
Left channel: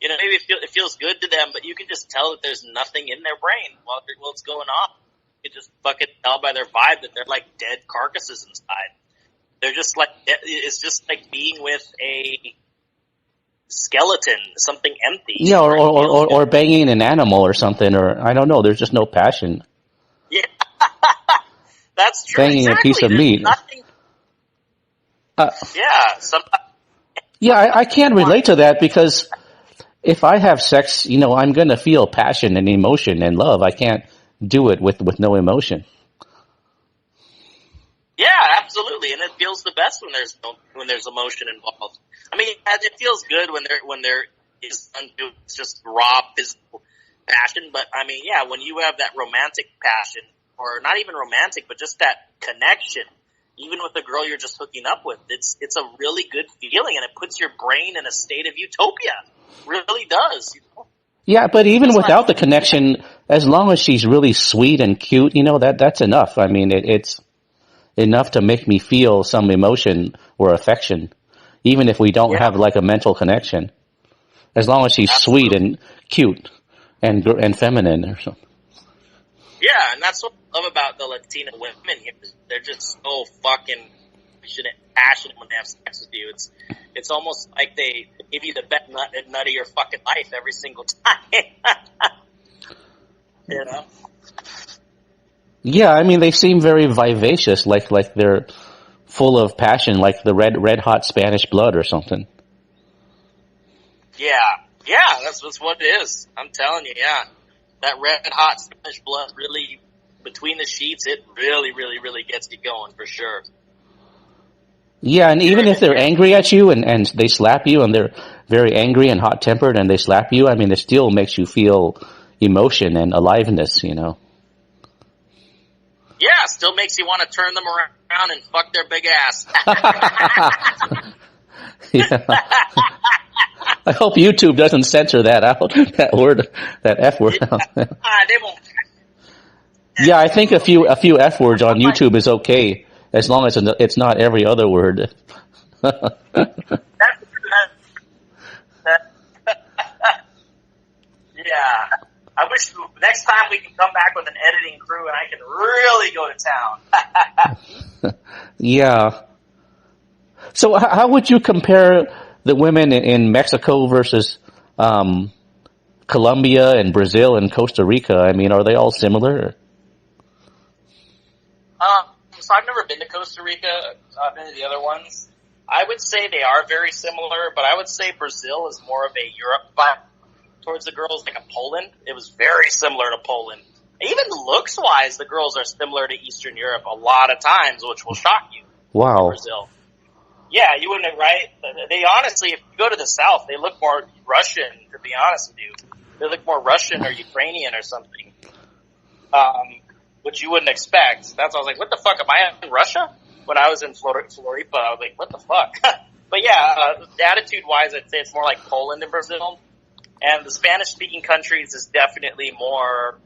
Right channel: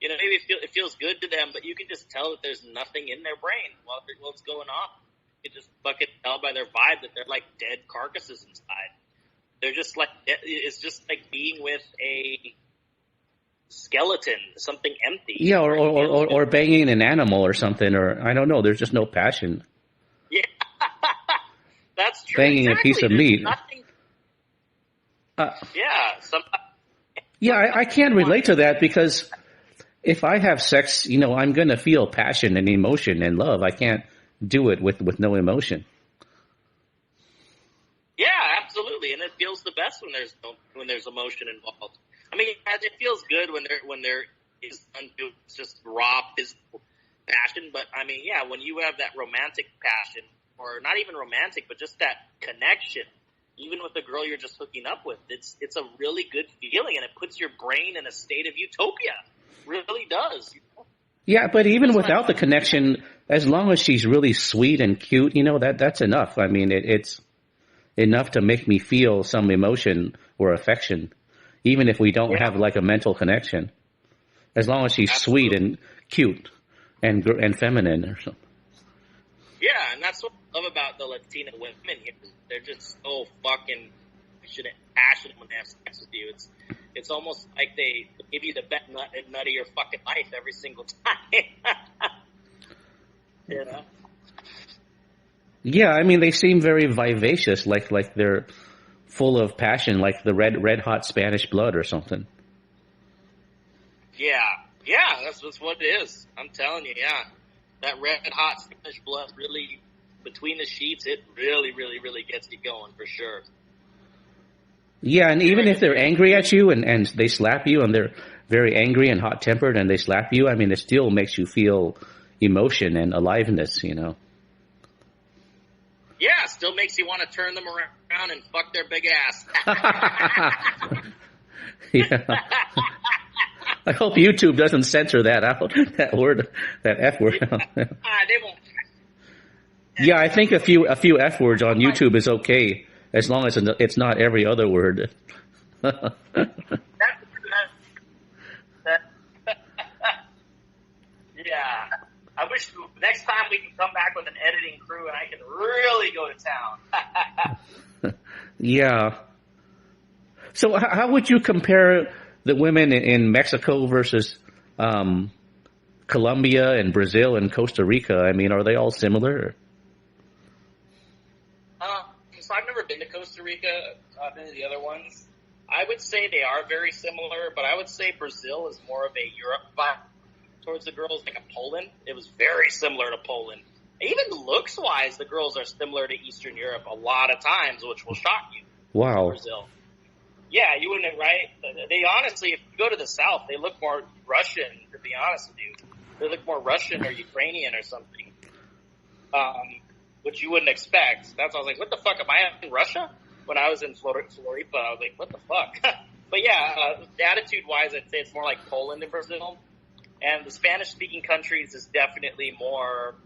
maybe it feels good to them, but you can just tell that there's nothing in their brain while it's going on. You can just fucking tell by their vibe that they're like dead carcasses inside. They're just like, it's just like being with a skeleton, something empty. Yeah, or banging an animal or something, or I don't know. There's just no passion. Yeah, that's true. Banging exactly. a piece of There's meat. nothing. Yeah, Yeah, I can't relate to that because if I have sex, I'm going to feel passion and emotion and love. I can't do it with no emotion. yeah, absolutely, and it feels the best when there's emotion involved. I mean, it feels good when there is it's just raw physical passion. But I mean, yeah, when you have that romantic passion, or not even romantic, but just that connection, even with the girl you're just hooking up with, it's a really good feeling, and it puts your brain in a state of utopia. It really does. Yeah, but even without the connection, as long as she's really sweet and cute, that's enough. I mean, enough to make me feel some emotion or affection, even if we don't have like a mental connection. As long as she's sweet and cute and feminine or something. Yeah, and that's what I love about the Latina women here. They're just so fucking passionate when they have sex with you. It's almost like they give you the best nut of your fucking life every single time. You know? Yeah, I mean, they seem very vivacious, like they're full of passion, like the red hot Spanish blood or something. Yeah, that's what it is. I'm telling you, yeah. That red hot Spanish blood really, between the sheets, it really, really, really gets you going for sure. Yeah, and even if they're angry at you and they slap you and they're very angry and hot tempered and they slap you, I mean, it still makes you feel emotion and aliveness, you know. Yeah, still makes you want to turn them around and fuck their big ass. Yeah. I hope YouTube doesn't censor that out, that word, that F word. They won't. Yeah, I think a few F words on YouTube is okay, as long as it's not every other word. Yeah. I wish next time we can come back with an editing crew and I can really go to town. Yeah. So how would you compare the women in Mexico versus Colombia and Brazil and Costa Rica? I mean, are they all similar? So I've never been to Costa Rica. I've been to the other ones. I would say they are very similar, but I would say Brazil is more of a Europe vibe towards the girls, like a Poland. It was very similar to Poland. Even looks-wise, the girls are similar to Eastern Europe a lot of times, which will shock you. Wow. Brazil. Yeah, you wouldn't, right? They honestly, if you go to the south, they look more Russian, to be honest with you. They look more Russian or Ukrainian or something, which you wouldn't expect. That's why I was like, what the fuck, am I in Russia? When I was in Floripa, I was like, what the fuck? But yeah, attitude-wise, I'd say it's more like Poland and Brazil. And the Spanish-speaking countries is definitely more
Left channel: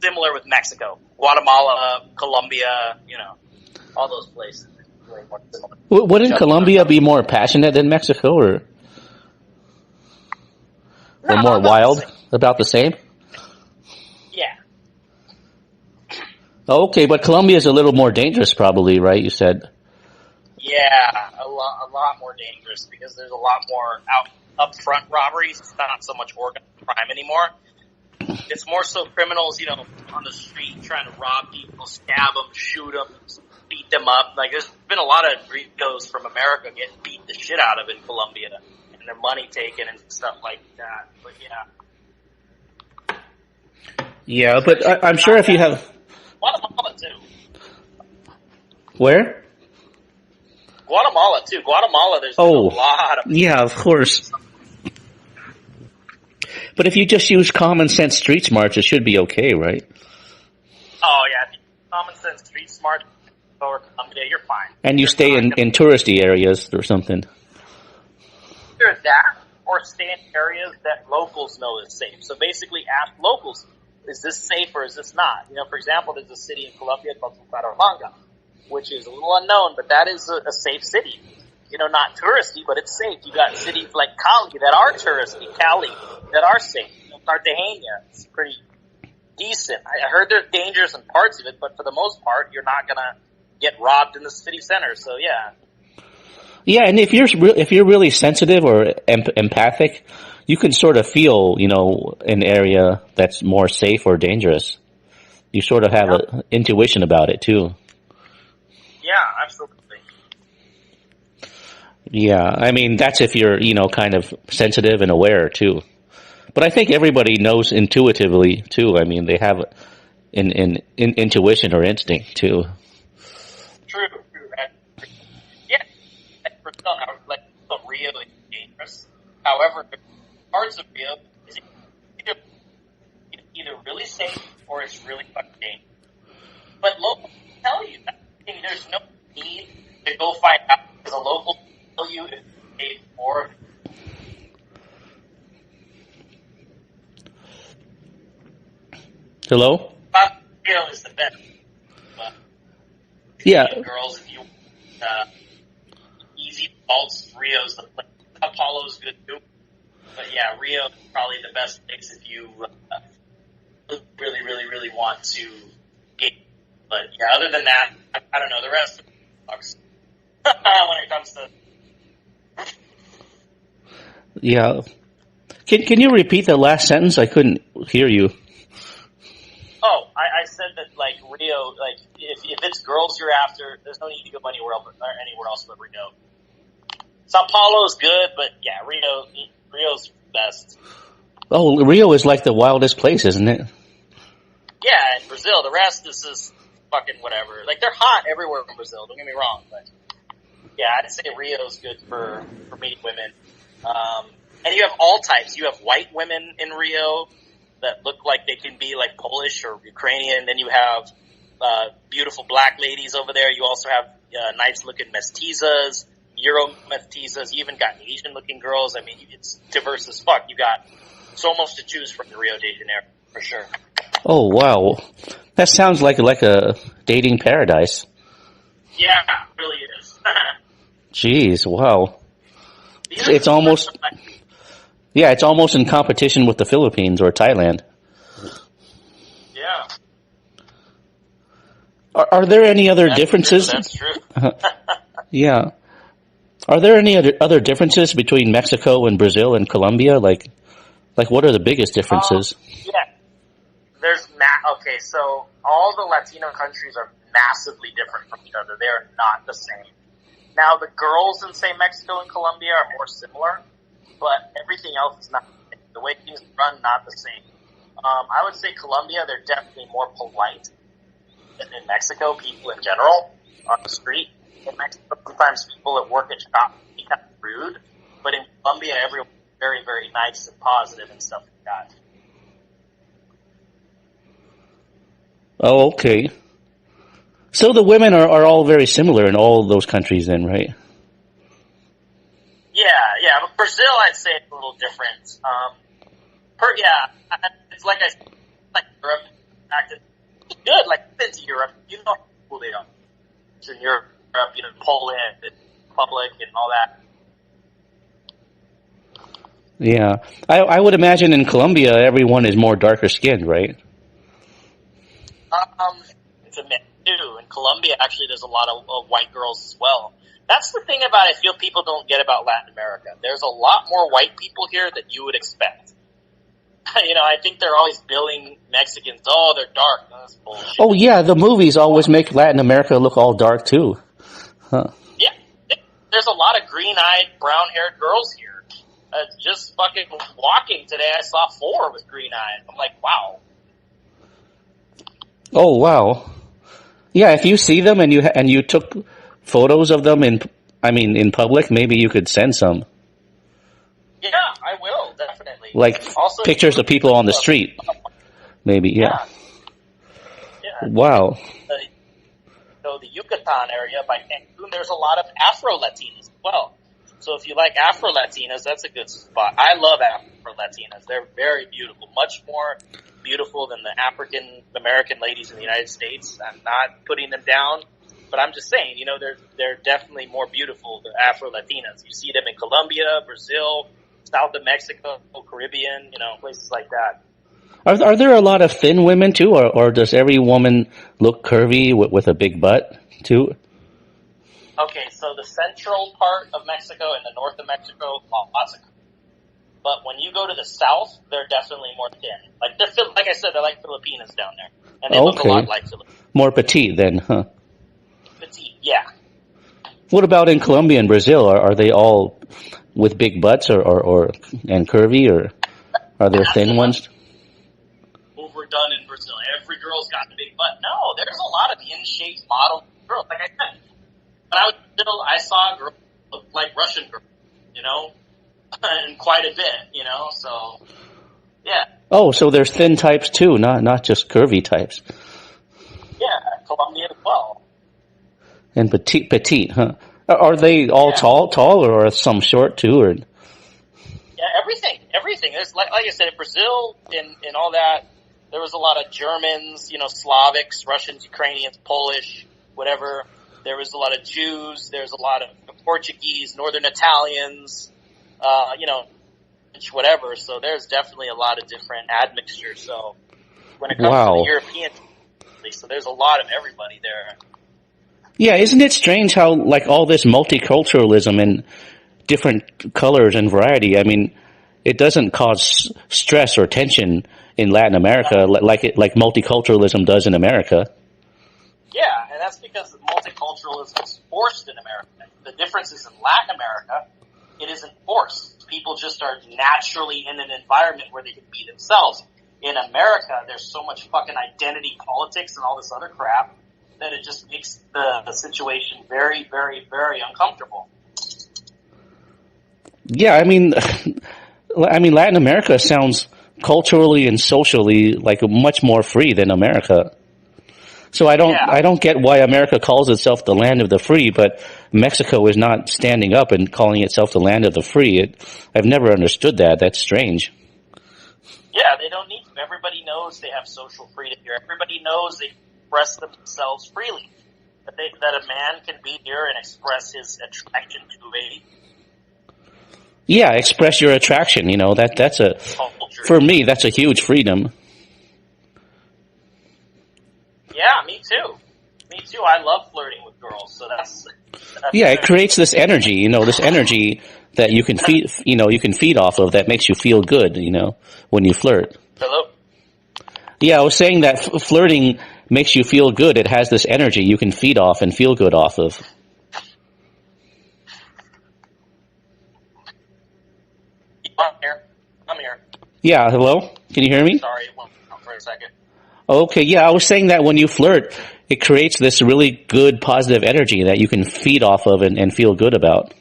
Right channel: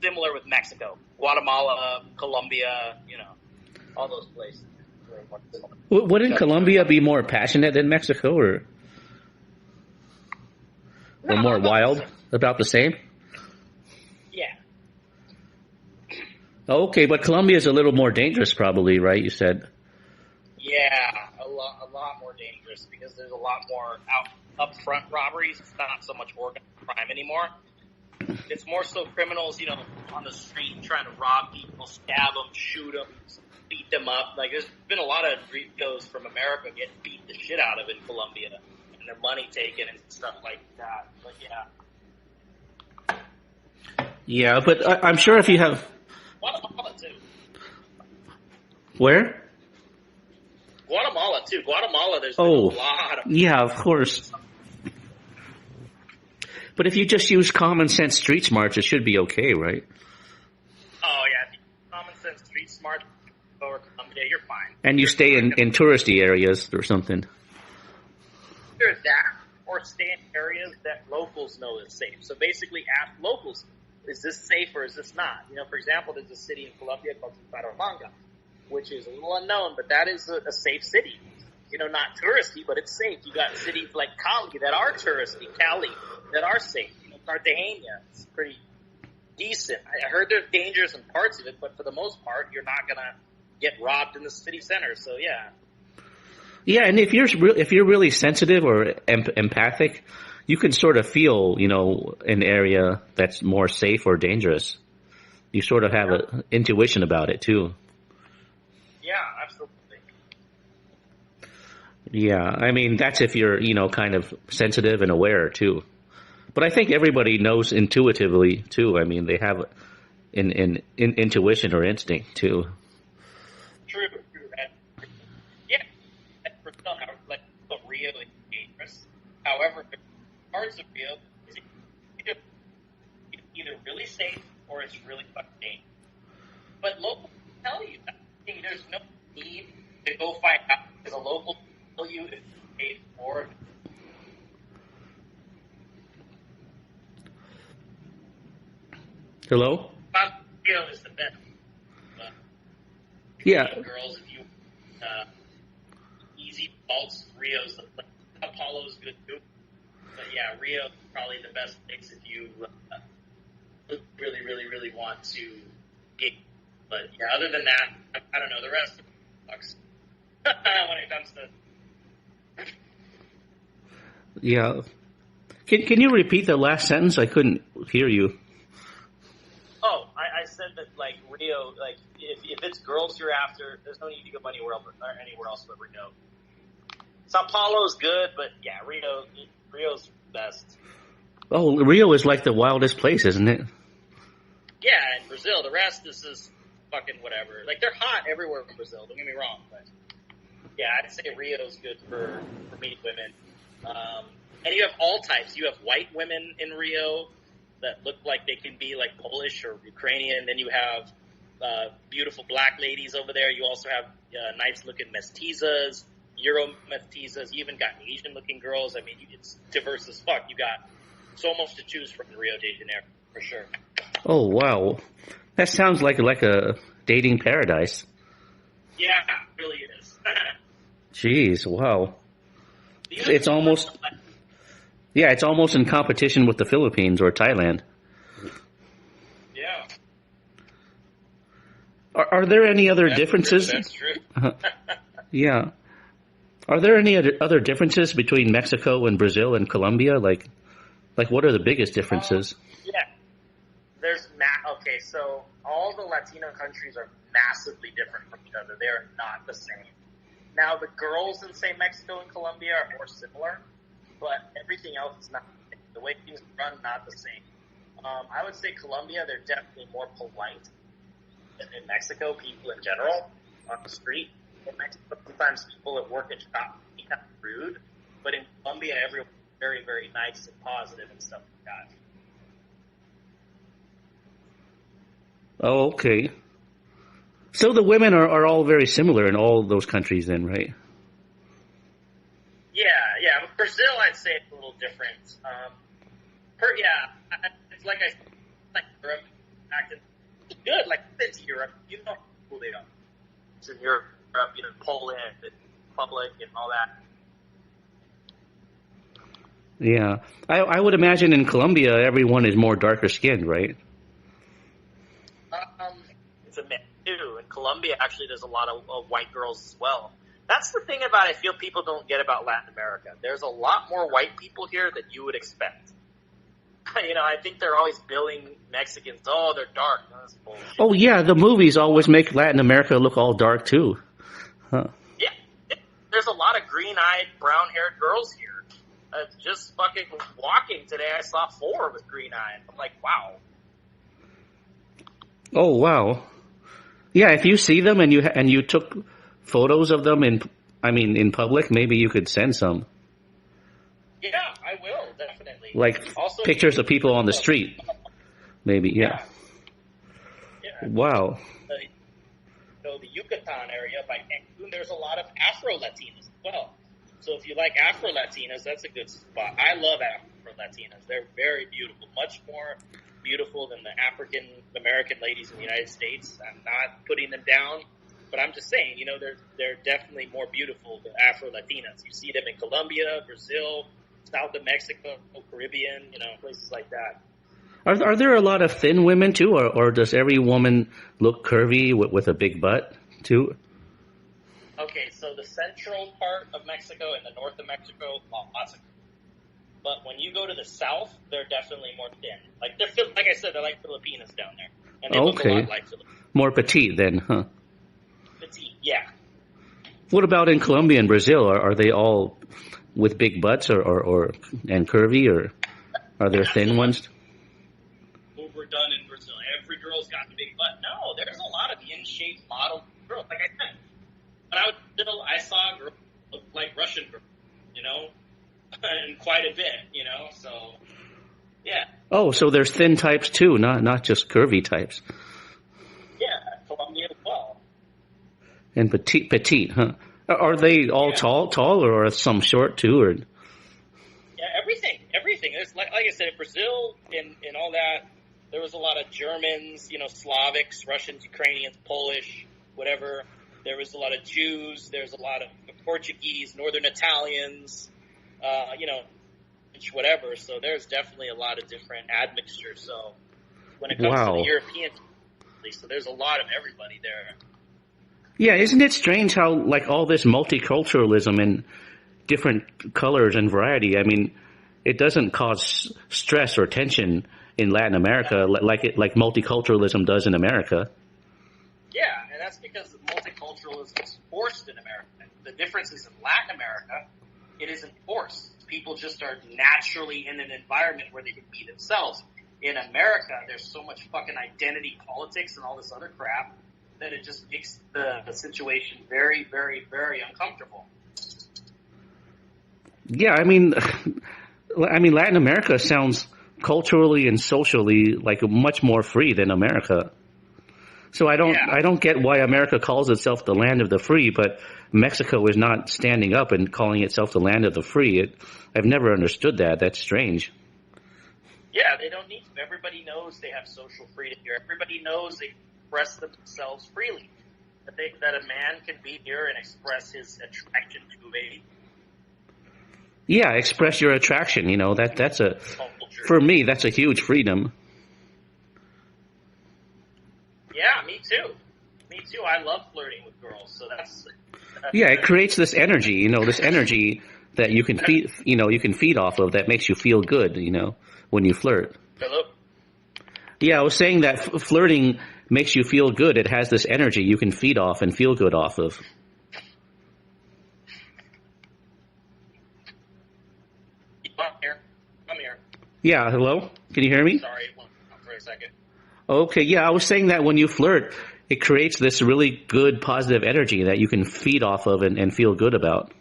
similar with Mexico. Guatemala, Colombia, you know, all those places. Really more similar. Wouldn't Colombia be more passionate than Mexico, or more wild? About the same? Yeah. Okay, but Colombia is a little more dangerous, probably, right? You said. Yeah, a lot more dangerous because there's a lot more upfront robberies. It's not so much organized crime anymore. It's more so criminals, you know, on the street trying to rob people, stab them, shoot them, beat them up. Like, there's been a lot of ricos from America getting beat the shit out of in Colombia and their money taken and stuff like that. But yeah. Yeah, but I'm sure if you have. Guatemala too. Where? Guatemala too. Guatemala, there's a lot of. Yeah, of course. But if you just use common sense street smarts, it should be okay, right? Oh yeah, if you common sense street smart over Colombia, you're fine. And you stay in touristy areas or something. Either that or stay in areas that locals know is safe. So basically ask locals, is this safe or is this not? You know, for example, there's a city in Colombia called Bucaramanga, which is a little unknown, but that is a safe city. You know, not touristy, but it's safe. You got cities like Cali that are touristy, Cali that are safe. You know, Cartagena, it's pretty decent. I heard there's dangers in parts of it, but for the most part, you're not gonna get robbed in the city center. So yeah. Yeah, and if you're really sensitive or empathic, you can sort of feel, you know, an area that's more safe or dangerous. You sort of have an intuition about it too. Yeah, absolutely. Yeah, I mean, that's if you're, you know, kind of sensitive and aware too. But I think everybody knows intuitively too. I mean, they have an intuition or instinct too. True. Yeah, like Rio is dangerous. However, parts of Rio is either really safe or it's really fucking dangerous. But locals tell you that. There's no need to go find out because a local will tell you if you paid more. Hello? Rio is the best. Yeah. Girls, if you easy faults, Rio's the place. Apollo's good too. But yeah, Rio is probably the best place if you really, really, really want to get. But yeah, other than that, I don't know. The rest of it sucks when it comes to. Yeah. Can you repeat the last sentence? I couldn't hear you. Oh, I said that like Rio, like if it's girls you're after, there's no need to go anywhere else but Rio. Sao Paulo's good, but yeah, Rio's best. Oh, Rio is like the wildest place, isn't it? Yeah, and Brazil, the rest is just fucking whatever. Like they're hot everywhere in Brazil. Don't get me wrong, but yeah, I'd say Rio's good for meeting women. And you have all types. You have white women in Rio that look like they can be like Polish or Ukrainian. Then you have beautiful black ladies over there. You also have nice-looking mestizas, Euro mestizas. You even got Asian-looking girls. I mean, it's diverse as fuck. You got so much to choose from in Rio de Janeiro, for sure. Oh, wow. That sounds like a dating paradise. Yeah, it really is. Jeez, wow. It's almost... Yeah, it's almost in competition with the Philippines or Thailand. Yeah. Are there any other differences? That's true. Yeah. Are there any other differences between Mexico and Brazil and Colombia? Like what are the biggest differences? Yeah. There's okay, so all the Latino countries are massively different from each other. They are not the same. Now, the girls in, say, Mexico and Colombia are more similar, but everything else is not the same. The way things run, not the same. I would say Colombia, they're definitely more polite than in Mexico, people in general, on the street. In Mexico, sometimes people at work at shops can be kind of rude, but in Colombia, everyone's very, very nice and positive and stuff like that. Oh, okay. So the women are all very similar in all those countries then, right? Yeah. But Brazil, I'd say it's a little different. It's like like Europe. It's good. Like, I've been to Europe. You know how cool they are. It's in Europe, you know, Poland, Republic, and all that. Yeah. I would imagine in Colombia, everyone is more darker skinned, right? It's a mix too. In Colombia, actually, there's a lot of white girls as well. That's the thing about I feel people don't get about Latin America. There's a lot more white people here than you would expect. You know, I think they're always billing Mexicans. Oh, they're dark. That's bullshit. Oh yeah, the movies always make Latin America look all dark too. Huh. Yeah, there's a lot of green-eyed, brown-haired girls here. Just fucking walking today, I saw 4 with green eyes. I'm like, wow. Oh wow. Yeah, if you see them and you took photos of them in public, maybe you could send some. Yeah, I will, definitely. Like also, pictures of people on the street. Maybe, yeah. Wow. So the Yucatan area by Cancun, there's a lot of Afro-Latinas as well. So if you like Afro-Latinas, that's a good spot. I love Afro-Latinas. They're very beautiful, much more beautiful than the African American ladies in the United States. I'm not putting them down, but I'm just saying, you know, they're definitely more beautiful, the Afro-Latinas. You see them in Colombia, Brazil, south of Mexico, Caribbean, you know, places like that. Are there a lot of thin women too, or does every woman look curvy with a big butt too? Okay, so the central part of Mexico and the north of Mexico, lots of. But when you go to the south, they're definitely more thin. Like like I said, they're like Filipinas down there, and they look a lot like Filipinos. More petite then, huh? Petite, yeah. What about in Colombia and Brazil? Are they all with big butts or and curvy, or are there thin ones? Overdone in Brazil. Every girl's got a big butt. No, there's a lot of in-shape model girls. Like I said, when I was little, I saw a girl look like Russian girls, you know, and quite a bit, you know. So, yeah. Oh, so there's thin types too, not just curvy types. Yeah, Colombia as well. And petite, huh? Are they all tall, or are some short too, or? Yeah, everything. There's like I said, in Brazil, in all that, there was a lot of Germans, you know, Slavics, Russians, Ukrainians, Polish, whatever. There was a lot of Jews. There's a lot of Portuguese, Northern Italians, whatever. So there's definitely a lot of different admixture. So when it comes to the European, so there's a lot of everybody there. Yeah, isn't it strange how like all this multiculturalism and different colors and variety, I mean, it doesn't cause stress or tension in Latin America like multiculturalism does in America. Yeah, and that's because multiculturalism is forced in America. The difference is in Latin America, it isn't forced. People just are naturally in an environment where they can be themselves. In America, there's so much fucking identity politics and all this other crap that it just makes the situation very, very, very uncomfortable. Yeah, I mean, Latin America sounds culturally and socially like much more free than America. So I don't get why America calls itself the land of the free, but Mexico is not standing up and calling itself the land of the free. I've never understood that. That's strange. Yeah, they don't need to. Everybody knows they have social freedom here. Everybody knows they express themselves freely. That a man can be here and express his attraction to a... Yeah, express your attraction. You know, that's a... culture. For me, that's a huge freedom. Yeah, me too. Me too. I love flirting with girls, so that's yeah, it creates this energy, this energy that you can feed off of that makes you feel good, when you flirt. Hello? Yeah, I was saying that flirting makes you feel good. It has this energy you can feed off and feel good off of. I'm here. Yeah, hello? Can you hear me? Sorry, for a second. Okay, yeah, I was saying that when you flirt, it creates this really good positive energy that you can feed off of and feel good about.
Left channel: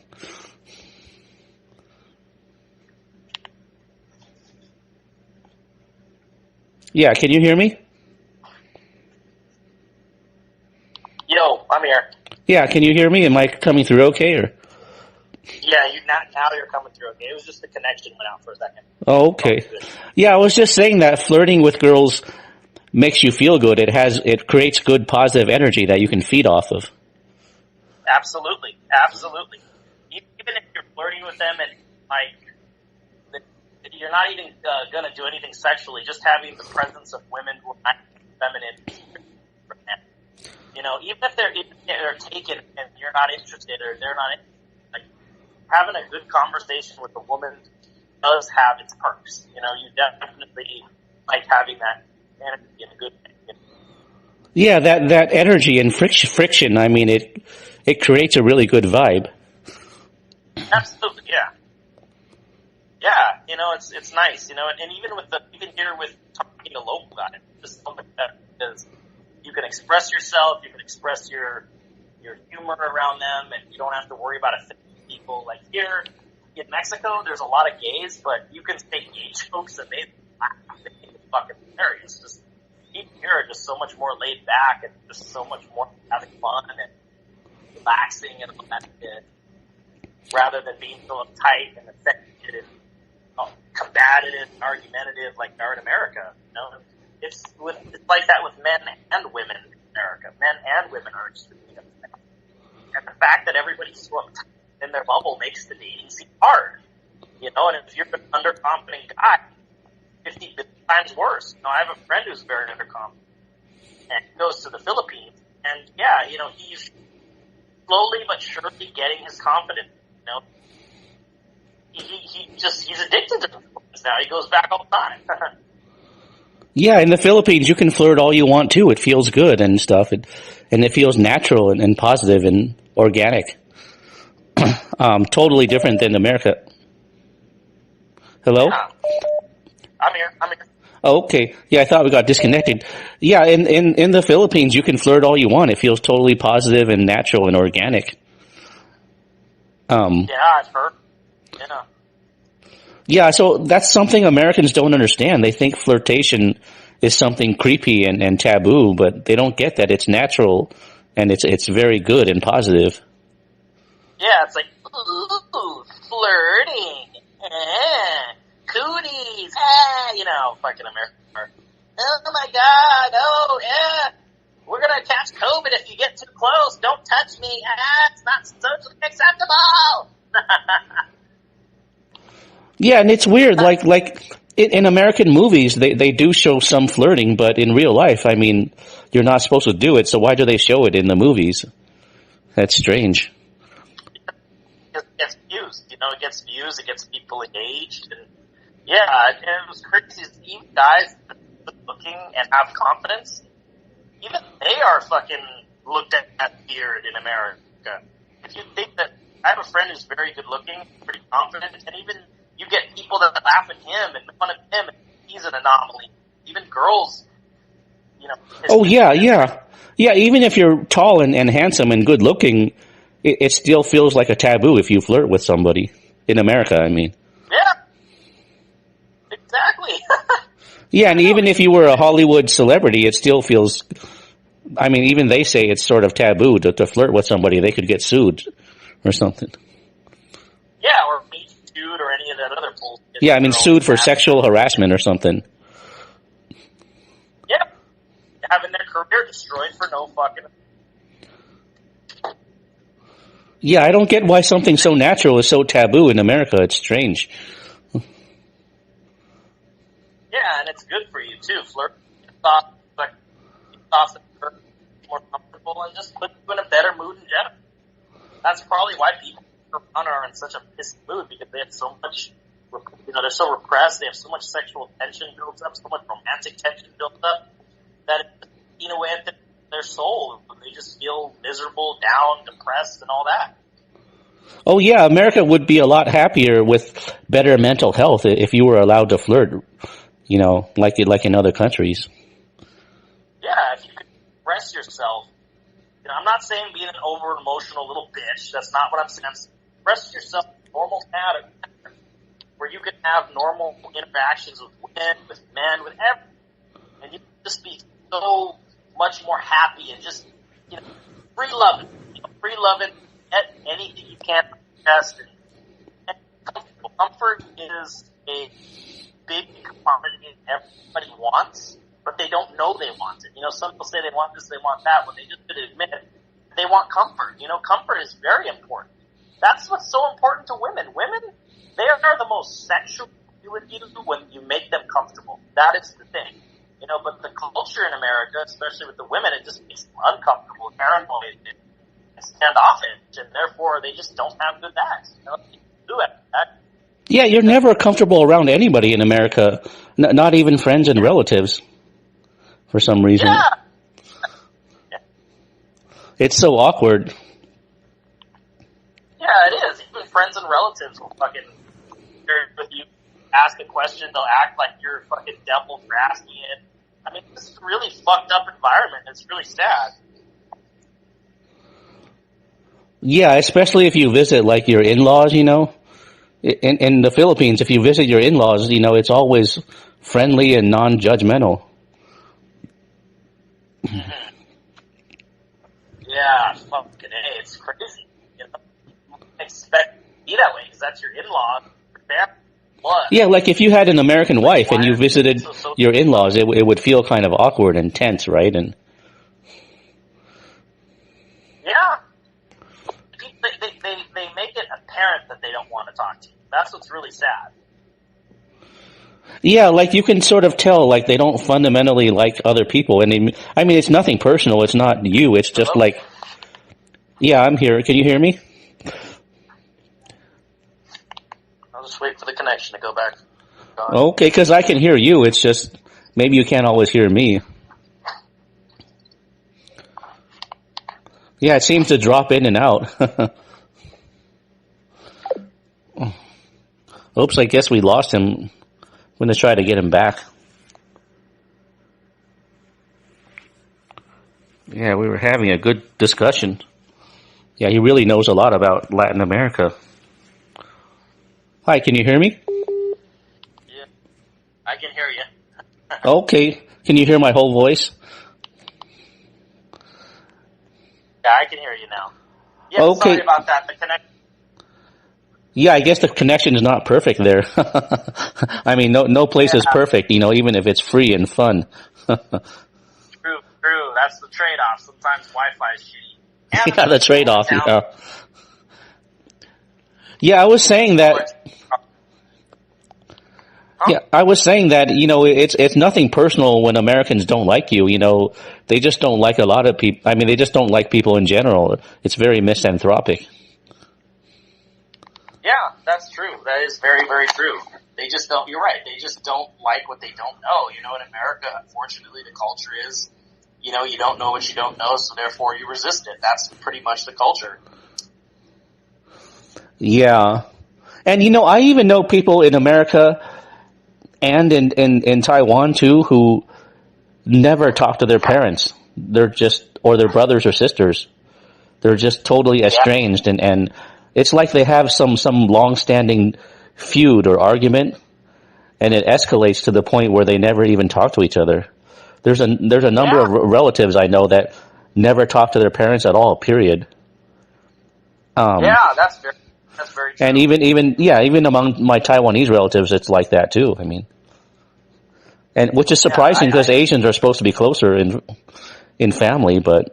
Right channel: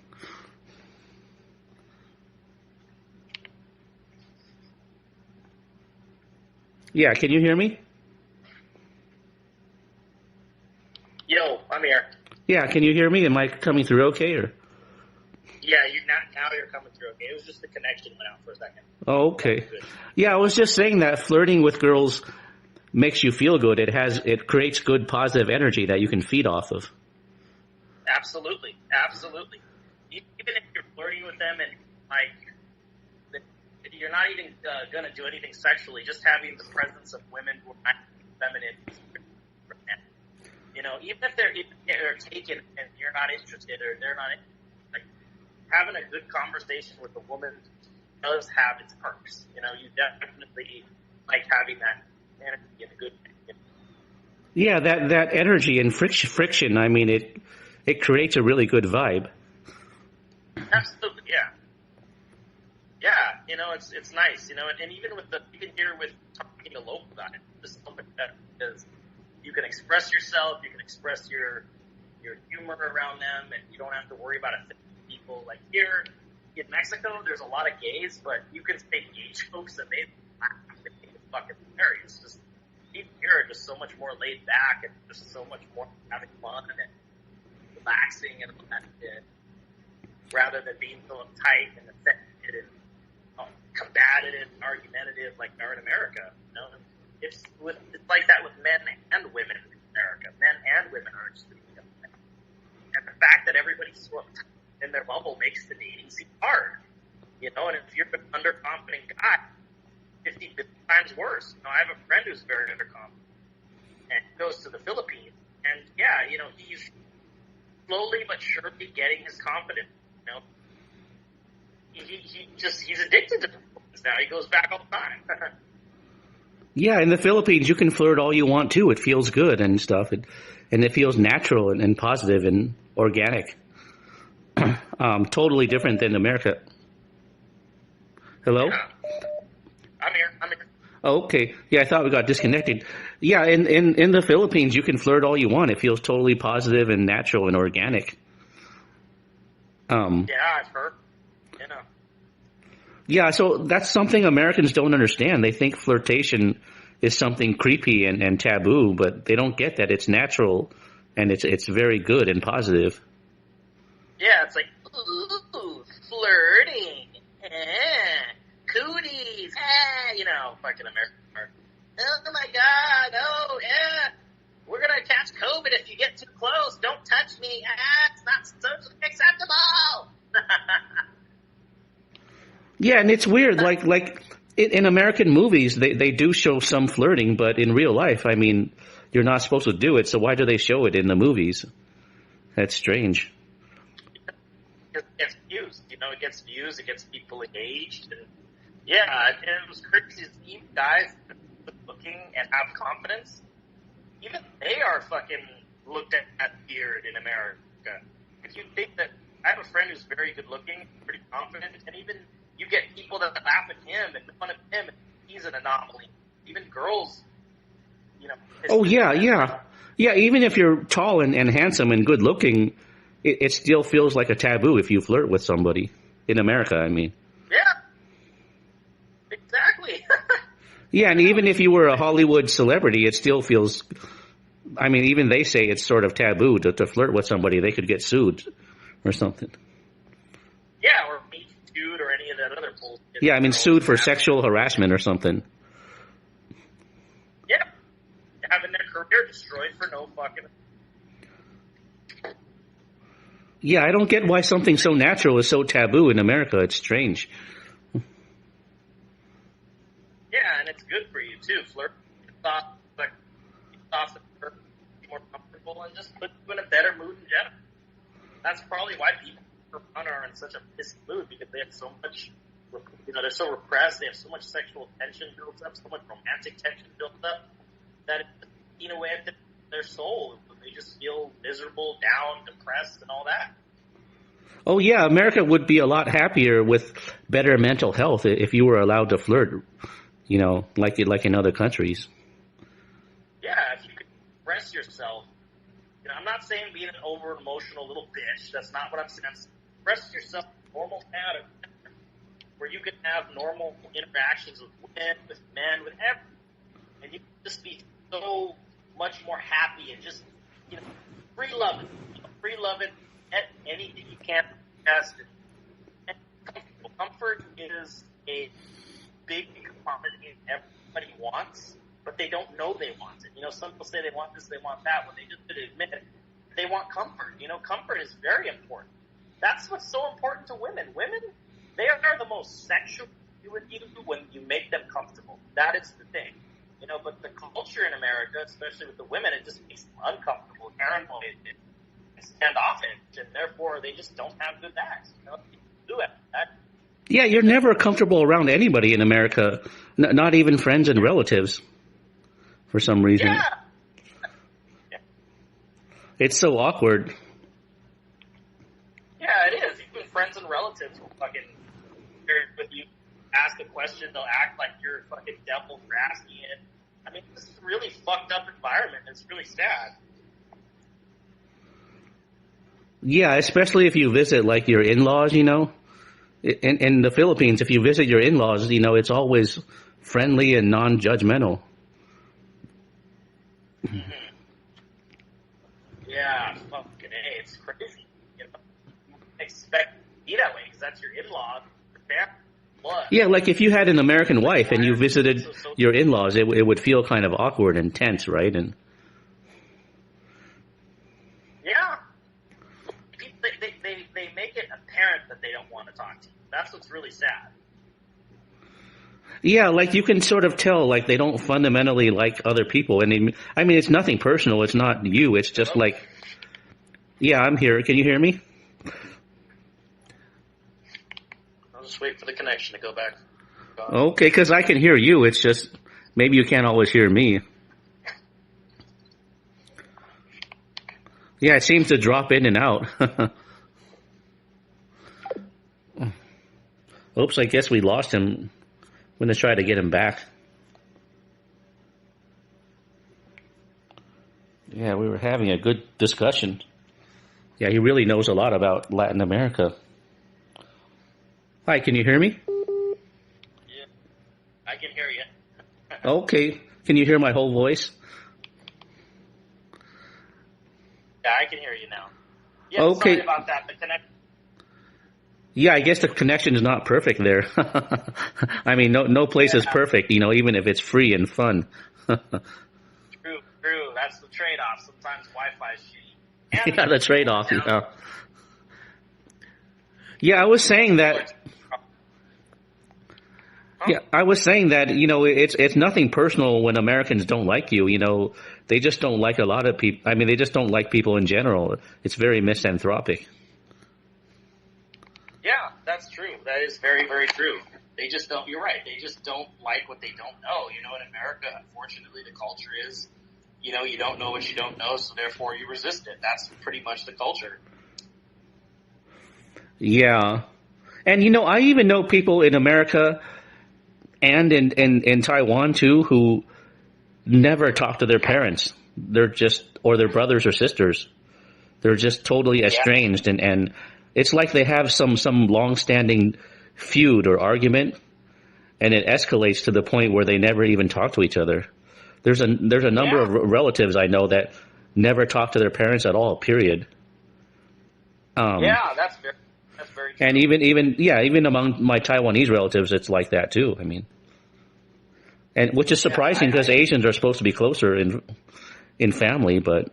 Yeah, can you hear me? Yo, I'm here. Yeah, can you hear me? Am I coming through okay? Or? Yeah, now you're coming through okay. It was just the connection went out for a second. Oh, okay. Yeah, I was just saying that flirting with girls makes you feel good. It creates good positive energy that you can feed off of. Absolutely. Even if you're flirting with them and you're not even going to do anything sexually, just having the presence of women who are feminine, even if they're taken and you're not interested or they're not interested, having a good conversation with a woman does have its perks. You definitely like having that energy in a good way. Yeah, that energy and friction. I mean, it creates a really good vibe. Absolutely, yeah. Yeah, it's nice, and even here with talking to local guys, just something that because you can express yourself, you can express your humor around them, and you don't have to worry about offending people. Like here in Mexico, there's a lot of gays, but you can say gay jokes and they laugh. They think it's fucking hilarious. Just people here are just so much more laid back and just so much more having fun and relaxing and all that shit, rather than being so uptight and affected and combative and argumentative like they are in America. It's like that with men and women in America. Men and women are extremely uptight. And the fact that everybody's so uptight in their bubble makes the dating seem hard. And if you're an underconfident guy, 50 times worse. I have a friend who's very underconfident and goes to the Philippines, and he's slowly but surely getting his confidence. He's addicted to the Philippines now. He goes back all the time. Yeah, in the Philippines, you can flirt all you want to. It feels good and stuff, and it feels natural and positive and organic. Totally different than America. Hello? Yeah. I'm here. Oh, okay. Yeah, I thought we got disconnected. Yeah, in the Philippines, you can flirt all you want. It feels totally positive and natural and organic. Yeah, I've heard. Yeah, so that's something Americans don't understand. They think flirtation is something creepy and taboo, but they don't get that it's natural and it's very good and positive. Yeah, it's like, ooh, flirting, cooties, fucking America. Oh my God, oh yeah, we're gonna catch COVID if you get too close. Don't touch me. It's not socially acceptable. Yeah, and it's weird. Like in American movies, they do show some flirting, but in real life, I mean, you're not supposed to do it. So why do they show it in the movies? That's strange. It gets views. It gets views. It gets people engaged. And yeah, it was crazy. Even guys that are looking and have confidence, even they are fucking looked at weird in America. If you think that, I have a friend who's very good looking, pretty confident, and even you get people that laugh at him and make fun of him, and he's an anomaly. Even girls, Oh yeah, yeah. Yeah, even if you're tall and handsome and good looking, it still feels like a taboo if you flirt with somebody. In America, I mean. Yeah. Exactly. Yeah, and even if you were a Hollywood celebrity, it still feels, I mean, even they say it's sort of taboo to flirt with somebody. They could get sued or something. Yeah, or be sued or any of that other bullshit. Yeah, I mean, sued for sexual harassment or something. Yeah. Having their career destroyed for no fucking... Yeah, I don't get why something so natural is so taboo in America. It's strange. Yeah, and it's good for you, too. Flirt, like, more comfortable, and just put you in a better mood in general. That's probably why people are in such a pissed mood, because they have so much, they're so repressed, they have so much sexual tension built up, so much romantic tension built up, that it's eating away at their soul. They just feel miserable, down, depressed, and all that. Oh yeah, America would be a lot happier with better mental health if you were allowed to flirt, like in other countries. Yeah, if you could express yourself. I'm not saying being an over-emotional little bitch. That's not what I'm saying. Express yourself in a normal pattern where you can have normal interactions with women, with men, with everyone. And you can just be so much more happy and just, free loving. Free loving, get anything you can from the chest. And comfortable. Comfort is a big commodity everybody wants, but they don't know they want it. Some people say they want this, they want that, when they just didn't admit it. They want comfort. Comfort is very important. That's what's so important to women. Women, they are the most sexual with you when you make them comfortable. That is the thing. But the culture in America, especially with the women, it just makes them uncomfortable, paranoid, and standoffish, and therefore they just don't have good acts. Do it. Yeah, you're never comfortable around anybody in America, not even friends and relatives, for some reason. Yeah. It's so awkward. Yeah, it is. Even friends and relatives will fucking with you, ask a question, they'll act like you're a fucking devil for asking it. I mean, this is a really fucked up environment. It's really sad. Yeah, especially if you visit like your in-laws, In the Philippines, if you visit your in-laws, it's always friendly and non-judgmental. Yeah, fucking A, it's crazy. You expect it to be that way because that's your in-law, your family, blood. Yeah, like if you had an American wife and you visited your in-laws, it would feel kind of awkward and tense, right? And yeah, they make it apparent that they don't want to talk to you. That's what's really sad. yeah, like you can sort of tell, like they don't fundamentally like other people, and it's nothing personal. It's not you. It's just like, yeah, I'm here. Can you hear me? I'll just wait for the connection to go back. Okay, because I can hear you. It's just maybe you can't always hear me. Yeah, it seems to drop in and out. Oops, I guess we lost him. I'm going to try to get him back. Yeah, we were having a good discussion. Yeah, he really knows a lot about Latin America. Hi, can you hear me? Yeah, I can hear you. Okay, can you hear my whole voice? Yeah, I can hear you now. Yeah, okay. Sorry about that. The connection. Yeah, I guess the connection is not perfect there. I mean, no place is perfect, even if it's free and fun. True. That's the trade-off. Sometimes Wi-Fi is shitty. And Yeah, the trade-off. town, Yeah. Yeah, I was saying that. Yeah, I was saying that, it's nothing personal when Americans don't like you. They just don't like a lot of people. I mean, they just don't like people in general. It's very misanthropic. Yeah, that's true. That is very, very true. They just don't, you're right, they just don't like what they don't know. In America, unfortunately, the culture is, you don't know what you don't know, so therefore you resist it. That's pretty much the culture. Yeah. And, I even know people in America and in Taiwan too who never talk to their parents. Or their brothers or sisters. They're just totally Yeah. estranged, and it's like they have some long-standing feud or argument, and it escalates to the point where they never even talk to each other. There's a number Yeah. of relatives I know that never talk to their parents at all, period. Yeah, that's very true. And even among my Taiwanese relatives, it's like that too. I mean, and which is surprising because Asians are supposed to be closer in family, but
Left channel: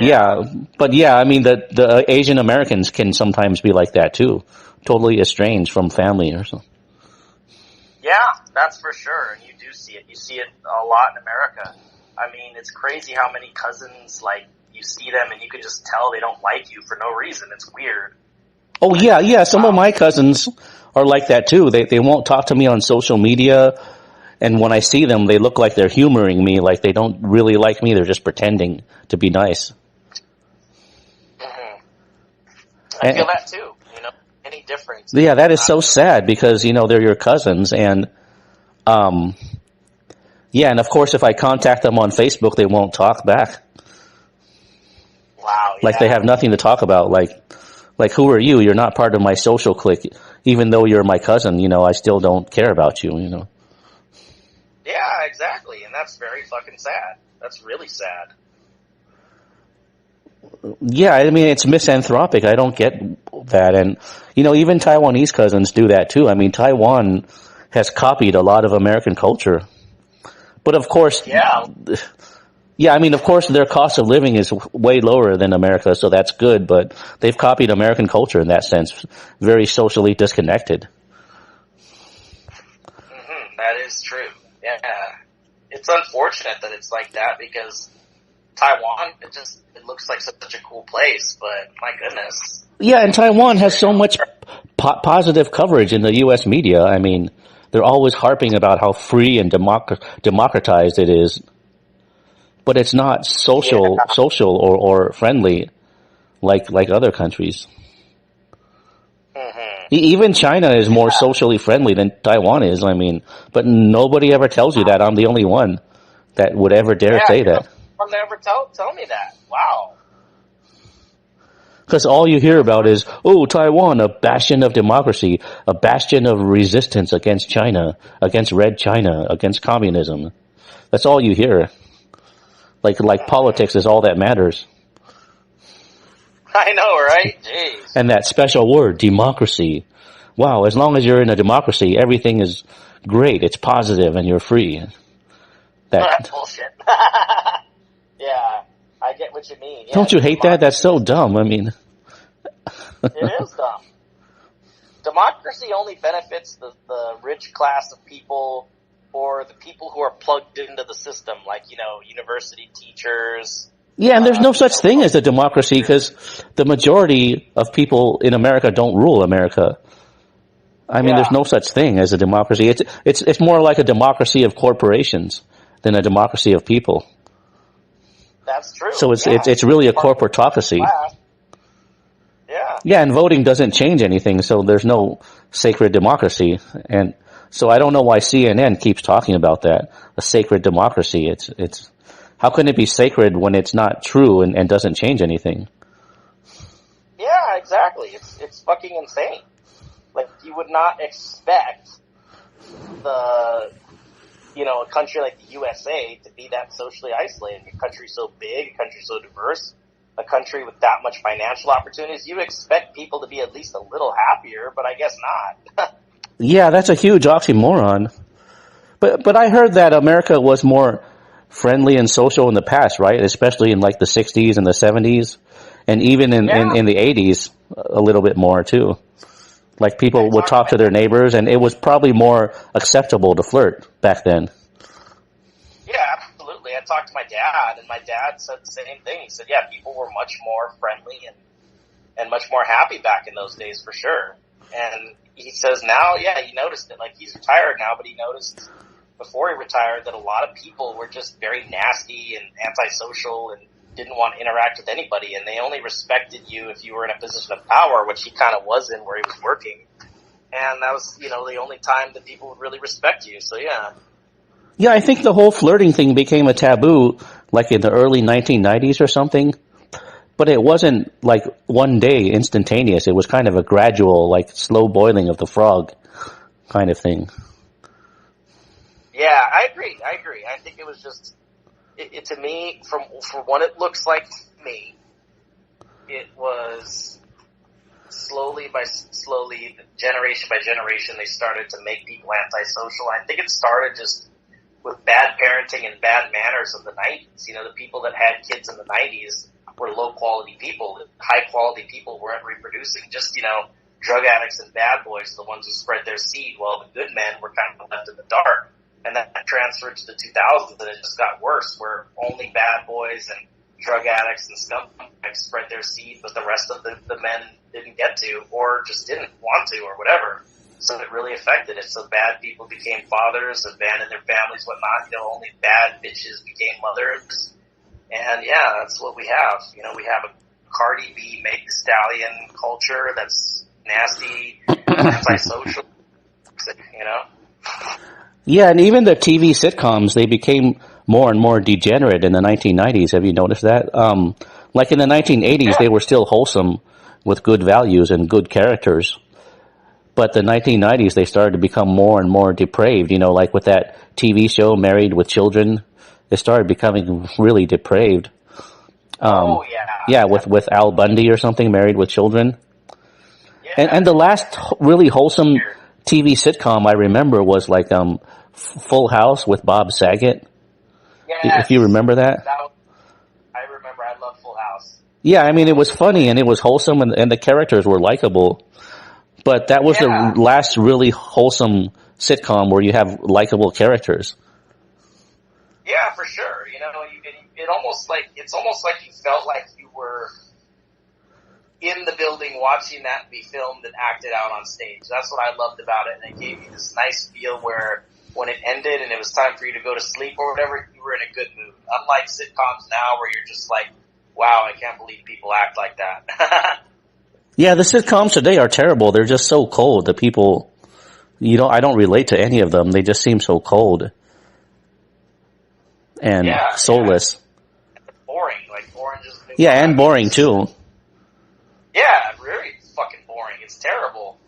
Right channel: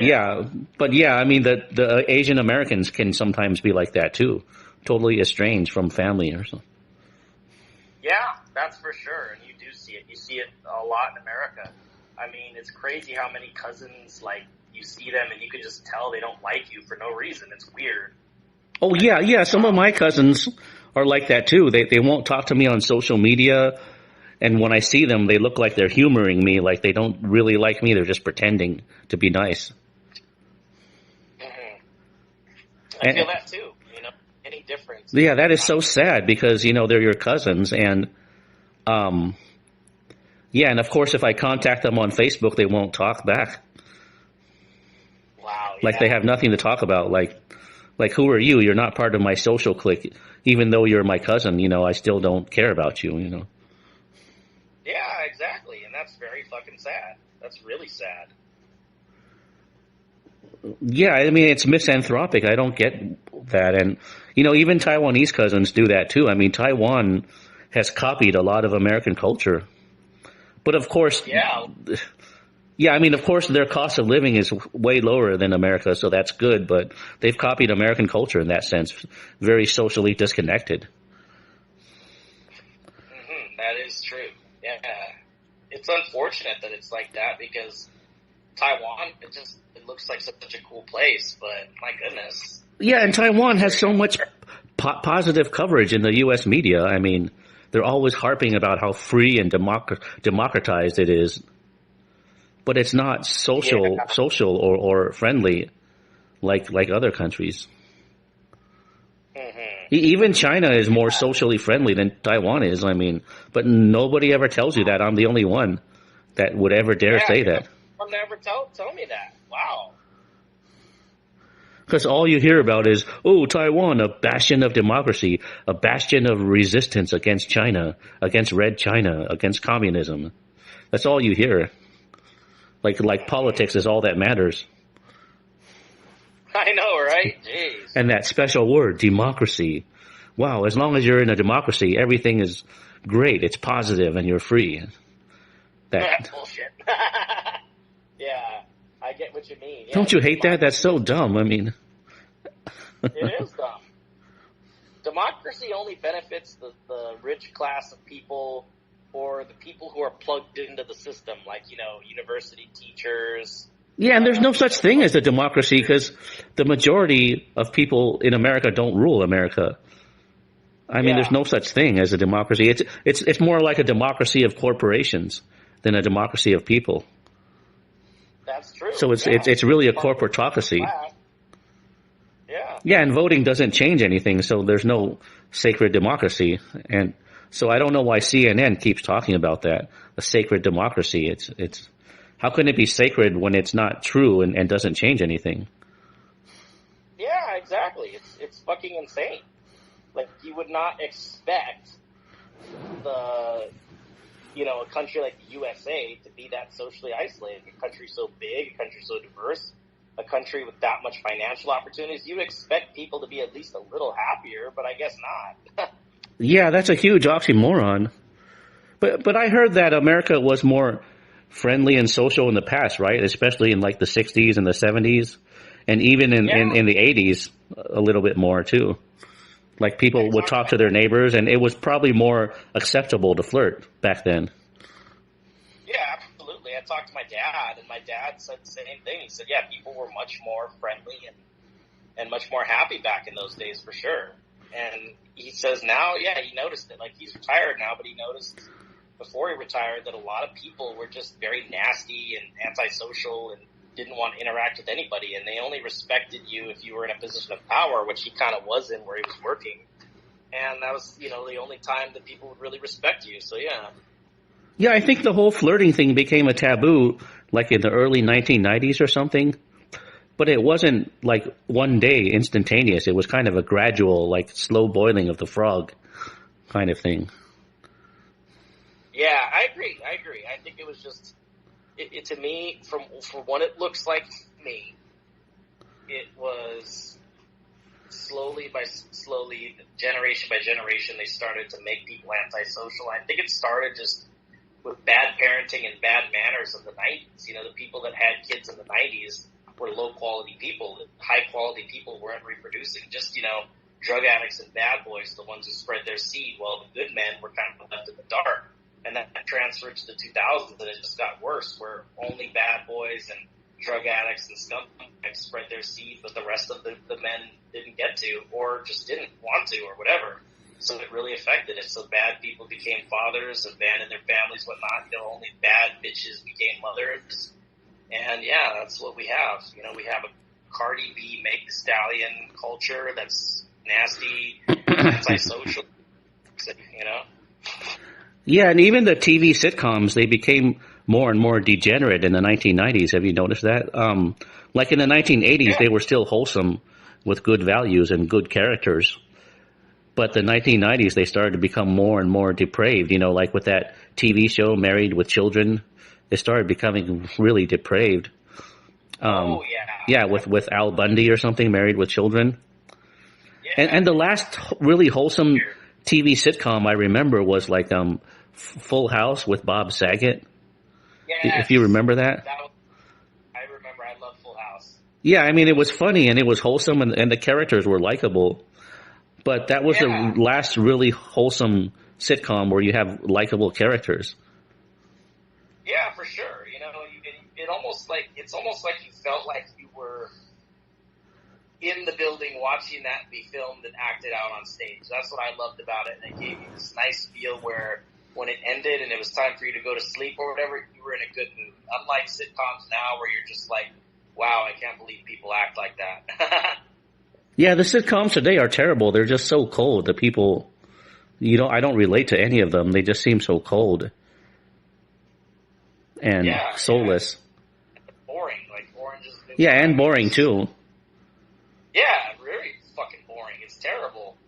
yeah. I mean, the Asian Americans can sometimes be like that too, totally estranged from family or something. Yeah, that's for sure. And you do see it. You see it a lot in America. I mean, it's crazy how many cousins, like, you see them and you can just tell they don't like you for no reason. It's weird. Oh yeah. Some of my cousins are like that too. They won't talk to me on social media, and when I see them, they look like they're humoring me, like they don't really like me. They're just pretending to be nice. Mm-hmm. I feel that too. Any difference? Yeah, that is so sad because they're your cousins, and and of course, if I contact them on Facebook, they won't talk back. Wow. Yeah. Like they have nothing to talk about. Like who are you? You're not part of my social clique. Even though you're my cousin, I still don't care about you. Yeah, exactly. And that's very fucking sad. That's really sad. Yeah, I mean, it's misanthropic. I don't get that. And, even Taiwanese cousins do that too. I mean, Taiwan has copied a lot of American culture. But of course, I mean, of course, their cost of living is way lower than America, so that's good. But they've copied American culture in that sense, very socially disconnected. Mm-hmm. That is true. Yeah. It's unfortunate that it's like that because Taiwan, it looks like such a cool place, but my goodness. Yeah, and Taiwan has so much positive coverage in the U.S. media. I mean, they're always harping about how free and democratized it is, but it's not social or friendly like other countries. Mm-hmm. Even China is more socially friendly than Taiwan is. I mean, but nobody ever tells you that. I'm the only one that would ever dare say that. I'll never tell me that. Wow. Because all you hear about is, oh, Taiwan, a bastion of democracy, a bastion of resistance against China, against Red China, against communism. That's all you hear. Like politics is all that matters. I know, right? Jeez. And that special word, democracy. Wow, as long as you're in a democracy, everything is great. It's positive and you're free. That's bullshit. Yeah, I get what you mean. Yeah, don't you hate that? That's so dumb. I mean, it is dumb. Democracy only benefits the rich class of people or the people who are plugged into the system, like, university teachers. Yeah, and there's no such thing as a democracy because the majority of people in America don't rule America. I mean, there's no such thing as a democracy. It's more like a democracy of corporations than a democracy of people. That's true. So it's really a corporatocracy. Yeah, and voting doesn't change anything, so there's no sacred democracy. And so I don't know why CNN keeps talking about that, a sacred democracy. It's how can it be sacred when it's not true and doesn't change anything? Yeah, exactly. It's fucking insane. Like, you would not expect a country like the USA to be that socially isolated. A country so big, a country so diverse, a country with that much financial opportunities. You'd expect people to be at least a little happier, but I guess not. Yeah, that's a huge oxymoron. But I heard that America was more friendly and social in the past, right? Especially in like the 60s and the 70s, and even in the 80s, a little bit more too. Like people would talk to their neighbors, and it was probably more acceptable to flirt back then. Yeah, absolutely. I talked to my dad, and my dad said the same thing. He said, yeah, people were much more friendly and much more happy back in those days for sure. And he says now, yeah, he noticed it. Like, he's retired now, but he noticed before he retired that a lot of people were just very nasty and antisocial and didn't want to interact with anybody, and they only respected you if you were in a position of power, which he kind of was in where he was working. And that was, the only time that people would really respect you. So, yeah. Yeah, I think the whole flirting thing became a taboo like in the early 1990s or something. But it wasn't like one day instantaneous. It was kind of a gradual, like slow boiling of the frog kind of thing. Yeah, I agree. I think it was just, it to me, from what it looks like to me, it was slowly, generation by generation, they started to make people antisocial. I think it started just with bad parenting and bad manners of the 90s. The people that had kids in the 90s were low-quality people. High-quality people weren't reproducing. Just, drug addicts and bad boys, the ones who spread their seed, while the good men were kind of left in the dark. And that transferred to the 2000s, and it just got worse, where only bad boys and drug addicts and scumbags spread their seed, but the rest of the men didn't get to, or just didn't want to, or whatever. So it really affected it. So bad people became fathers, abandoned their families, whatnot. Only bad bitches became mothers. And yeah, that's what we have. We have a Cardi B, Meg Thee Stallion culture that's nasty, antisocial, Yeah, and even the TV sitcoms, they became more and more degenerate in the 1990s. Have you noticed that? Like in the 1980s, they were still wholesome with good values and good characters. But the 1990s, they started to become more and more depraved, like with that TV show, Married with Children. It started becoming really depraved. Yeah, with Al Bundy or something, Married with Children. Yeah. And the last really wholesome TV sitcom I remember was like Full House with Bob Saget. Yes. If you remember that. I remember. I love Full House. Yeah, I mean, it was funny and it was wholesome and the characters were likable. But that was the last really wholesome sitcom where you have likable characters. Yeah, for sure. It's almost like you felt like you were in the building watching that be filmed and acted out on stage. That's what I loved about it. And it gave you this nice feel where when it ended and it was time for you to go to sleep or whatever, you were in a good mood. Unlike sitcoms now where you're just like, wow, I can't believe people act like that. Yeah, the sitcoms today are terrible. They're just so cold. The people, I don't relate to any of them. They just seem so cold and soulless. Yeah. Boring, like Orange is the New Yeah, and boring too. Yeah, really fucking boring. It's terrible.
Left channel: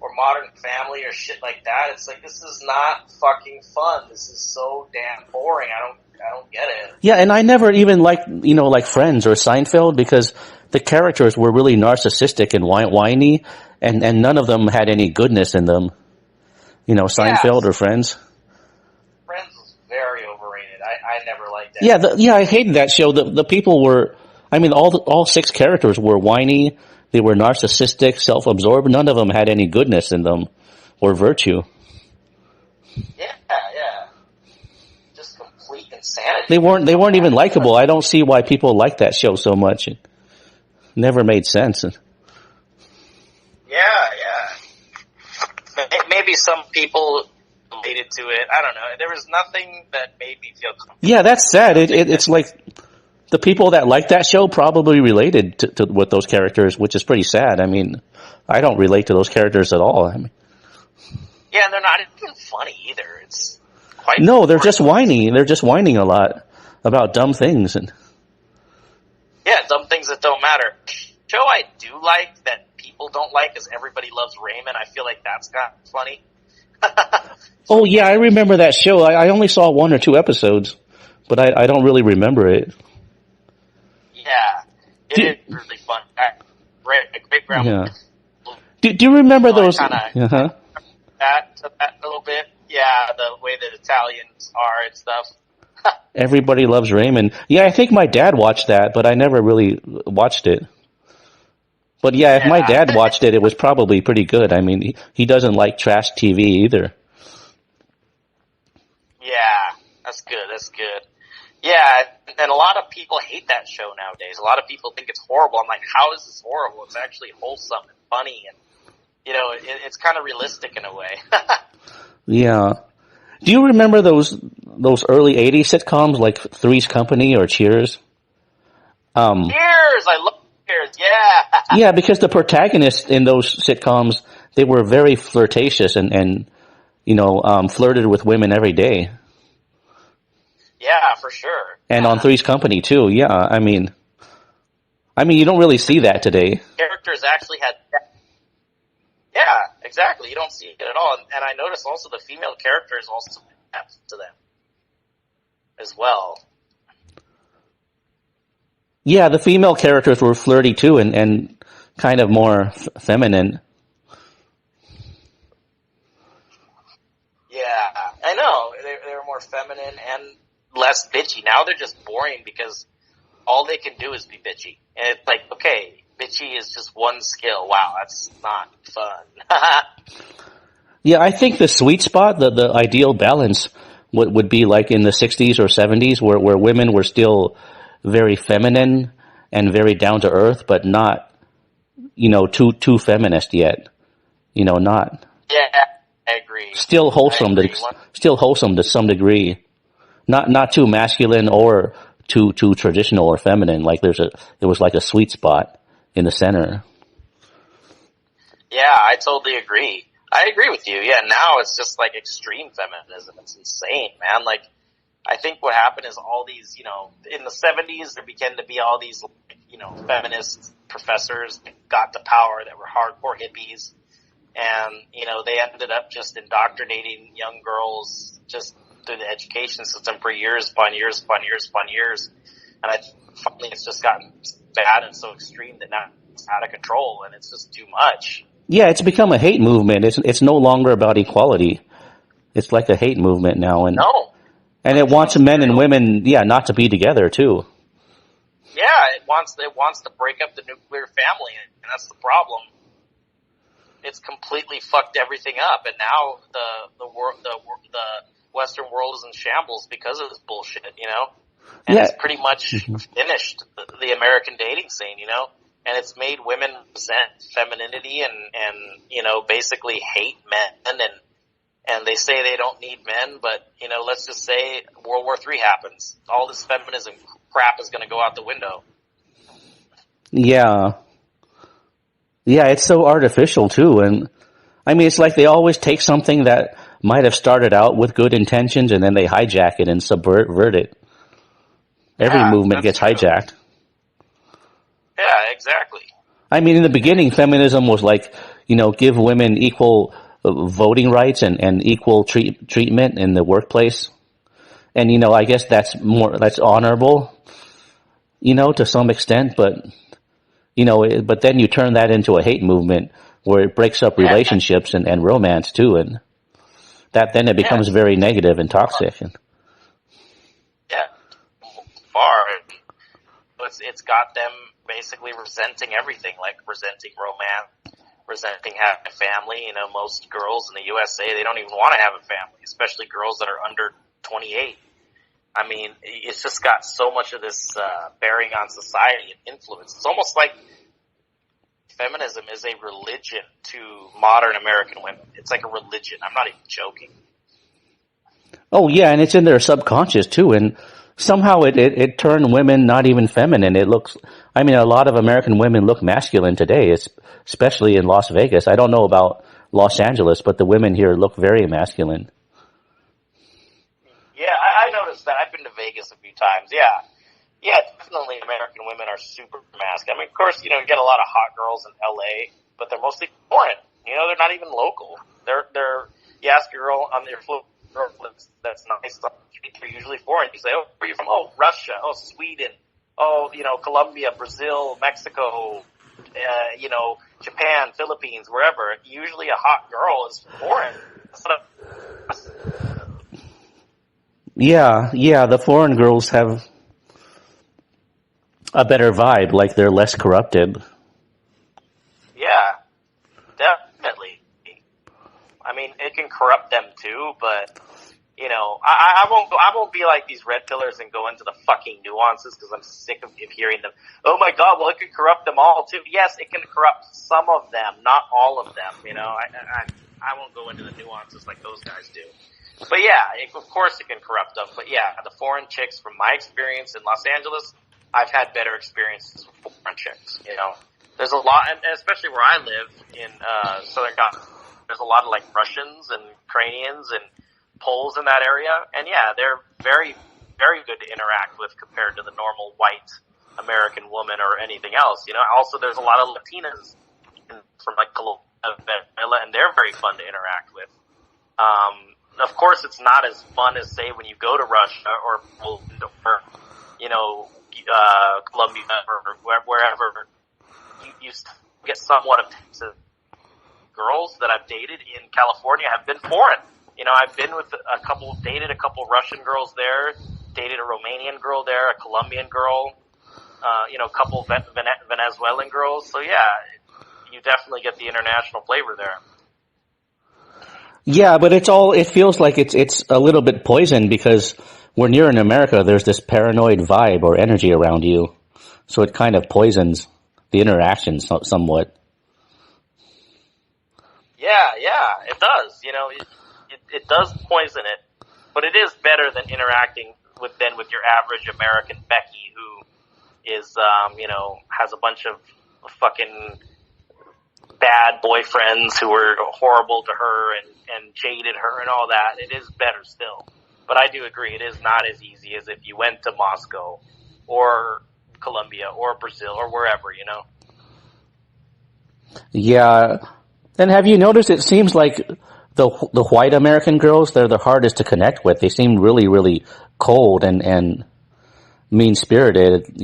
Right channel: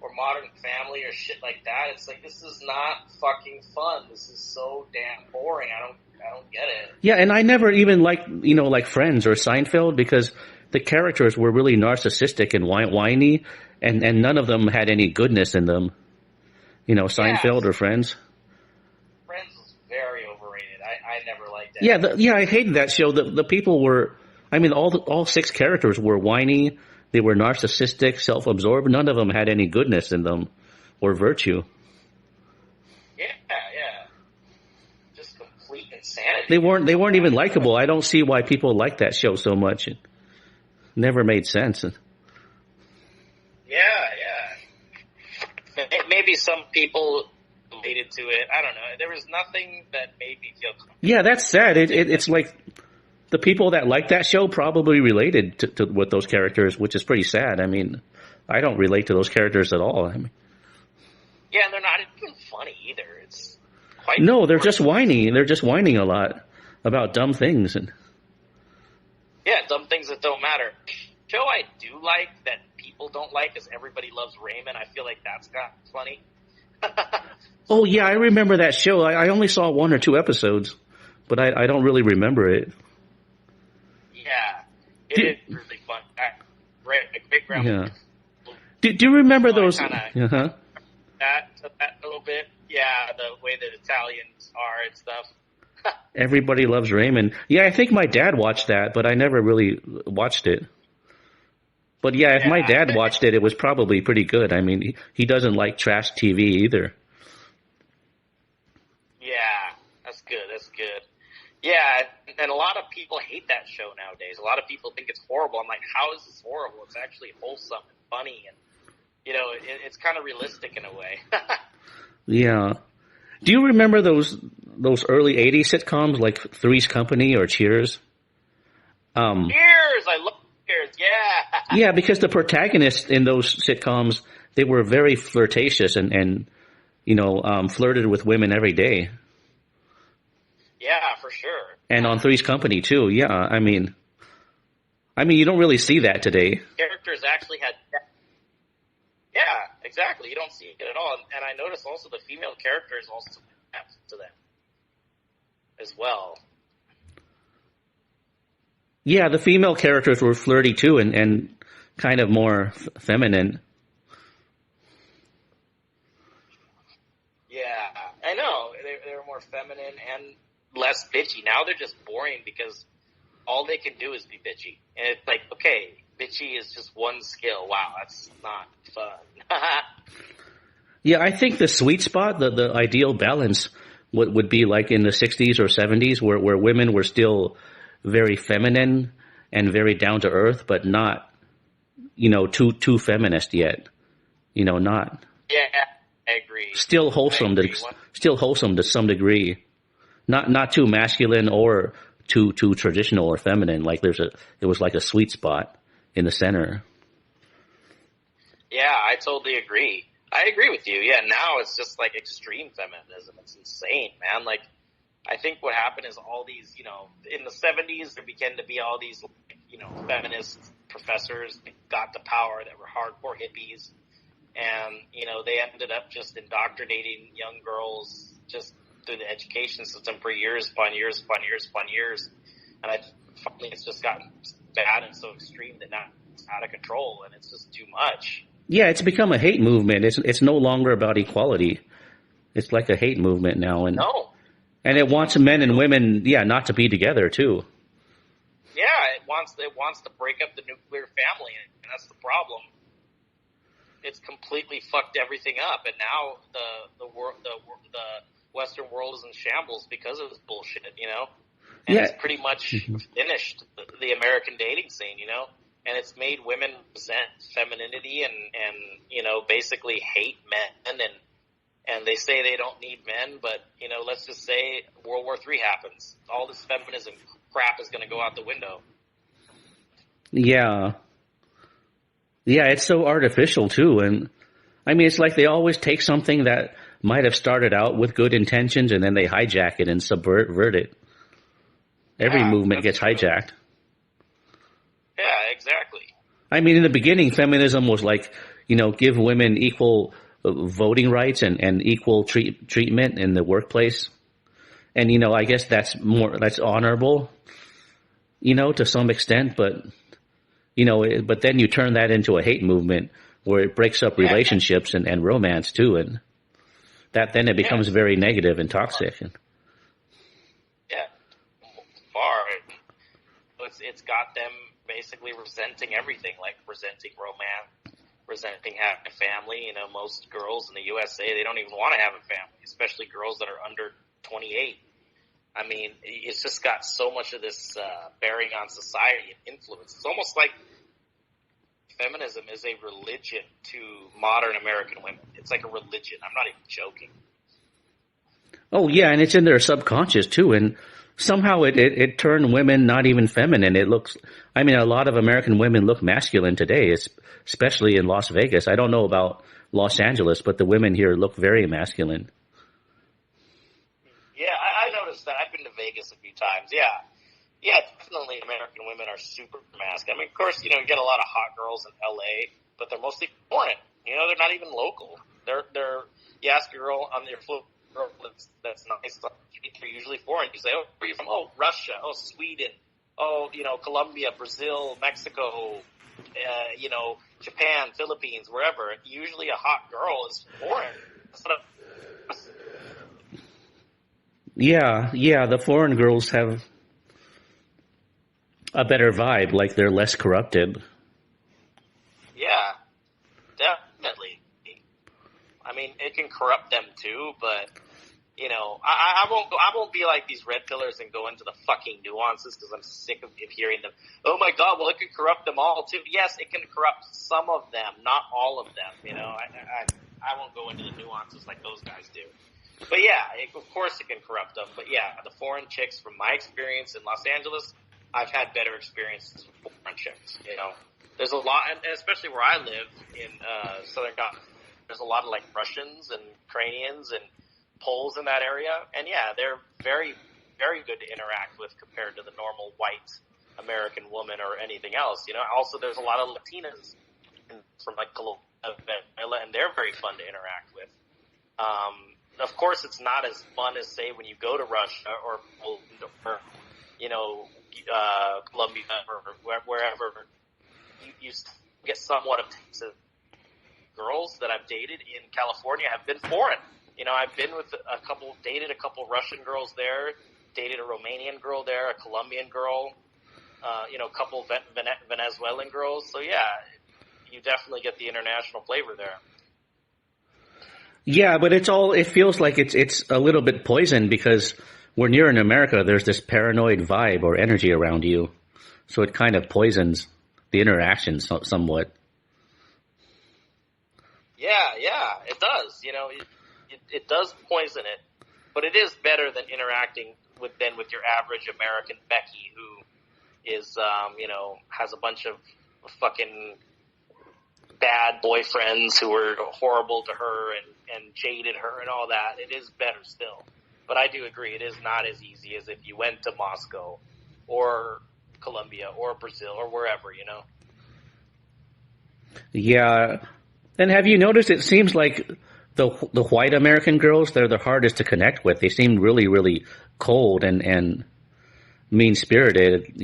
Or Modern Family or shit like that. It's like, this is not fucking fun. This is so damn boring. I don't get it. Yeah, and I never even liked, like Friends or Seinfeld because the characters were really narcissistic and whiny, and none of them had any goodness in them. Seinfeld or Friends. Friends was very overrated. I never liked that. Yeah, I hated that show. The people were, all 6 characters were whiny. They were narcissistic, self-absorbed. None of them had any goodness in them or virtue. Yeah. Just complete insanity. They weren't even likable. I don't see why people like that show so much. It never made sense. Yeah. Maybe some people related to it. I don't know. There was nothing that made me feel comfortable. Yeah, that's sad. It's like the people that like that show probably related to with those characters, which is pretty sad. I don't relate to those characters at all. Yeah, and they're not even funny either. It's quite no, they're just whiny. They're just whining a lot about dumb things and dumb things that don't matter. Show I do like that people don't like is Everybody Loves Raymond. I feel like that's kind of funny. Oh yeah, I remember that show. I only saw 1 or 2 episodes, but I don't really remember it. Yeah, it is really fun. Great grandma. Yeah. Do you remember those? That a little bit. Yeah, the way that Italians are and stuff. Everybody Loves Raymond. Yeah, I think my dad watched that, but I never really watched it. But yeah, if my Yeah, dad watched it, it was probably pretty good. I mean, he doesn't like trash TV either. yeah, that's good. That's good. Yeah, and a lot of people hate that show nowadays. A lot of people think it's horrible. I'm like, how is this horrible? It's actually wholesome and funny, and it's kind of realistic in a way. Yeah. Do you remember those early '80s sitcoms like Three's Company or Cheers? Um, Cheers! I love Cheers. Yeah, yeah, because the protagonists in those sitcoms, they were very flirtatious and flirted with women every day. yeah, for sure. And on Three's Company too. Yeah, I mean, you don't really see that today. Characters actually had. Yeah, exactly. You don't see it at all, and I noticed also the female characters also have to them as well. Yeah, the female characters were flirty too, and kind of more feminine. Yeah, I know. They're more feminine and less bitchy. Now they're just boring because all they can do is be bitchy. And it's like, okay, bitchy is just one skill. Wow, that's not fun. Yeah, I think the sweet spot, the ideal balance would be like in the '60s or '70s, where women were still very feminine and very down to earth, but not too feminist yet. Not Yeah, I agree. still wholesome I agree. still wholesome to some degree. Not too masculine or too traditional or feminine. Like it was like a sweet spot in the center. Yeah, I totally agree. I agree with you. Yeah, now it's just like extreme feminism. It's insane, man. Like, I think what happened is all these, in the 70s, there began to be all these, feminist professors that got to power that were hardcore hippies. And, they ended up just indoctrinating young girls just through the education system for years upon years upon years upon years. And finally it's just gotten bad and so extreme that now it's out of control and it's just too much. Yeah, it's become a hate movement. It's no longer about equality. It's like a hate movement now, and No. and it wants men and women, yeah, not to be together too. Yeah, it wants to break up the nuclear family, and that's the problem. It's completely fucked everything up, and now the Western world is in shambles because of this bullshit, And Yeah. it's pretty much finished the American dating scene, And it's made women resent femininity and basically hate men and they say they don't need men, but let's just say World War III happens. All this feminism crap is going to go out the window. Yeah. Yeah, it's so artificial too, and I mean, it's like they always take something that might have started out with good intentions and then they hijack it and subvert it. Every Yeah, movement that's gets true. hijacked. Yeah, exactly. I mean, in the beginning, feminism was like, give women equal voting rights and equal treatment in the workplace. And, I guess that's honorable, to some extent, but, but then you turn that into a hate movement where it breaks up Yeah, relationships and romance too. And then it yeah, becomes very negative and toxic. yeah. Far. It's got them basically resenting everything, like resenting romance, resenting having a family. Most girls in the USA, they don't even want to have a family, especially girls that are under 28. I mean, it's just got so much of this bearing on society and influence. It's almost like feminism is a religion to modern American women. It's like a religion. I'm not even joking. Oh yeah, and it's in their subconscious too, and somehow it turned women not even feminine. A lot of American women look masculine today, especially in Las Vegas. I don't know about Los Angeles, but the women here look very masculine. Yeah, I noticed that. I've been to Vegas a few times. Yeah. Yeah, definitely American women are super masculine. I mean, of course, you get a lot of hot girls in LA, but they're mostly foreign. They're not even local. You ask a girl on your floor that's nice, they're usually foreign. You say, oh, where are you from? Oh, Russia. Oh, Sweden. Oh, Colombia, Brazil, Mexico, Japan, Philippines, wherever. Usually a hot girl is foreign. Yeah, the foreign girls have a better vibe, like they're less corrupted. Yeah, definitely. I mean, it can corrupt them too, but I won't be like these red pillars and go into the fucking nuances because I'm sick of hearing them. Oh my god, well it can corrupt them all too. Yes, it can corrupt some of them, not all of them. I won't go into the nuances like those guys do. But yeah, of course it can corrupt them. But yeah, the foreign chicks, from my experience in Los Angeles, I've had better experiences with foreign chicks. There's a lot, and especially where I live in Southern California, there's a lot of like Russians and Ukrainians and Poles in that area, and yeah, they're very, very good to interact with compared to the normal white American woman or anything else. Also there's a lot of Latinas from like Venezuela, and they're very fun to interact with. Of course, it's not as fun as say when you go to Russia or Poland or Colombia or wherever. You get somewhat of Texas. Girls that I've dated in California have been foreign. I've been with dated a couple Russian girls there, dated a Romanian girl there, a Colombian girl, a couple Venezuelan girls. So yeah, you definitely get the international flavor there. Yeah, but it feels like it's a little bit poisoned because when you're in America, there's this paranoid vibe or energy around you. So it kind of poisons the interaction somewhat. Yeah, it does. It does poison it, but it is better than interacting with your average American Becky who is, has a bunch of fucking bad boyfriends who were horrible to her and jaded her and all that. It is better still. But I do agree, it is not as easy as if you went to Moscow or Colombia or Brazil or wherever, Yeah. And have you noticed it seems like the white American girls, they're the hardest to connect with. They seem really, really cold and mean-spirited,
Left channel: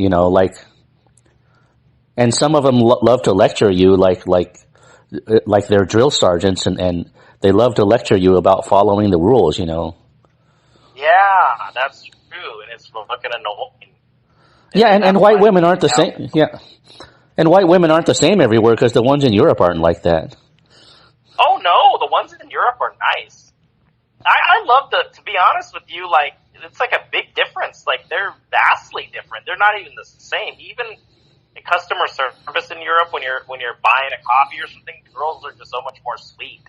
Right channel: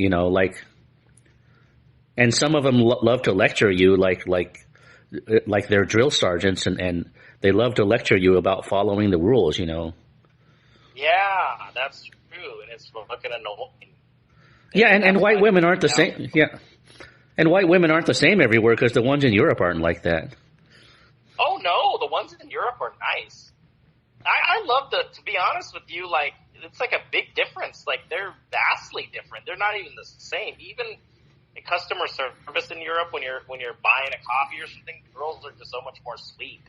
and some of them love to lecture you like they're drill sergeants and they love to lecture you about following the rules, Yeah, that's true, and it's fucking annoying. Yeah, and white women aren't the same. Yeah. And white women aren't the same everywhere because the ones in Europe aren't like that. Oh no, the ones in Europe are nice. I love to be honest with you, like, it's like a big difference. Like, they're vastly different. They're not even the same. Even in customer service in Europe, when you're buying a coffee or something, girls are just so much more sweet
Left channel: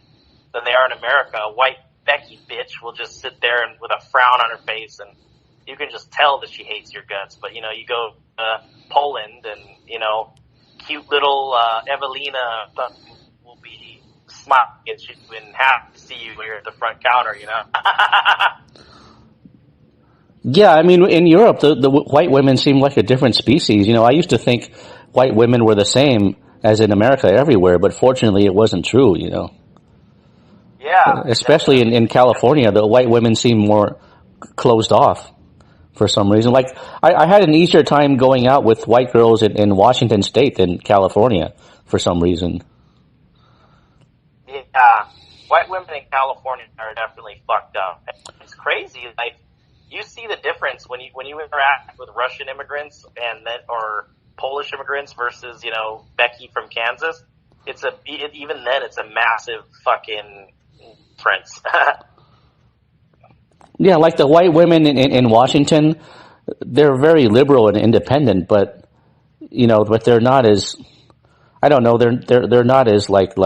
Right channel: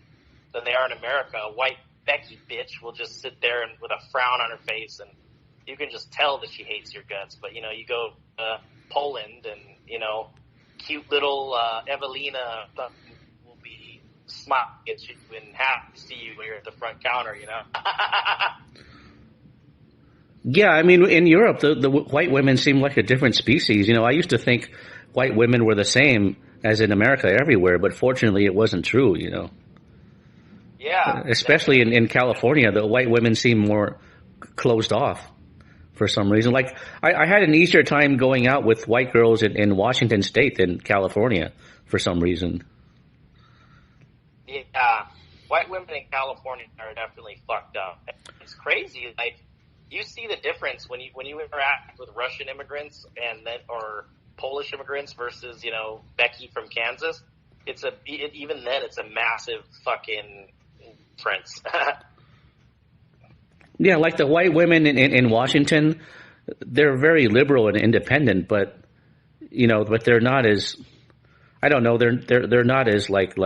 than they are in America. A white Becky bitch will just sit there and with a frown on her face, and you can just tell that she hates your guts. But, you go to Poland and, cute little Evelina will be smiling at you and happy to see you when you're at the front counter, Yeah, I mean, in Europe, the white women seem like a different species. I used to think white women were the same as in America everywhere, but fortunately it wasn't true, Yeah. Especially in California, the white women seem more closed off for some reason. Like, I had an easier time going out with white girls in Washington State than California for some reason. Yeah. White women in California are definitely fucked up. It's crazy. Like, you see the difference when you interact with Russian immigrants or Polish immigrants versus, Becky from Kansas. Even then it's a massive fucking difference. Yeah, like the white women in Washington, they're very liberal and independent, but they're not as, I don't know, they're not as like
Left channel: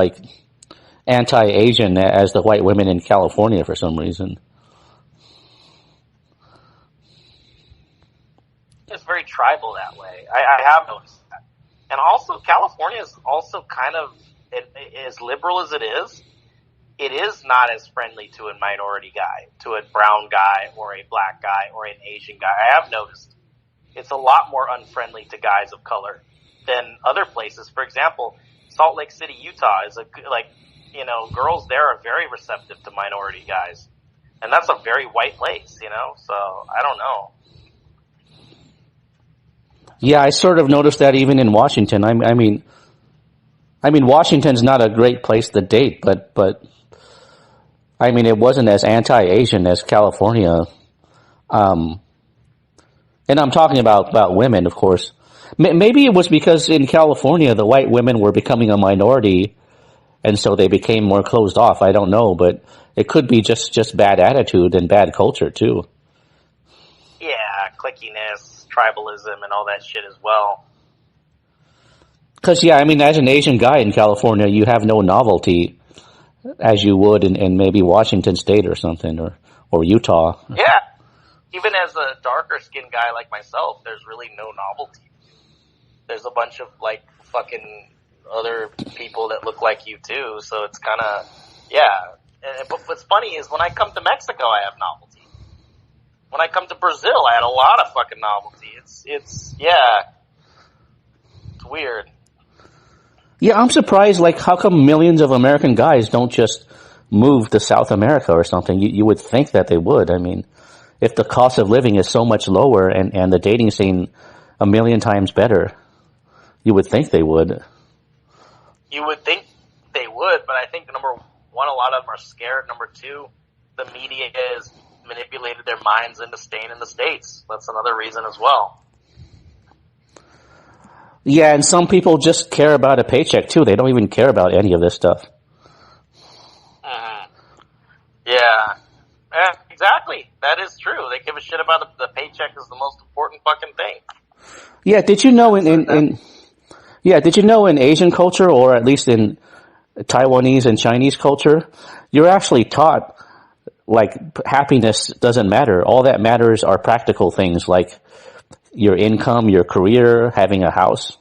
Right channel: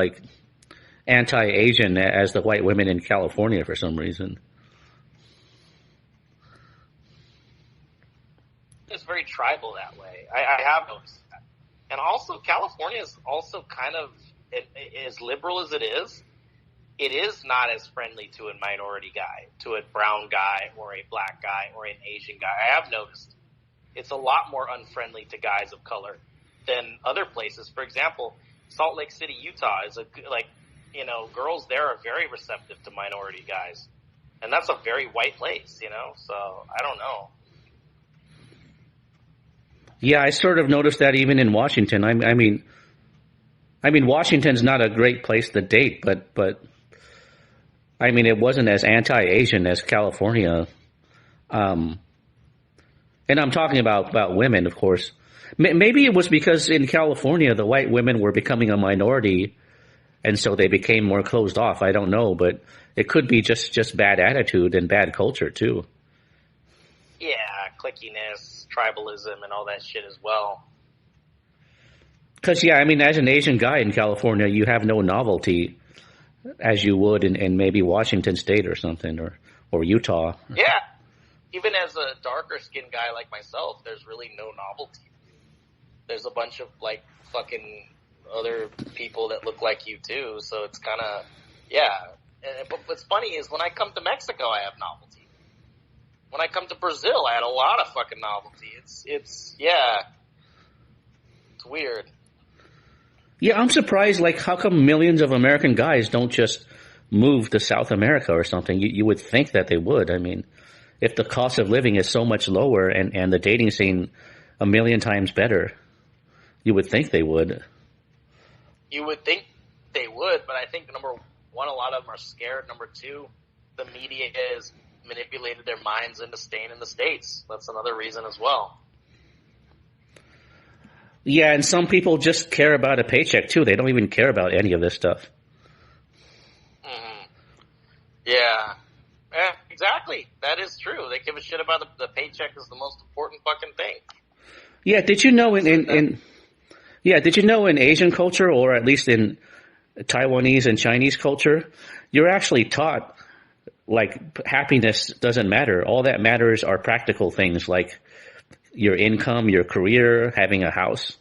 anti-Asian as the white women in California for some reason. It's very tribal that way. I have noticed that. And also, California is also kind of, as liberal as it is not as friendly to a minority guy, to a brown guy or a black guy or an Asian guy. I have noticed it's a lot more unfriendly to guys of color than other places. For example, Salt Lake City, Utah is girls there are very receptive to minority guys. And that's a very white place, so I don't know. Yeah, I sort of noticed that even in Washington. I mean, Washington's not a great place to date, but I mean, it wasn't as anti-Asian as California. Um, and I'm talking about women, of course. Maybe it was because in California the white women were becoming a minority, and so they became more closed off. I don't know, but it could be just bad attitude and bad culture too. Yeah, clickiness, tribalism, and all that shit as well. Because yeah, I mean, as an Asian guy in California, you have no novelty as you would in maybe Washington State or something, or Utah. Yeah, even as a darker skinned guy like myself, there's really no novelty. There's a bunch of like fucking other people that look like you too, so it's kind of, yeah. But what's funny is when I come to Mexico, I have novelty. When I come to Brazil, I had a lot of fucking novelty. It's weird. Yeah, I'm surprised. Like, how come millions of American guys don't just move to South America or something? You would think that they would. I mean, if the cost of living is so much lower and the dating scene a million times better, you would think they would. You would think they would, but I think number one, a lot of them are scared. Number two, the media has manipulated their minds into staying in the States. That's another reason as well. Yeah, and some people just care about a paycheck too. They don't even care about any of this stuff. Mm-hmm. Yeah, exactly. That is true. They give a shit about the paycheck is the most important fucking thing. Yeah, did you know did you know in Asian culture, or at least in Taiwanese and Chinese culture, you're actually taught like happiness doesn't matter. All that matters are practical things like your income, your career, having a house.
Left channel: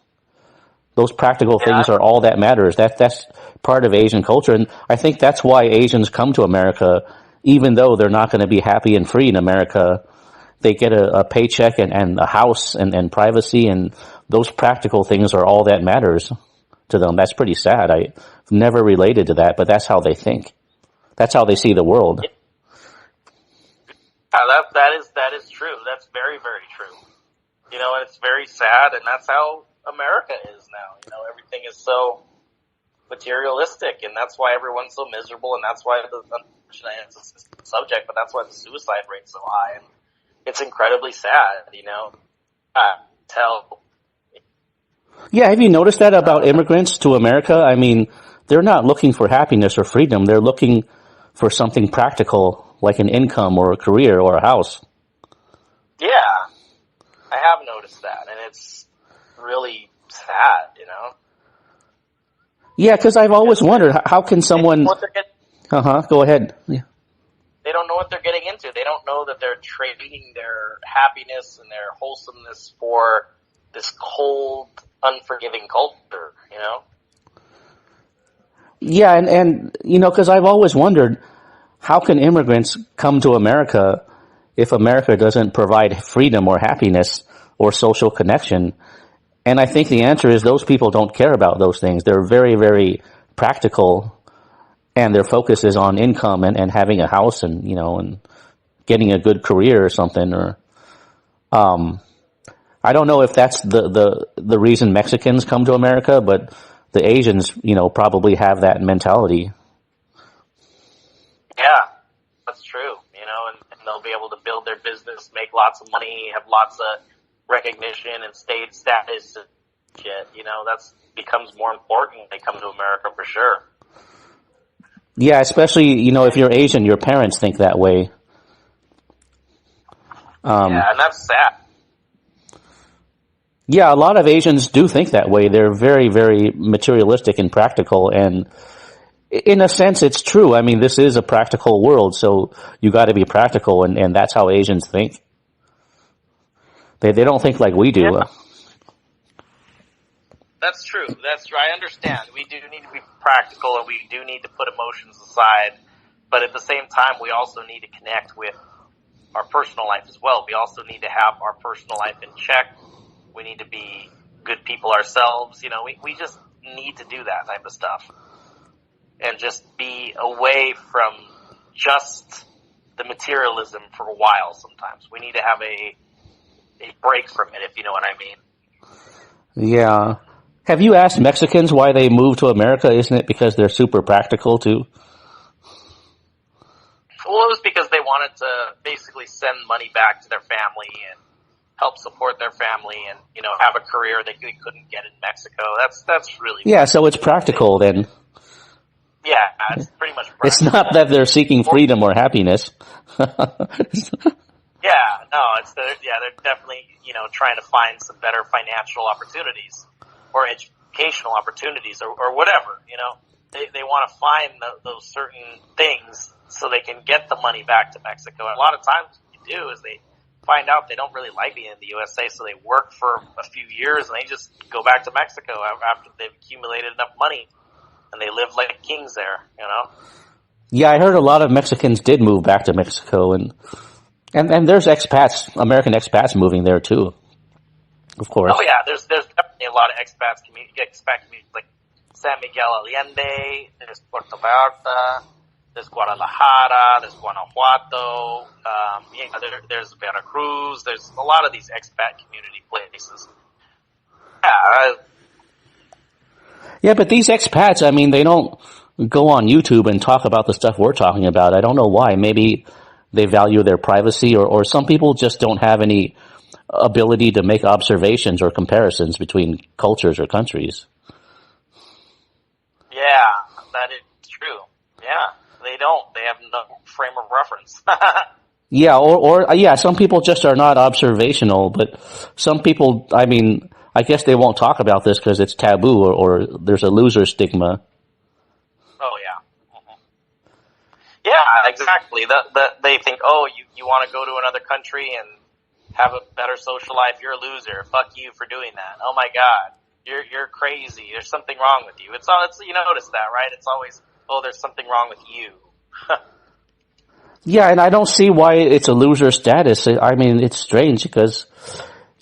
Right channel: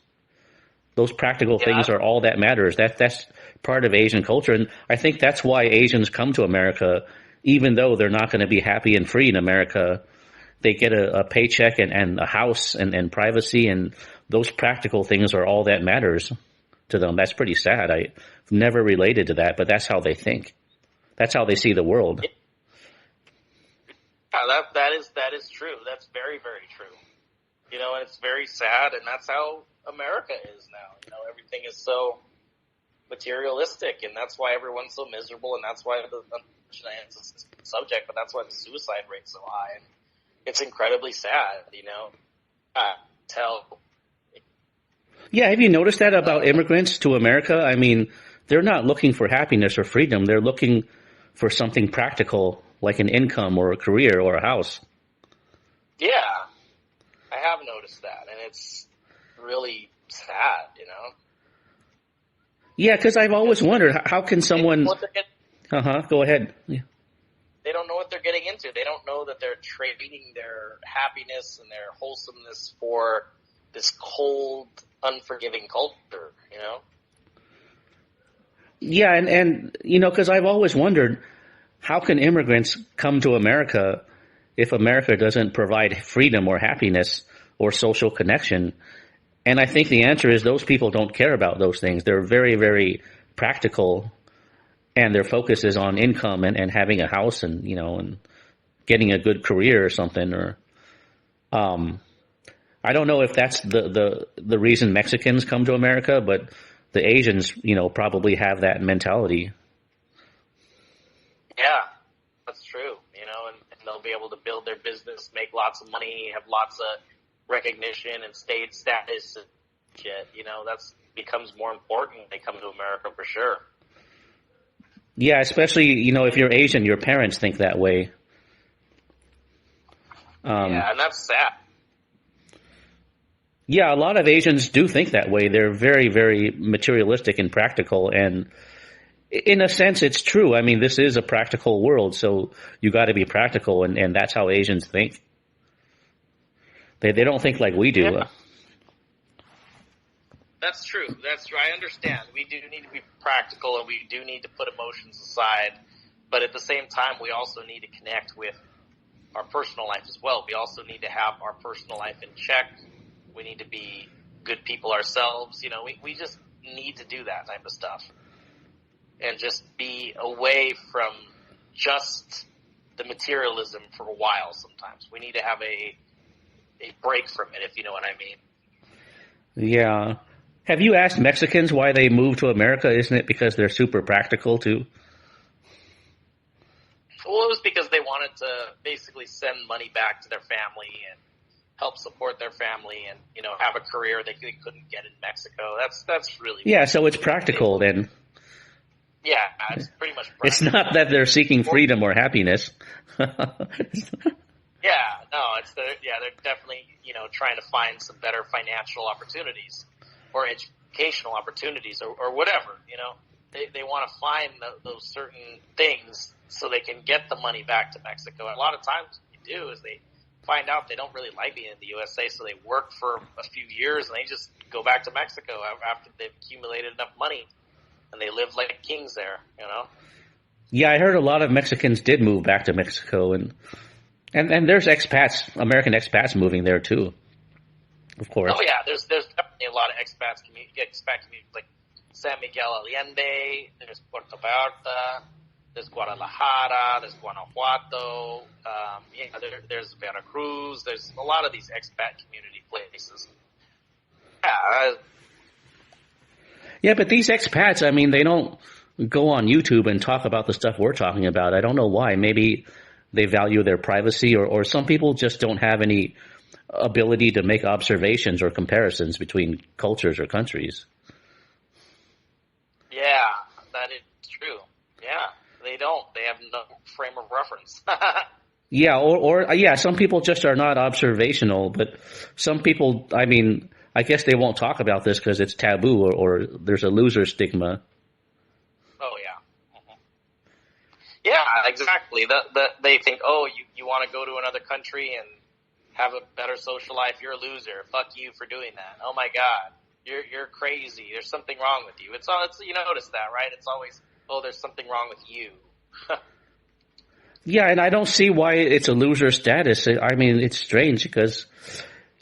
Those practical things are all that matters. That's part of Asian culture. And I think that's why Asians come to America, even though they're not going to be happy and free in America. They get a paycheck and a house and privacy, and those practical things are all that matters to them. That's pretty sad. I've never related to that, but that's how they think. That's how they see the world. Yeah, that is true. That's very, very true. You know, and it's very sad, and that's how America is now. You know, everything is so materialistic, and that's why everyone's so miserable, and that's why it's a subject, but that's why the suicide rate's so high, and it's incredibly sad, you know. Yeah, have you noticed that about immigrants to America? I mean, they're not looking for happiness or freedom. They're looking for something practical, like an income or a career or a house. Yeah. I have noticed that, and it's really sad, you know? Yeah, because I've always wondered, how can someone... Go ahead. Yeah. They don't know what they're getting into. They don't know that they're trading their happiness and their wholesomeness for this cold, unforgiving culture, you know? Yeah, and you know, because I've always wondered, how can immigrants come to America if America doesn't provide freedom or happiness or social connection? And I think the answer is those people don't care about those things. They're very, very practical, and their focus is on income and having a house and, you know, and getting a good career or something. Or, I don't know if that's the reason Mexicans come to America, but the Asians, you know, probably have that mentality. Yeah, that's true, you know, and they'll be able to build their business, make lots of money, have lots of recognition and state status and shit, you know, that's becomes more important when they come to America for sure. Yeah, especially, you know, if you're Asian, your parents think that way. Yeah, and that's sad. Yeah, a lot of Asians do think that way. They're very, very materialistic and practical, and in a sense, it's true. I mean, this is a practical world, so you got to be practical, and that's how Asians think. They don't think like we do. Yeah. That's true. That's true. I understand. We do need to be practical, and we do need to put emotions aside. But at the same time, we also need to connect with our personal life as well. We also need to have our personal life in check. We need to be good people ourselves. You know, we just need to do that type of stuff. And just be away from just the materialism for a while sometimes. We need to have a break from it, if you know what I mean. Yeah. Have you asked Mexicans why they moved to America? Isn't it because they're super practical too? Well, it was because they wanted to basically send money back to their family and help support their family and, have a career they couldn't get in Mexico. That's really... Yeah, so it's practical then. Yeah, it's pretty much practical. It's not that they're seeking freedom or happiness. Yeah, no, they're definitely, trying to find some better financial opportunities or educational opportunities or whatever, They want to find those certain things so they can get the money back to Mexico. And a lot of times what you do is they find out they don't really like being in the USA, so they work for a few years and they just go back to Mexico after they've accumulated enough money, and they live like kings there, Yeah, I heard a lot of Mexicans did move back to Mexico, and there's expats, American expats moving there too, of course. Oh yeah, there's definitely a lot of expat communities like San Miguel Allende, there's Puerto Vallarta, there's Guadalajara, there's Guanajuato, there's Veracruz, there's a lot of these expat community places. Yeah, but these expats, I mean, they don't go on YouTube and talk about the stuff we're talking about. I don't know why. Maybe they value their privacy, or some people just don't have any ability to make observations or comparisons between cultures or countries. Yeah, that is true. Yeah, they don't. They have no frame of reference. Yeah, or some people just are not observational, but some people, I mean, I guess they won't talk about this because it's taboo or there's a loser stigma. Oh, yeah. Mm-hmm. Yeah, exactly. They think, you want to go to another country and have a better social life, you're a loser. Fuck you for doing that. Oh, my God. You're crazy. There's something wrong with you. It's you notice that, right? It's always, there's something wrong with you. Yeah, and I don't see why it's a loser status. I mean, it's strange because,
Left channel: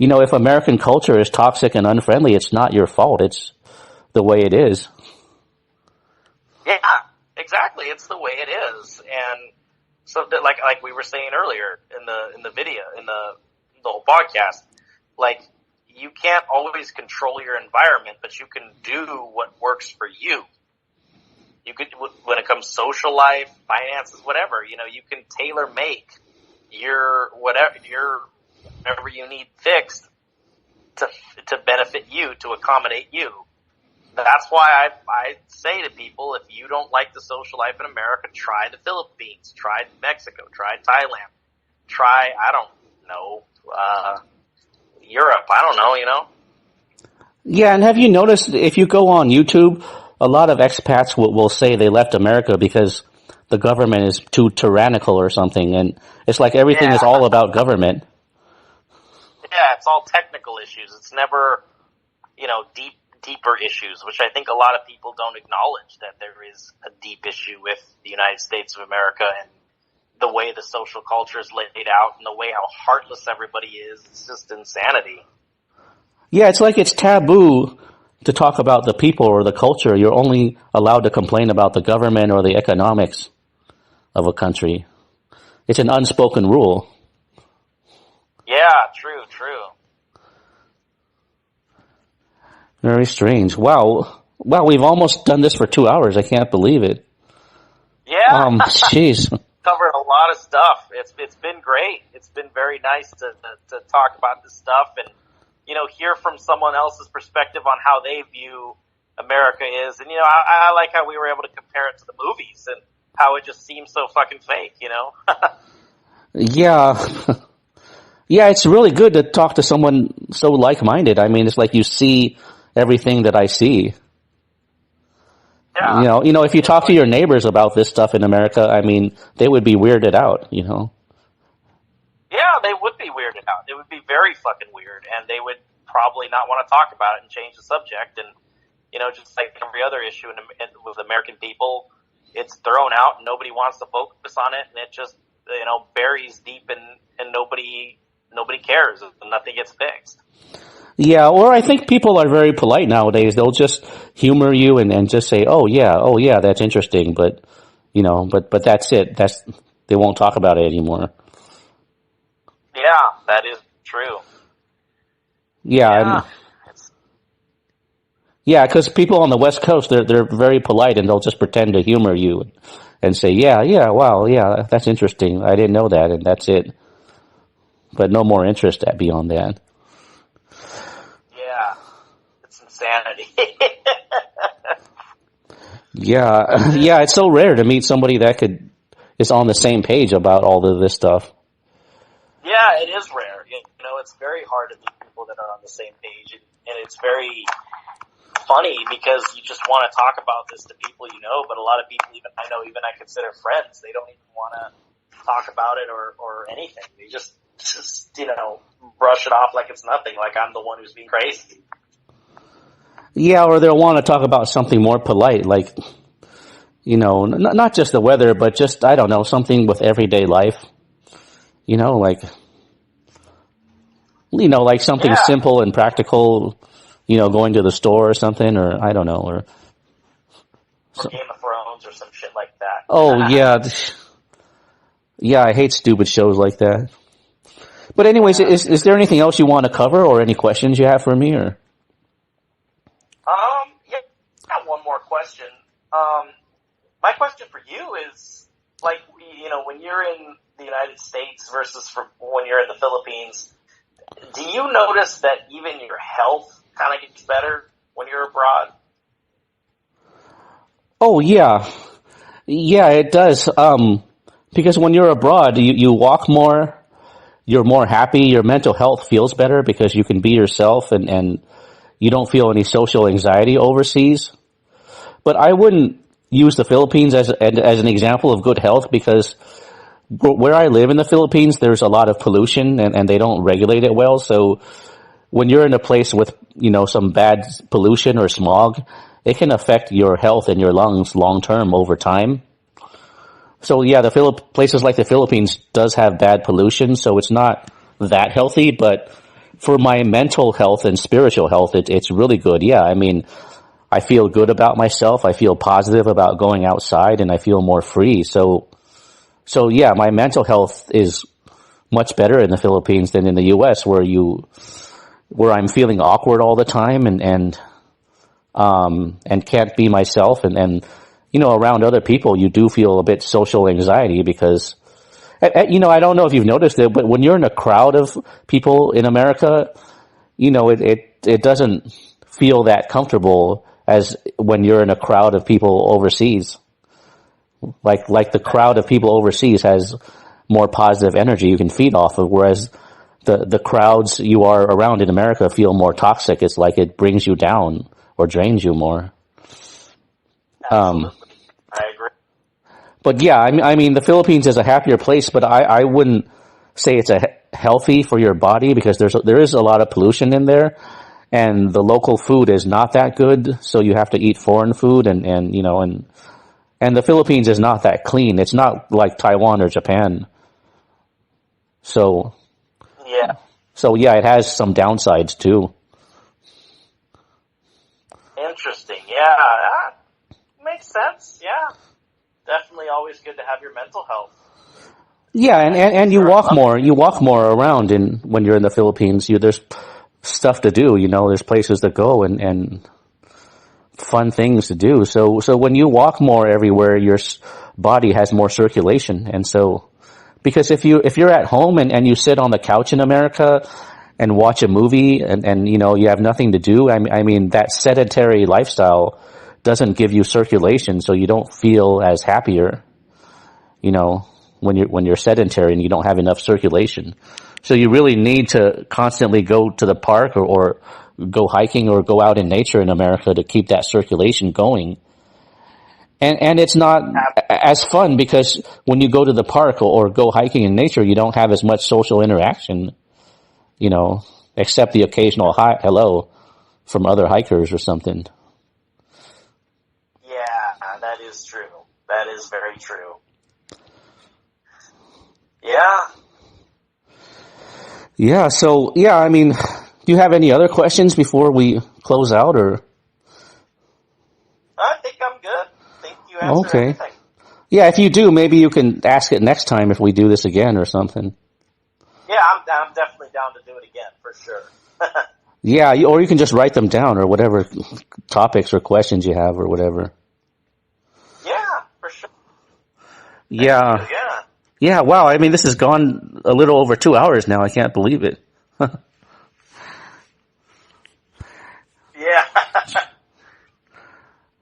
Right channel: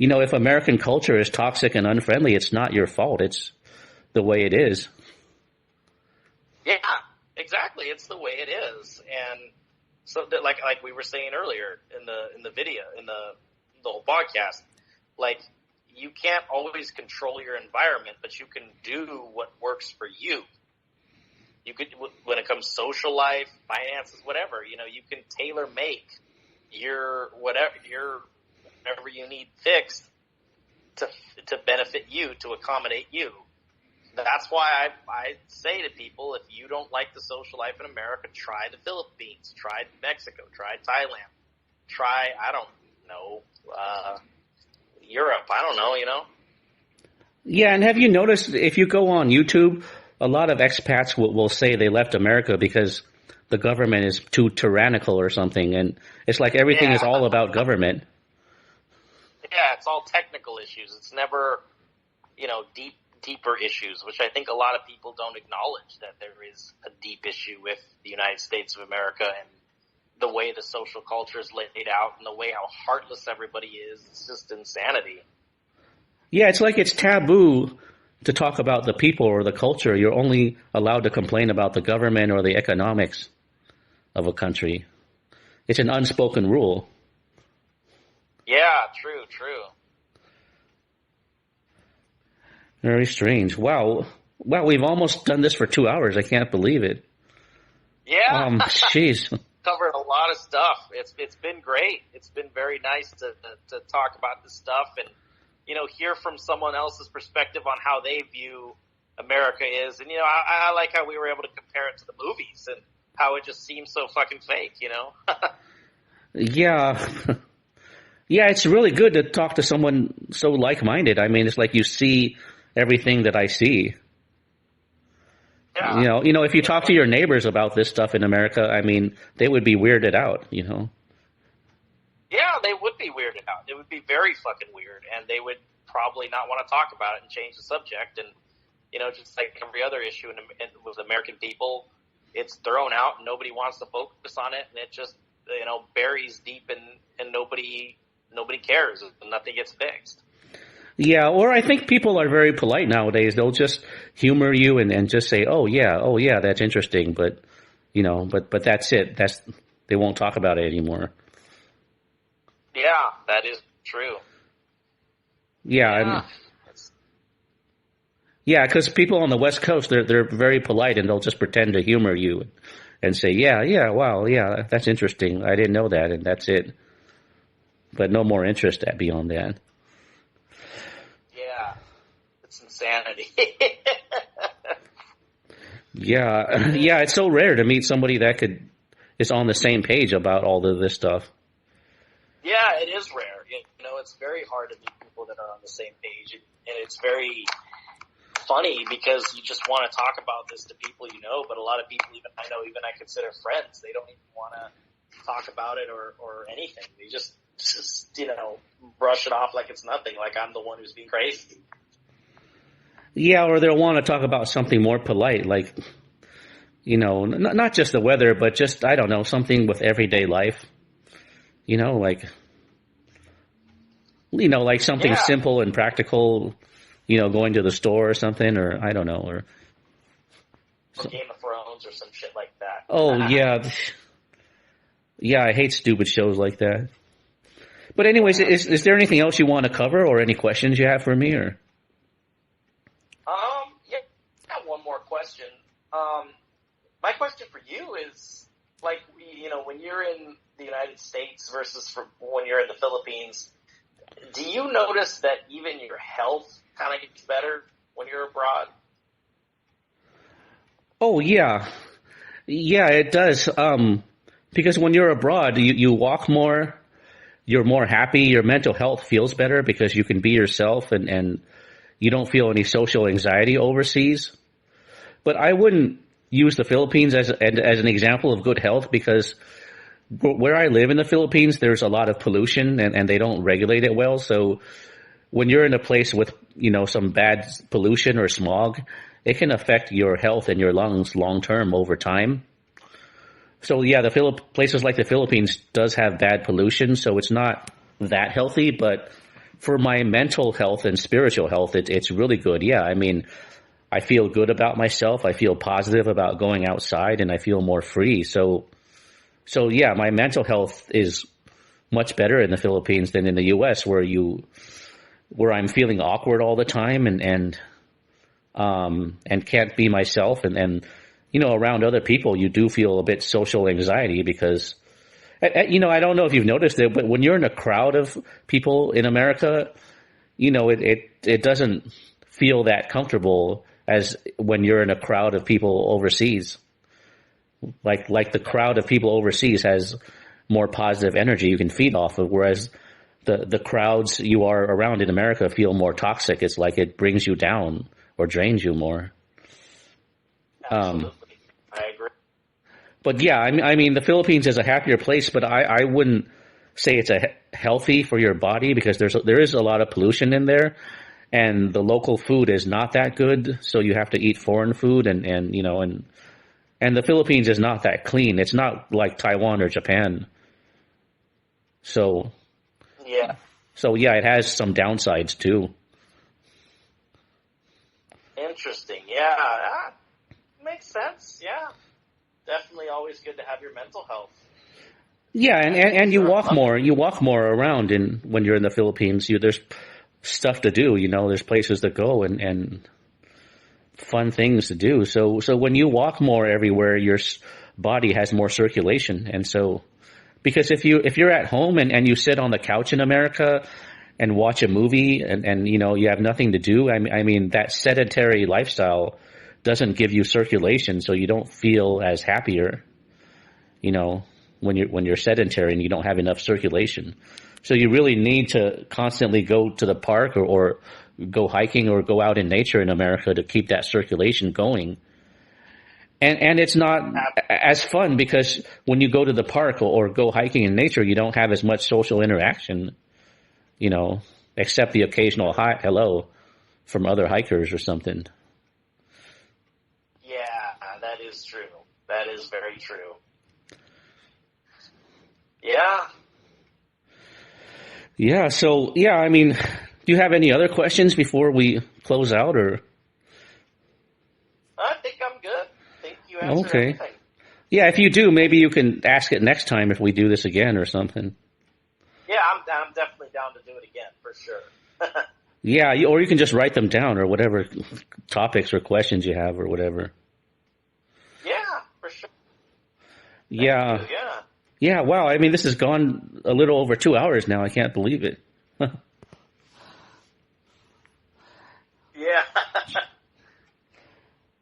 if American culture is toxic and unfriendly, it's not your fault. It's the way it is. Yeah, exactly. It's the way it is. And so like we were saying earlier in the video, in the whole podcast, like, you can't always control your environment, but you can do what works for you. You could, when it comes to social life, finances, whatever, you can tailor make whatever you need fixed to benefit you, to accommodate you. That's why I say to people, if you don't like the social life in America, try the Philippines, try Mexico, try Thailand, try, I don't know, Europe, I don't know, Yeah, and have you noticed, if you go on YouTube, a lot of expats will say they left America because the government is too tyrannical or something, and it's like everything is all about government. Yeah, it's all technical issues. It's never, deeper issues, which I think a lot of people don't acknowledge, that there is a deep issue with the United States of America and the way the social culture is laid out and the way how heartless everybody is. It's just insanity. Yeah, it's like it's taboo to talk about the people or the culture. You're only allowed to complain about the government or the economics of a country. It's an unspoken rule. Yeah, true. Very strange. Wow, we've almost done this for 2 hours. I can't believe it. Yeah. Jeez. Covered a lot of stuff. It's been great. It's been very nice to talk about this stuff and, hear from someone else's perspective on how they view America is. And, I like how we were able to compare it to the movies and how it just seems so fucking fake, Yeah. Yeah, it's really good to talk to someone so like-minded. I mean, it's like you see everything that I see. Yeah. If you talk to your neighbors about this stuff in America, I mean, they would be weirded out, Yeah, they would be weirded out. It would be very fucking weird, and they would probably not want to talk about it and change the subject. And, just like every other issue with American people, it's thrown out and nobody wants to focus on it, and it just, buries deep and nobody cares and nothing gets fixed. Yeah, or I think people are very polite nowadays. They'll just humor you and just say, oh yeah, that's interesting, but but that's it. They won't talk about it anymore. Yeah, that is true. Yeah. Yeah, because people on the West Coast, they're very polite and they'll just pretend to humor you and say, yeah, wow, yeah, that's interesting. I didn't know that, and that's it. But no more interest beyond that. Yeah, it's insanity. Yeah, yeah, it's so rare to meet somebody that is on the same page about all of this stuff. Yeah, it is rare. It's very hard to meet people that are on the same page, and it's very funny because you just want to talk about this to people but a lot of people, even I consider friends, they don't even want to talk about it or anything. They just brush it off like it's nothing, like I'm the one who's being crazy. Yeah, or they'll want to talk about something more polite, like, not just the weather, but just, I don't know, something with everyday life. Like something simple and practical, going to the store or something, or I don't know, or Game of Thrones or some shit like that. Oh, yeah. Yeah, I hate stupid shows like that. But anyways, is there anything else you want to cover or any questions you have for me, or? Yeah, I got one more question. My question for you is, like, when you're in the United States versus when you're in the Philippines, do you notice that even your health kind of gets better when you're abroad? Oh, yeah. Yeah, it does. Because when you're abroad, you walk more, you're more happy, your mental health feels better because you can be yourself and you don't feel any social anxiety overseas. But I wouldn't use the Philippines as an example of good health because where I live in the Philippines, there's a lot of pollution and they don't regulate it well. So when you're in a place with, some bad pollution or smog, it can affect your health and your lungs long term over time. So yeah, places like the Philippines does have bad pollution, so it's not that healthy, but for my mental health and spiritual health, it's really good. Yeah, I mean, I feel good about myself. I feel positive about going outside and I feel more free. So yeah, my mental health is much better in the Philippines than in the US where I'm feeling awkward all the time and can't be myself and around other people, you do feel a bit social anxiety because, I don't know if you've noticed it, but when you're in a crowd of people in America, it doesn't feel that comfortable as when you're in a crowd of people overseas. Like the crowd of people overseas has more positive energy you can feed off of, whereas the crowds you are around in America feel more toxic. It's like it brings you down or drains you more. Absolutely. I agree. But yeah, I mean, the Philippines is a happier place, but I wouldn't say it's healthy for your body because there is a lot of pollution in there, and the local food is not that good. So you have to eat foreign food, and the Philippines is not that clean. It's not like Taiwan or Japan. So yeah, it has some downsides too. Interesting. Yeah, that makes sense. Yeah. Definitely always good to have your mental health. Yeah, and you walk more. You walk more around when you're in the Philippines. There's stuff to do. There's places to go and fun things to do. So when you walk more everywhere, your body has more circulation. And so, because if you're at home and you sit on the couch in America and watch a movie and you have nothing to do, I mean that sedentary lifestyle doesn't give you circulation, so you don't feel as happier, when you're sedentary and you don't have enough circulation. So you really need to constantly go to the park or go hiking or go out in nature in America to keep that circulation going. And it's not as fun because when you go to the park or go hiking in nature, you don't have as much social interaction, except the occasional hello from other hikers or something. Yeah, that is true. That is very true. Yeah. Yeah, so, yeah, I mean, do you have any other questions before we close out, or? I think I'm good. I think you answered everything. Yeah, if you do, maybe you can ask it next time if we do this again or something. Yeah, I'm definitely down to do it again, for sure. Yeah, or you can just write them down or whatever topics or questions you have or whatever. Yeah, for sure. Yeah. Yeah. Yeah, wow. I mean, this has gone a little over 2 hours now. I can't believe it. Yeah.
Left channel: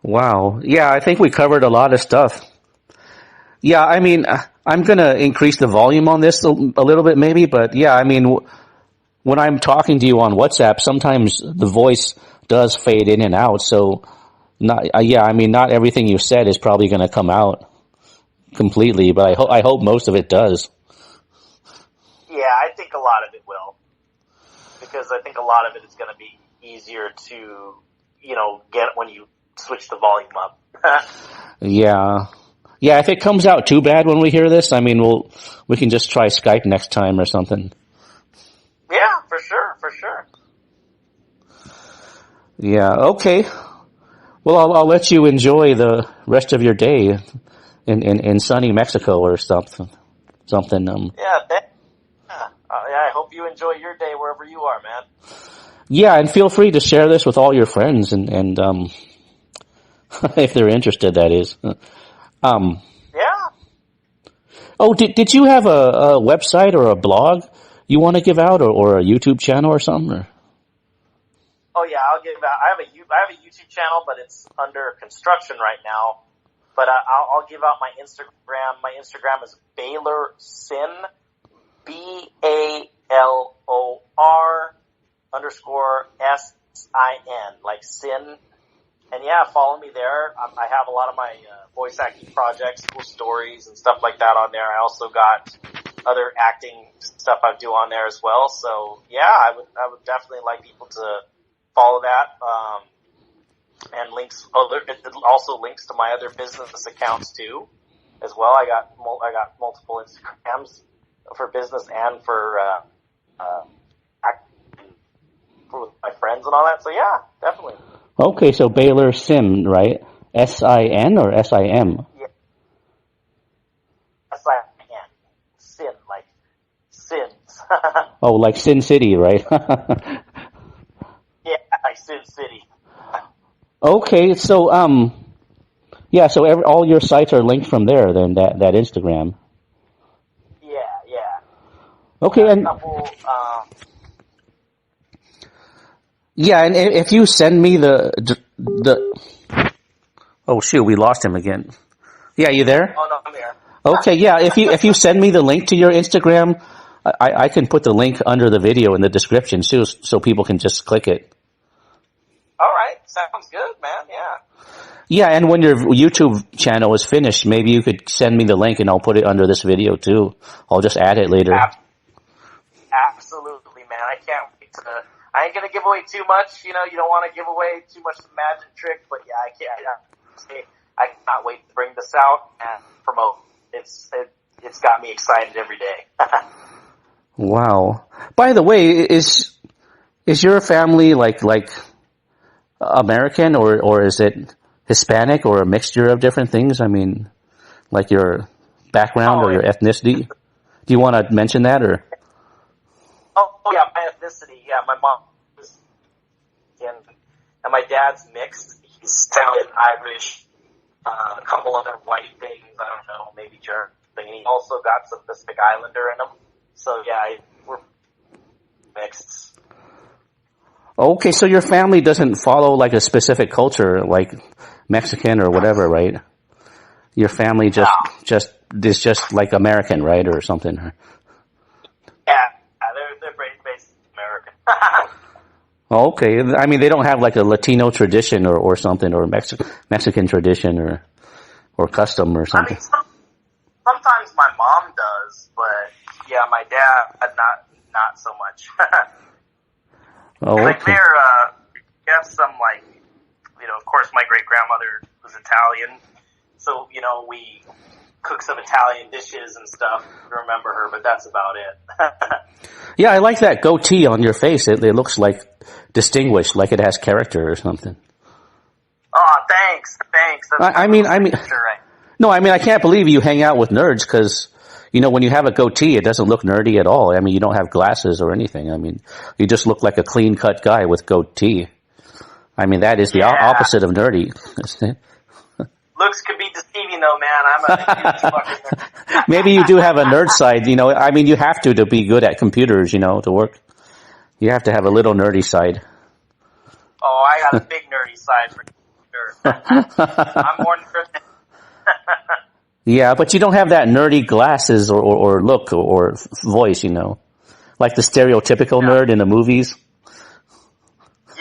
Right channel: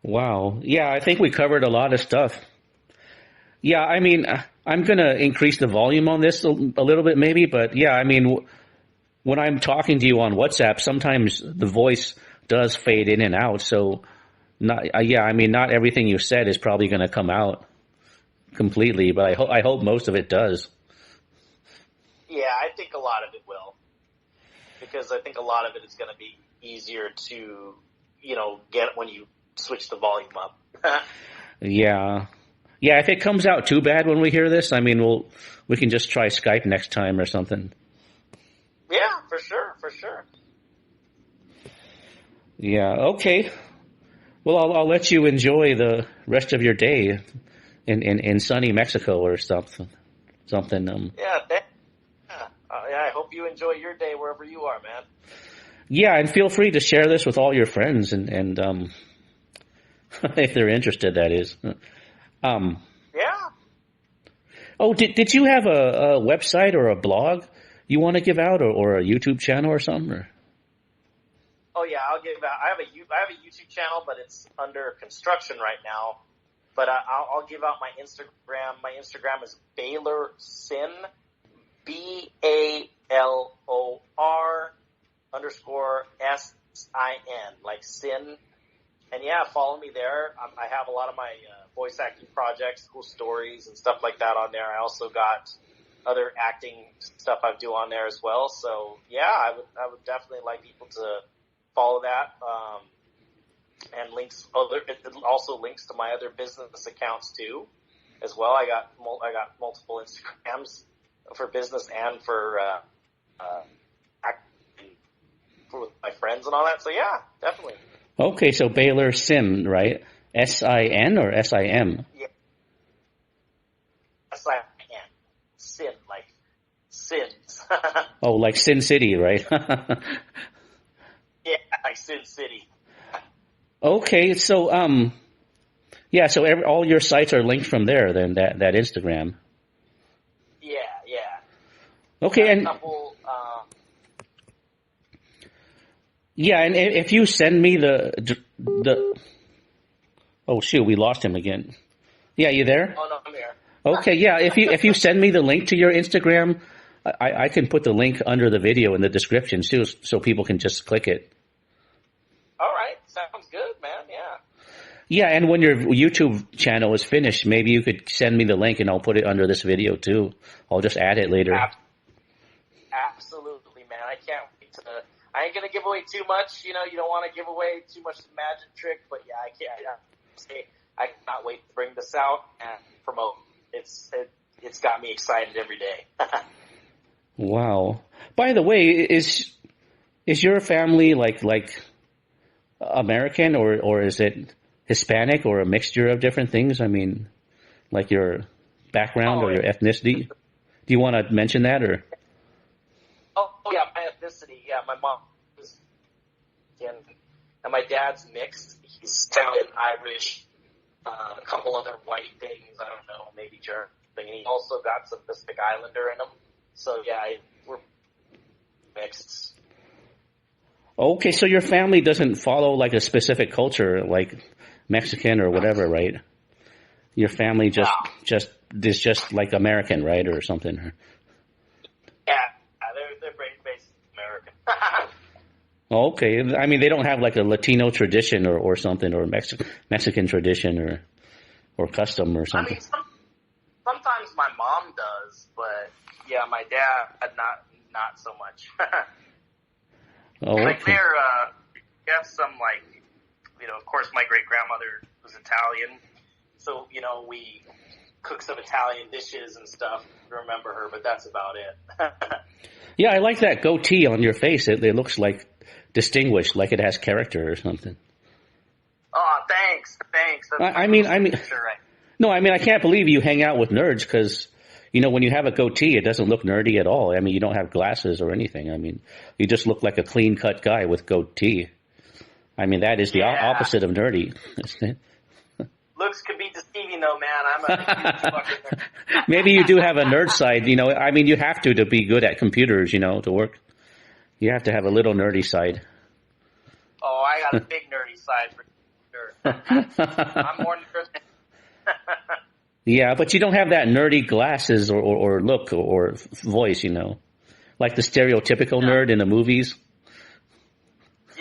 Wow. Yeah, I think we covered a lot of stuff. Yeah, I mean, I'm going to increase the volume on this a little bit maybe, but yeah, I mean, when I'm talking to you on WhatsApp, sometimes the voice does fade in and out. So, yeah, I mean, not everything you said is probably going to come out completely, but I hope most of it does. Yeah, I think a lot of it will, because I think a lot of it is going to be easier to, get when you switch the volume up. Yeah. Yeah, if it comes out too bad when we hear this, I mean, we can just try Skype next time or something. Yeah, for sure, for sure. Yeah, okay. Well, I'll let you enjoy the rest of your day in sunny Mexico or something. Yeah, I hope you enjoy your day wherever you are, man. Yeah, and feel free to share this with all your friends and if they're interested, that is. Yeah. Oh, did you have a website or a blog you want to give out, or a YouTube channel or something? Or? Oh yeah, I'll give out. I have a YouTube channel, but it's under construction right now. But I'll give out my Instagram. My Instagram is Baylor Sin, BALOR_SIN, like Sin. And yeah, follow me there. I have a lot of my voice acting projects, cool stories and stuff like that on there. I also got other acting stuff I do on there as well. So yeah, I would definitely like people to follow that. And links, it also links to my other business accounts too, as well. I got multiple Instagrams for business and for acting for my friends and all that. So yeah, definitely. Okay, so Baylor Sim, right? SIN or SIM? Yeah. SIN. Sin, like sins. Oh, like Sin City, right? Yeah, like Sin City. Okay, so yeah, so all your sites are linked from there. Then that Instagram. Yeah. Okay, and couple, yeah, and if you send me the oh shoot, we lost him again. Yeah, you there? Oh no, I'm here. Okay, yeah. If you send me the link to your Instagram, I can put the link under the video in the description too, so people can just click it. All right, sounds good, man. Yeah. Yeah, and when your YouTube channel is finished, maybe you could send me the link and I'll put it under this video too. I'll just add it later. Absolutely, man. I can't wait to. I ain't gonna give away too much. You don't want to give away too much of the magic trick, but yeah, I cannot wait to bring this out and promote. It's got me excited every day. Wow. By the way, is your family like American or is it Hispanic or a mixture of different things? I mean, like your background or your ethnicity? Do you want to mention that or? Oh yeah, my ethnicity. Yeah, my mom is Indian, and my dad's mixed. He's Italian, Irish, a couple other white things. I don't know, maybe German. And he also got some Pacific Islander in him. So yeah, we're mixed. Okay, so your family doesn't follow like a specific culture, like Mexican or whatever, right? Your family just is just like American, right, or something. Yeah, they're based American. Okay, I mean they don't have like a Latino tradition or something, or Mexican tradition or custom or something. I mean, sometimes my mom does, but yeah, my dad not so much. Oh, okay. We have some of course my great grandmother was Italian, so we cook some Italian dishes and stuff to remember her, but that's about it. Yeah, I like that goatee on your face. It looks like distinguished, like it has character or something. Oh, thanks. I mean, sure, right. No, I mean I can't believe you hang out with nerds because. When you have a goatee, it doesn't look nerdy at all. I mean, you don't have glasses or anything. I mean, you just look like a clean-cut guy with goatee. I mean, that is the opposite of nerdy, isn't it? Looks could be deceiving, though, man. I'm a huge fucking nerd. Maybe you do have a nerd side, you know. I mean, you have to be good at computers, you know, to work. You have to have a little nerdy side. Oh, I got a big nerdy side for sure. I'm more nerd. Yeah, but you don't have that nerdy glasses or look or voice, you know, like the stereotypical nerd in the movies.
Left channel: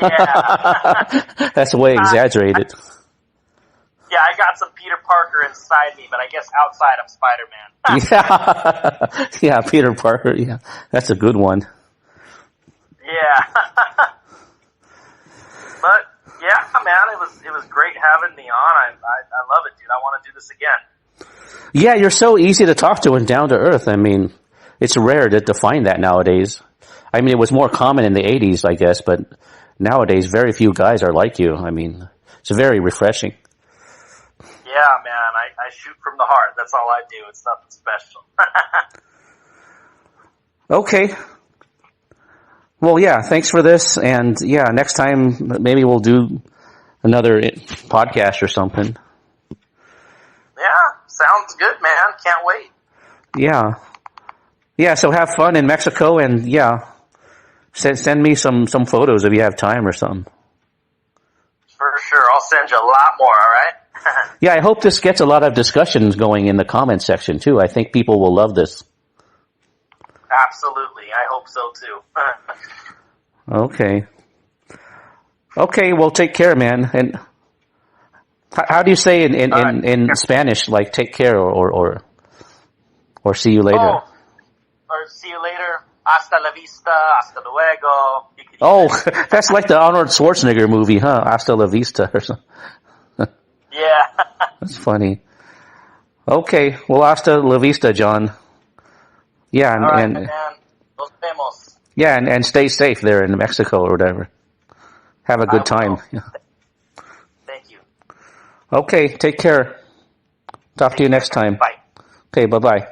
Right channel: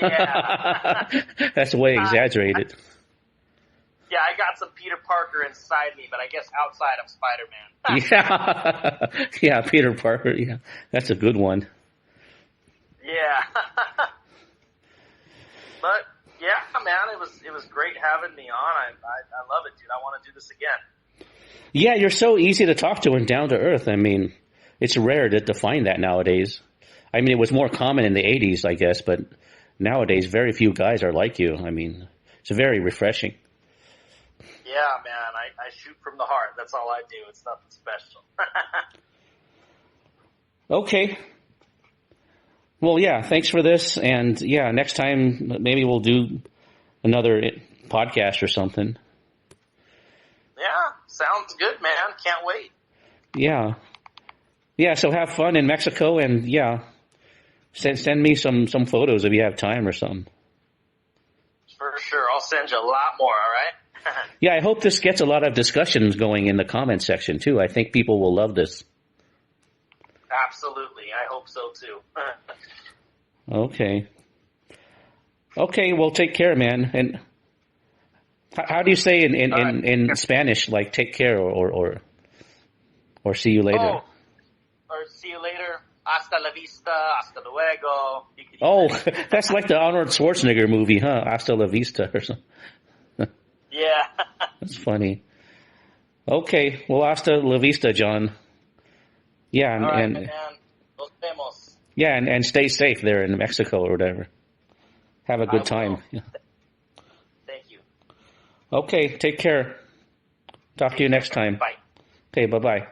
Yeah. That's way exaggerated. Yeah, I got some Peter Parker inside me, but I guess outside I'm Spider-Man. Yeah, yeah, Peter Parker. Yeah, that's a good one. Yeah. But yeah, man, it was great having me on. I love it, dude. I want to do this again. Yeah, you're so easy to talk to and down to earth. I mean, it's rare to find that nowadays. I mean, it was more common in the 80s, I guess, but nowadays very few guys are like you. I mean, it's very refreshing. Yeah, man, I shoot from the heart. That's all I do. It's nothing special. Okay. Well, yeah, thanks for this. And yeah, next time maybe we'll do another podcast or something. Yeah, sounds good, man. Can't wait. Yeah. Yeah, so have fun in Mexico and yeah, send me some photos if you have time or something. For sure. I'll send you a lot more, all right? Yeah, I hope this gets a lot of discussions going in the comment section too. I think people will love this. Absolutely. I hope so too. Okay. Okay, well take care, man. And how do you say in Spanish, like take care or see you later? Oh, or see you later. Hasta la vista, hasta luego. Oh, that's like the Arnold Schwarzenegger movie, huh? Hasta la vista or something. Yeah. That's funny. Okay, well, hasta la vista, John. Yeah, All right, and man. Nos vemos. yeah, and stay safe there in Mexico or whatever. Have a good time. Thank you. Okay, take care. Talk to you next time. Bye. Okay, bye-bye.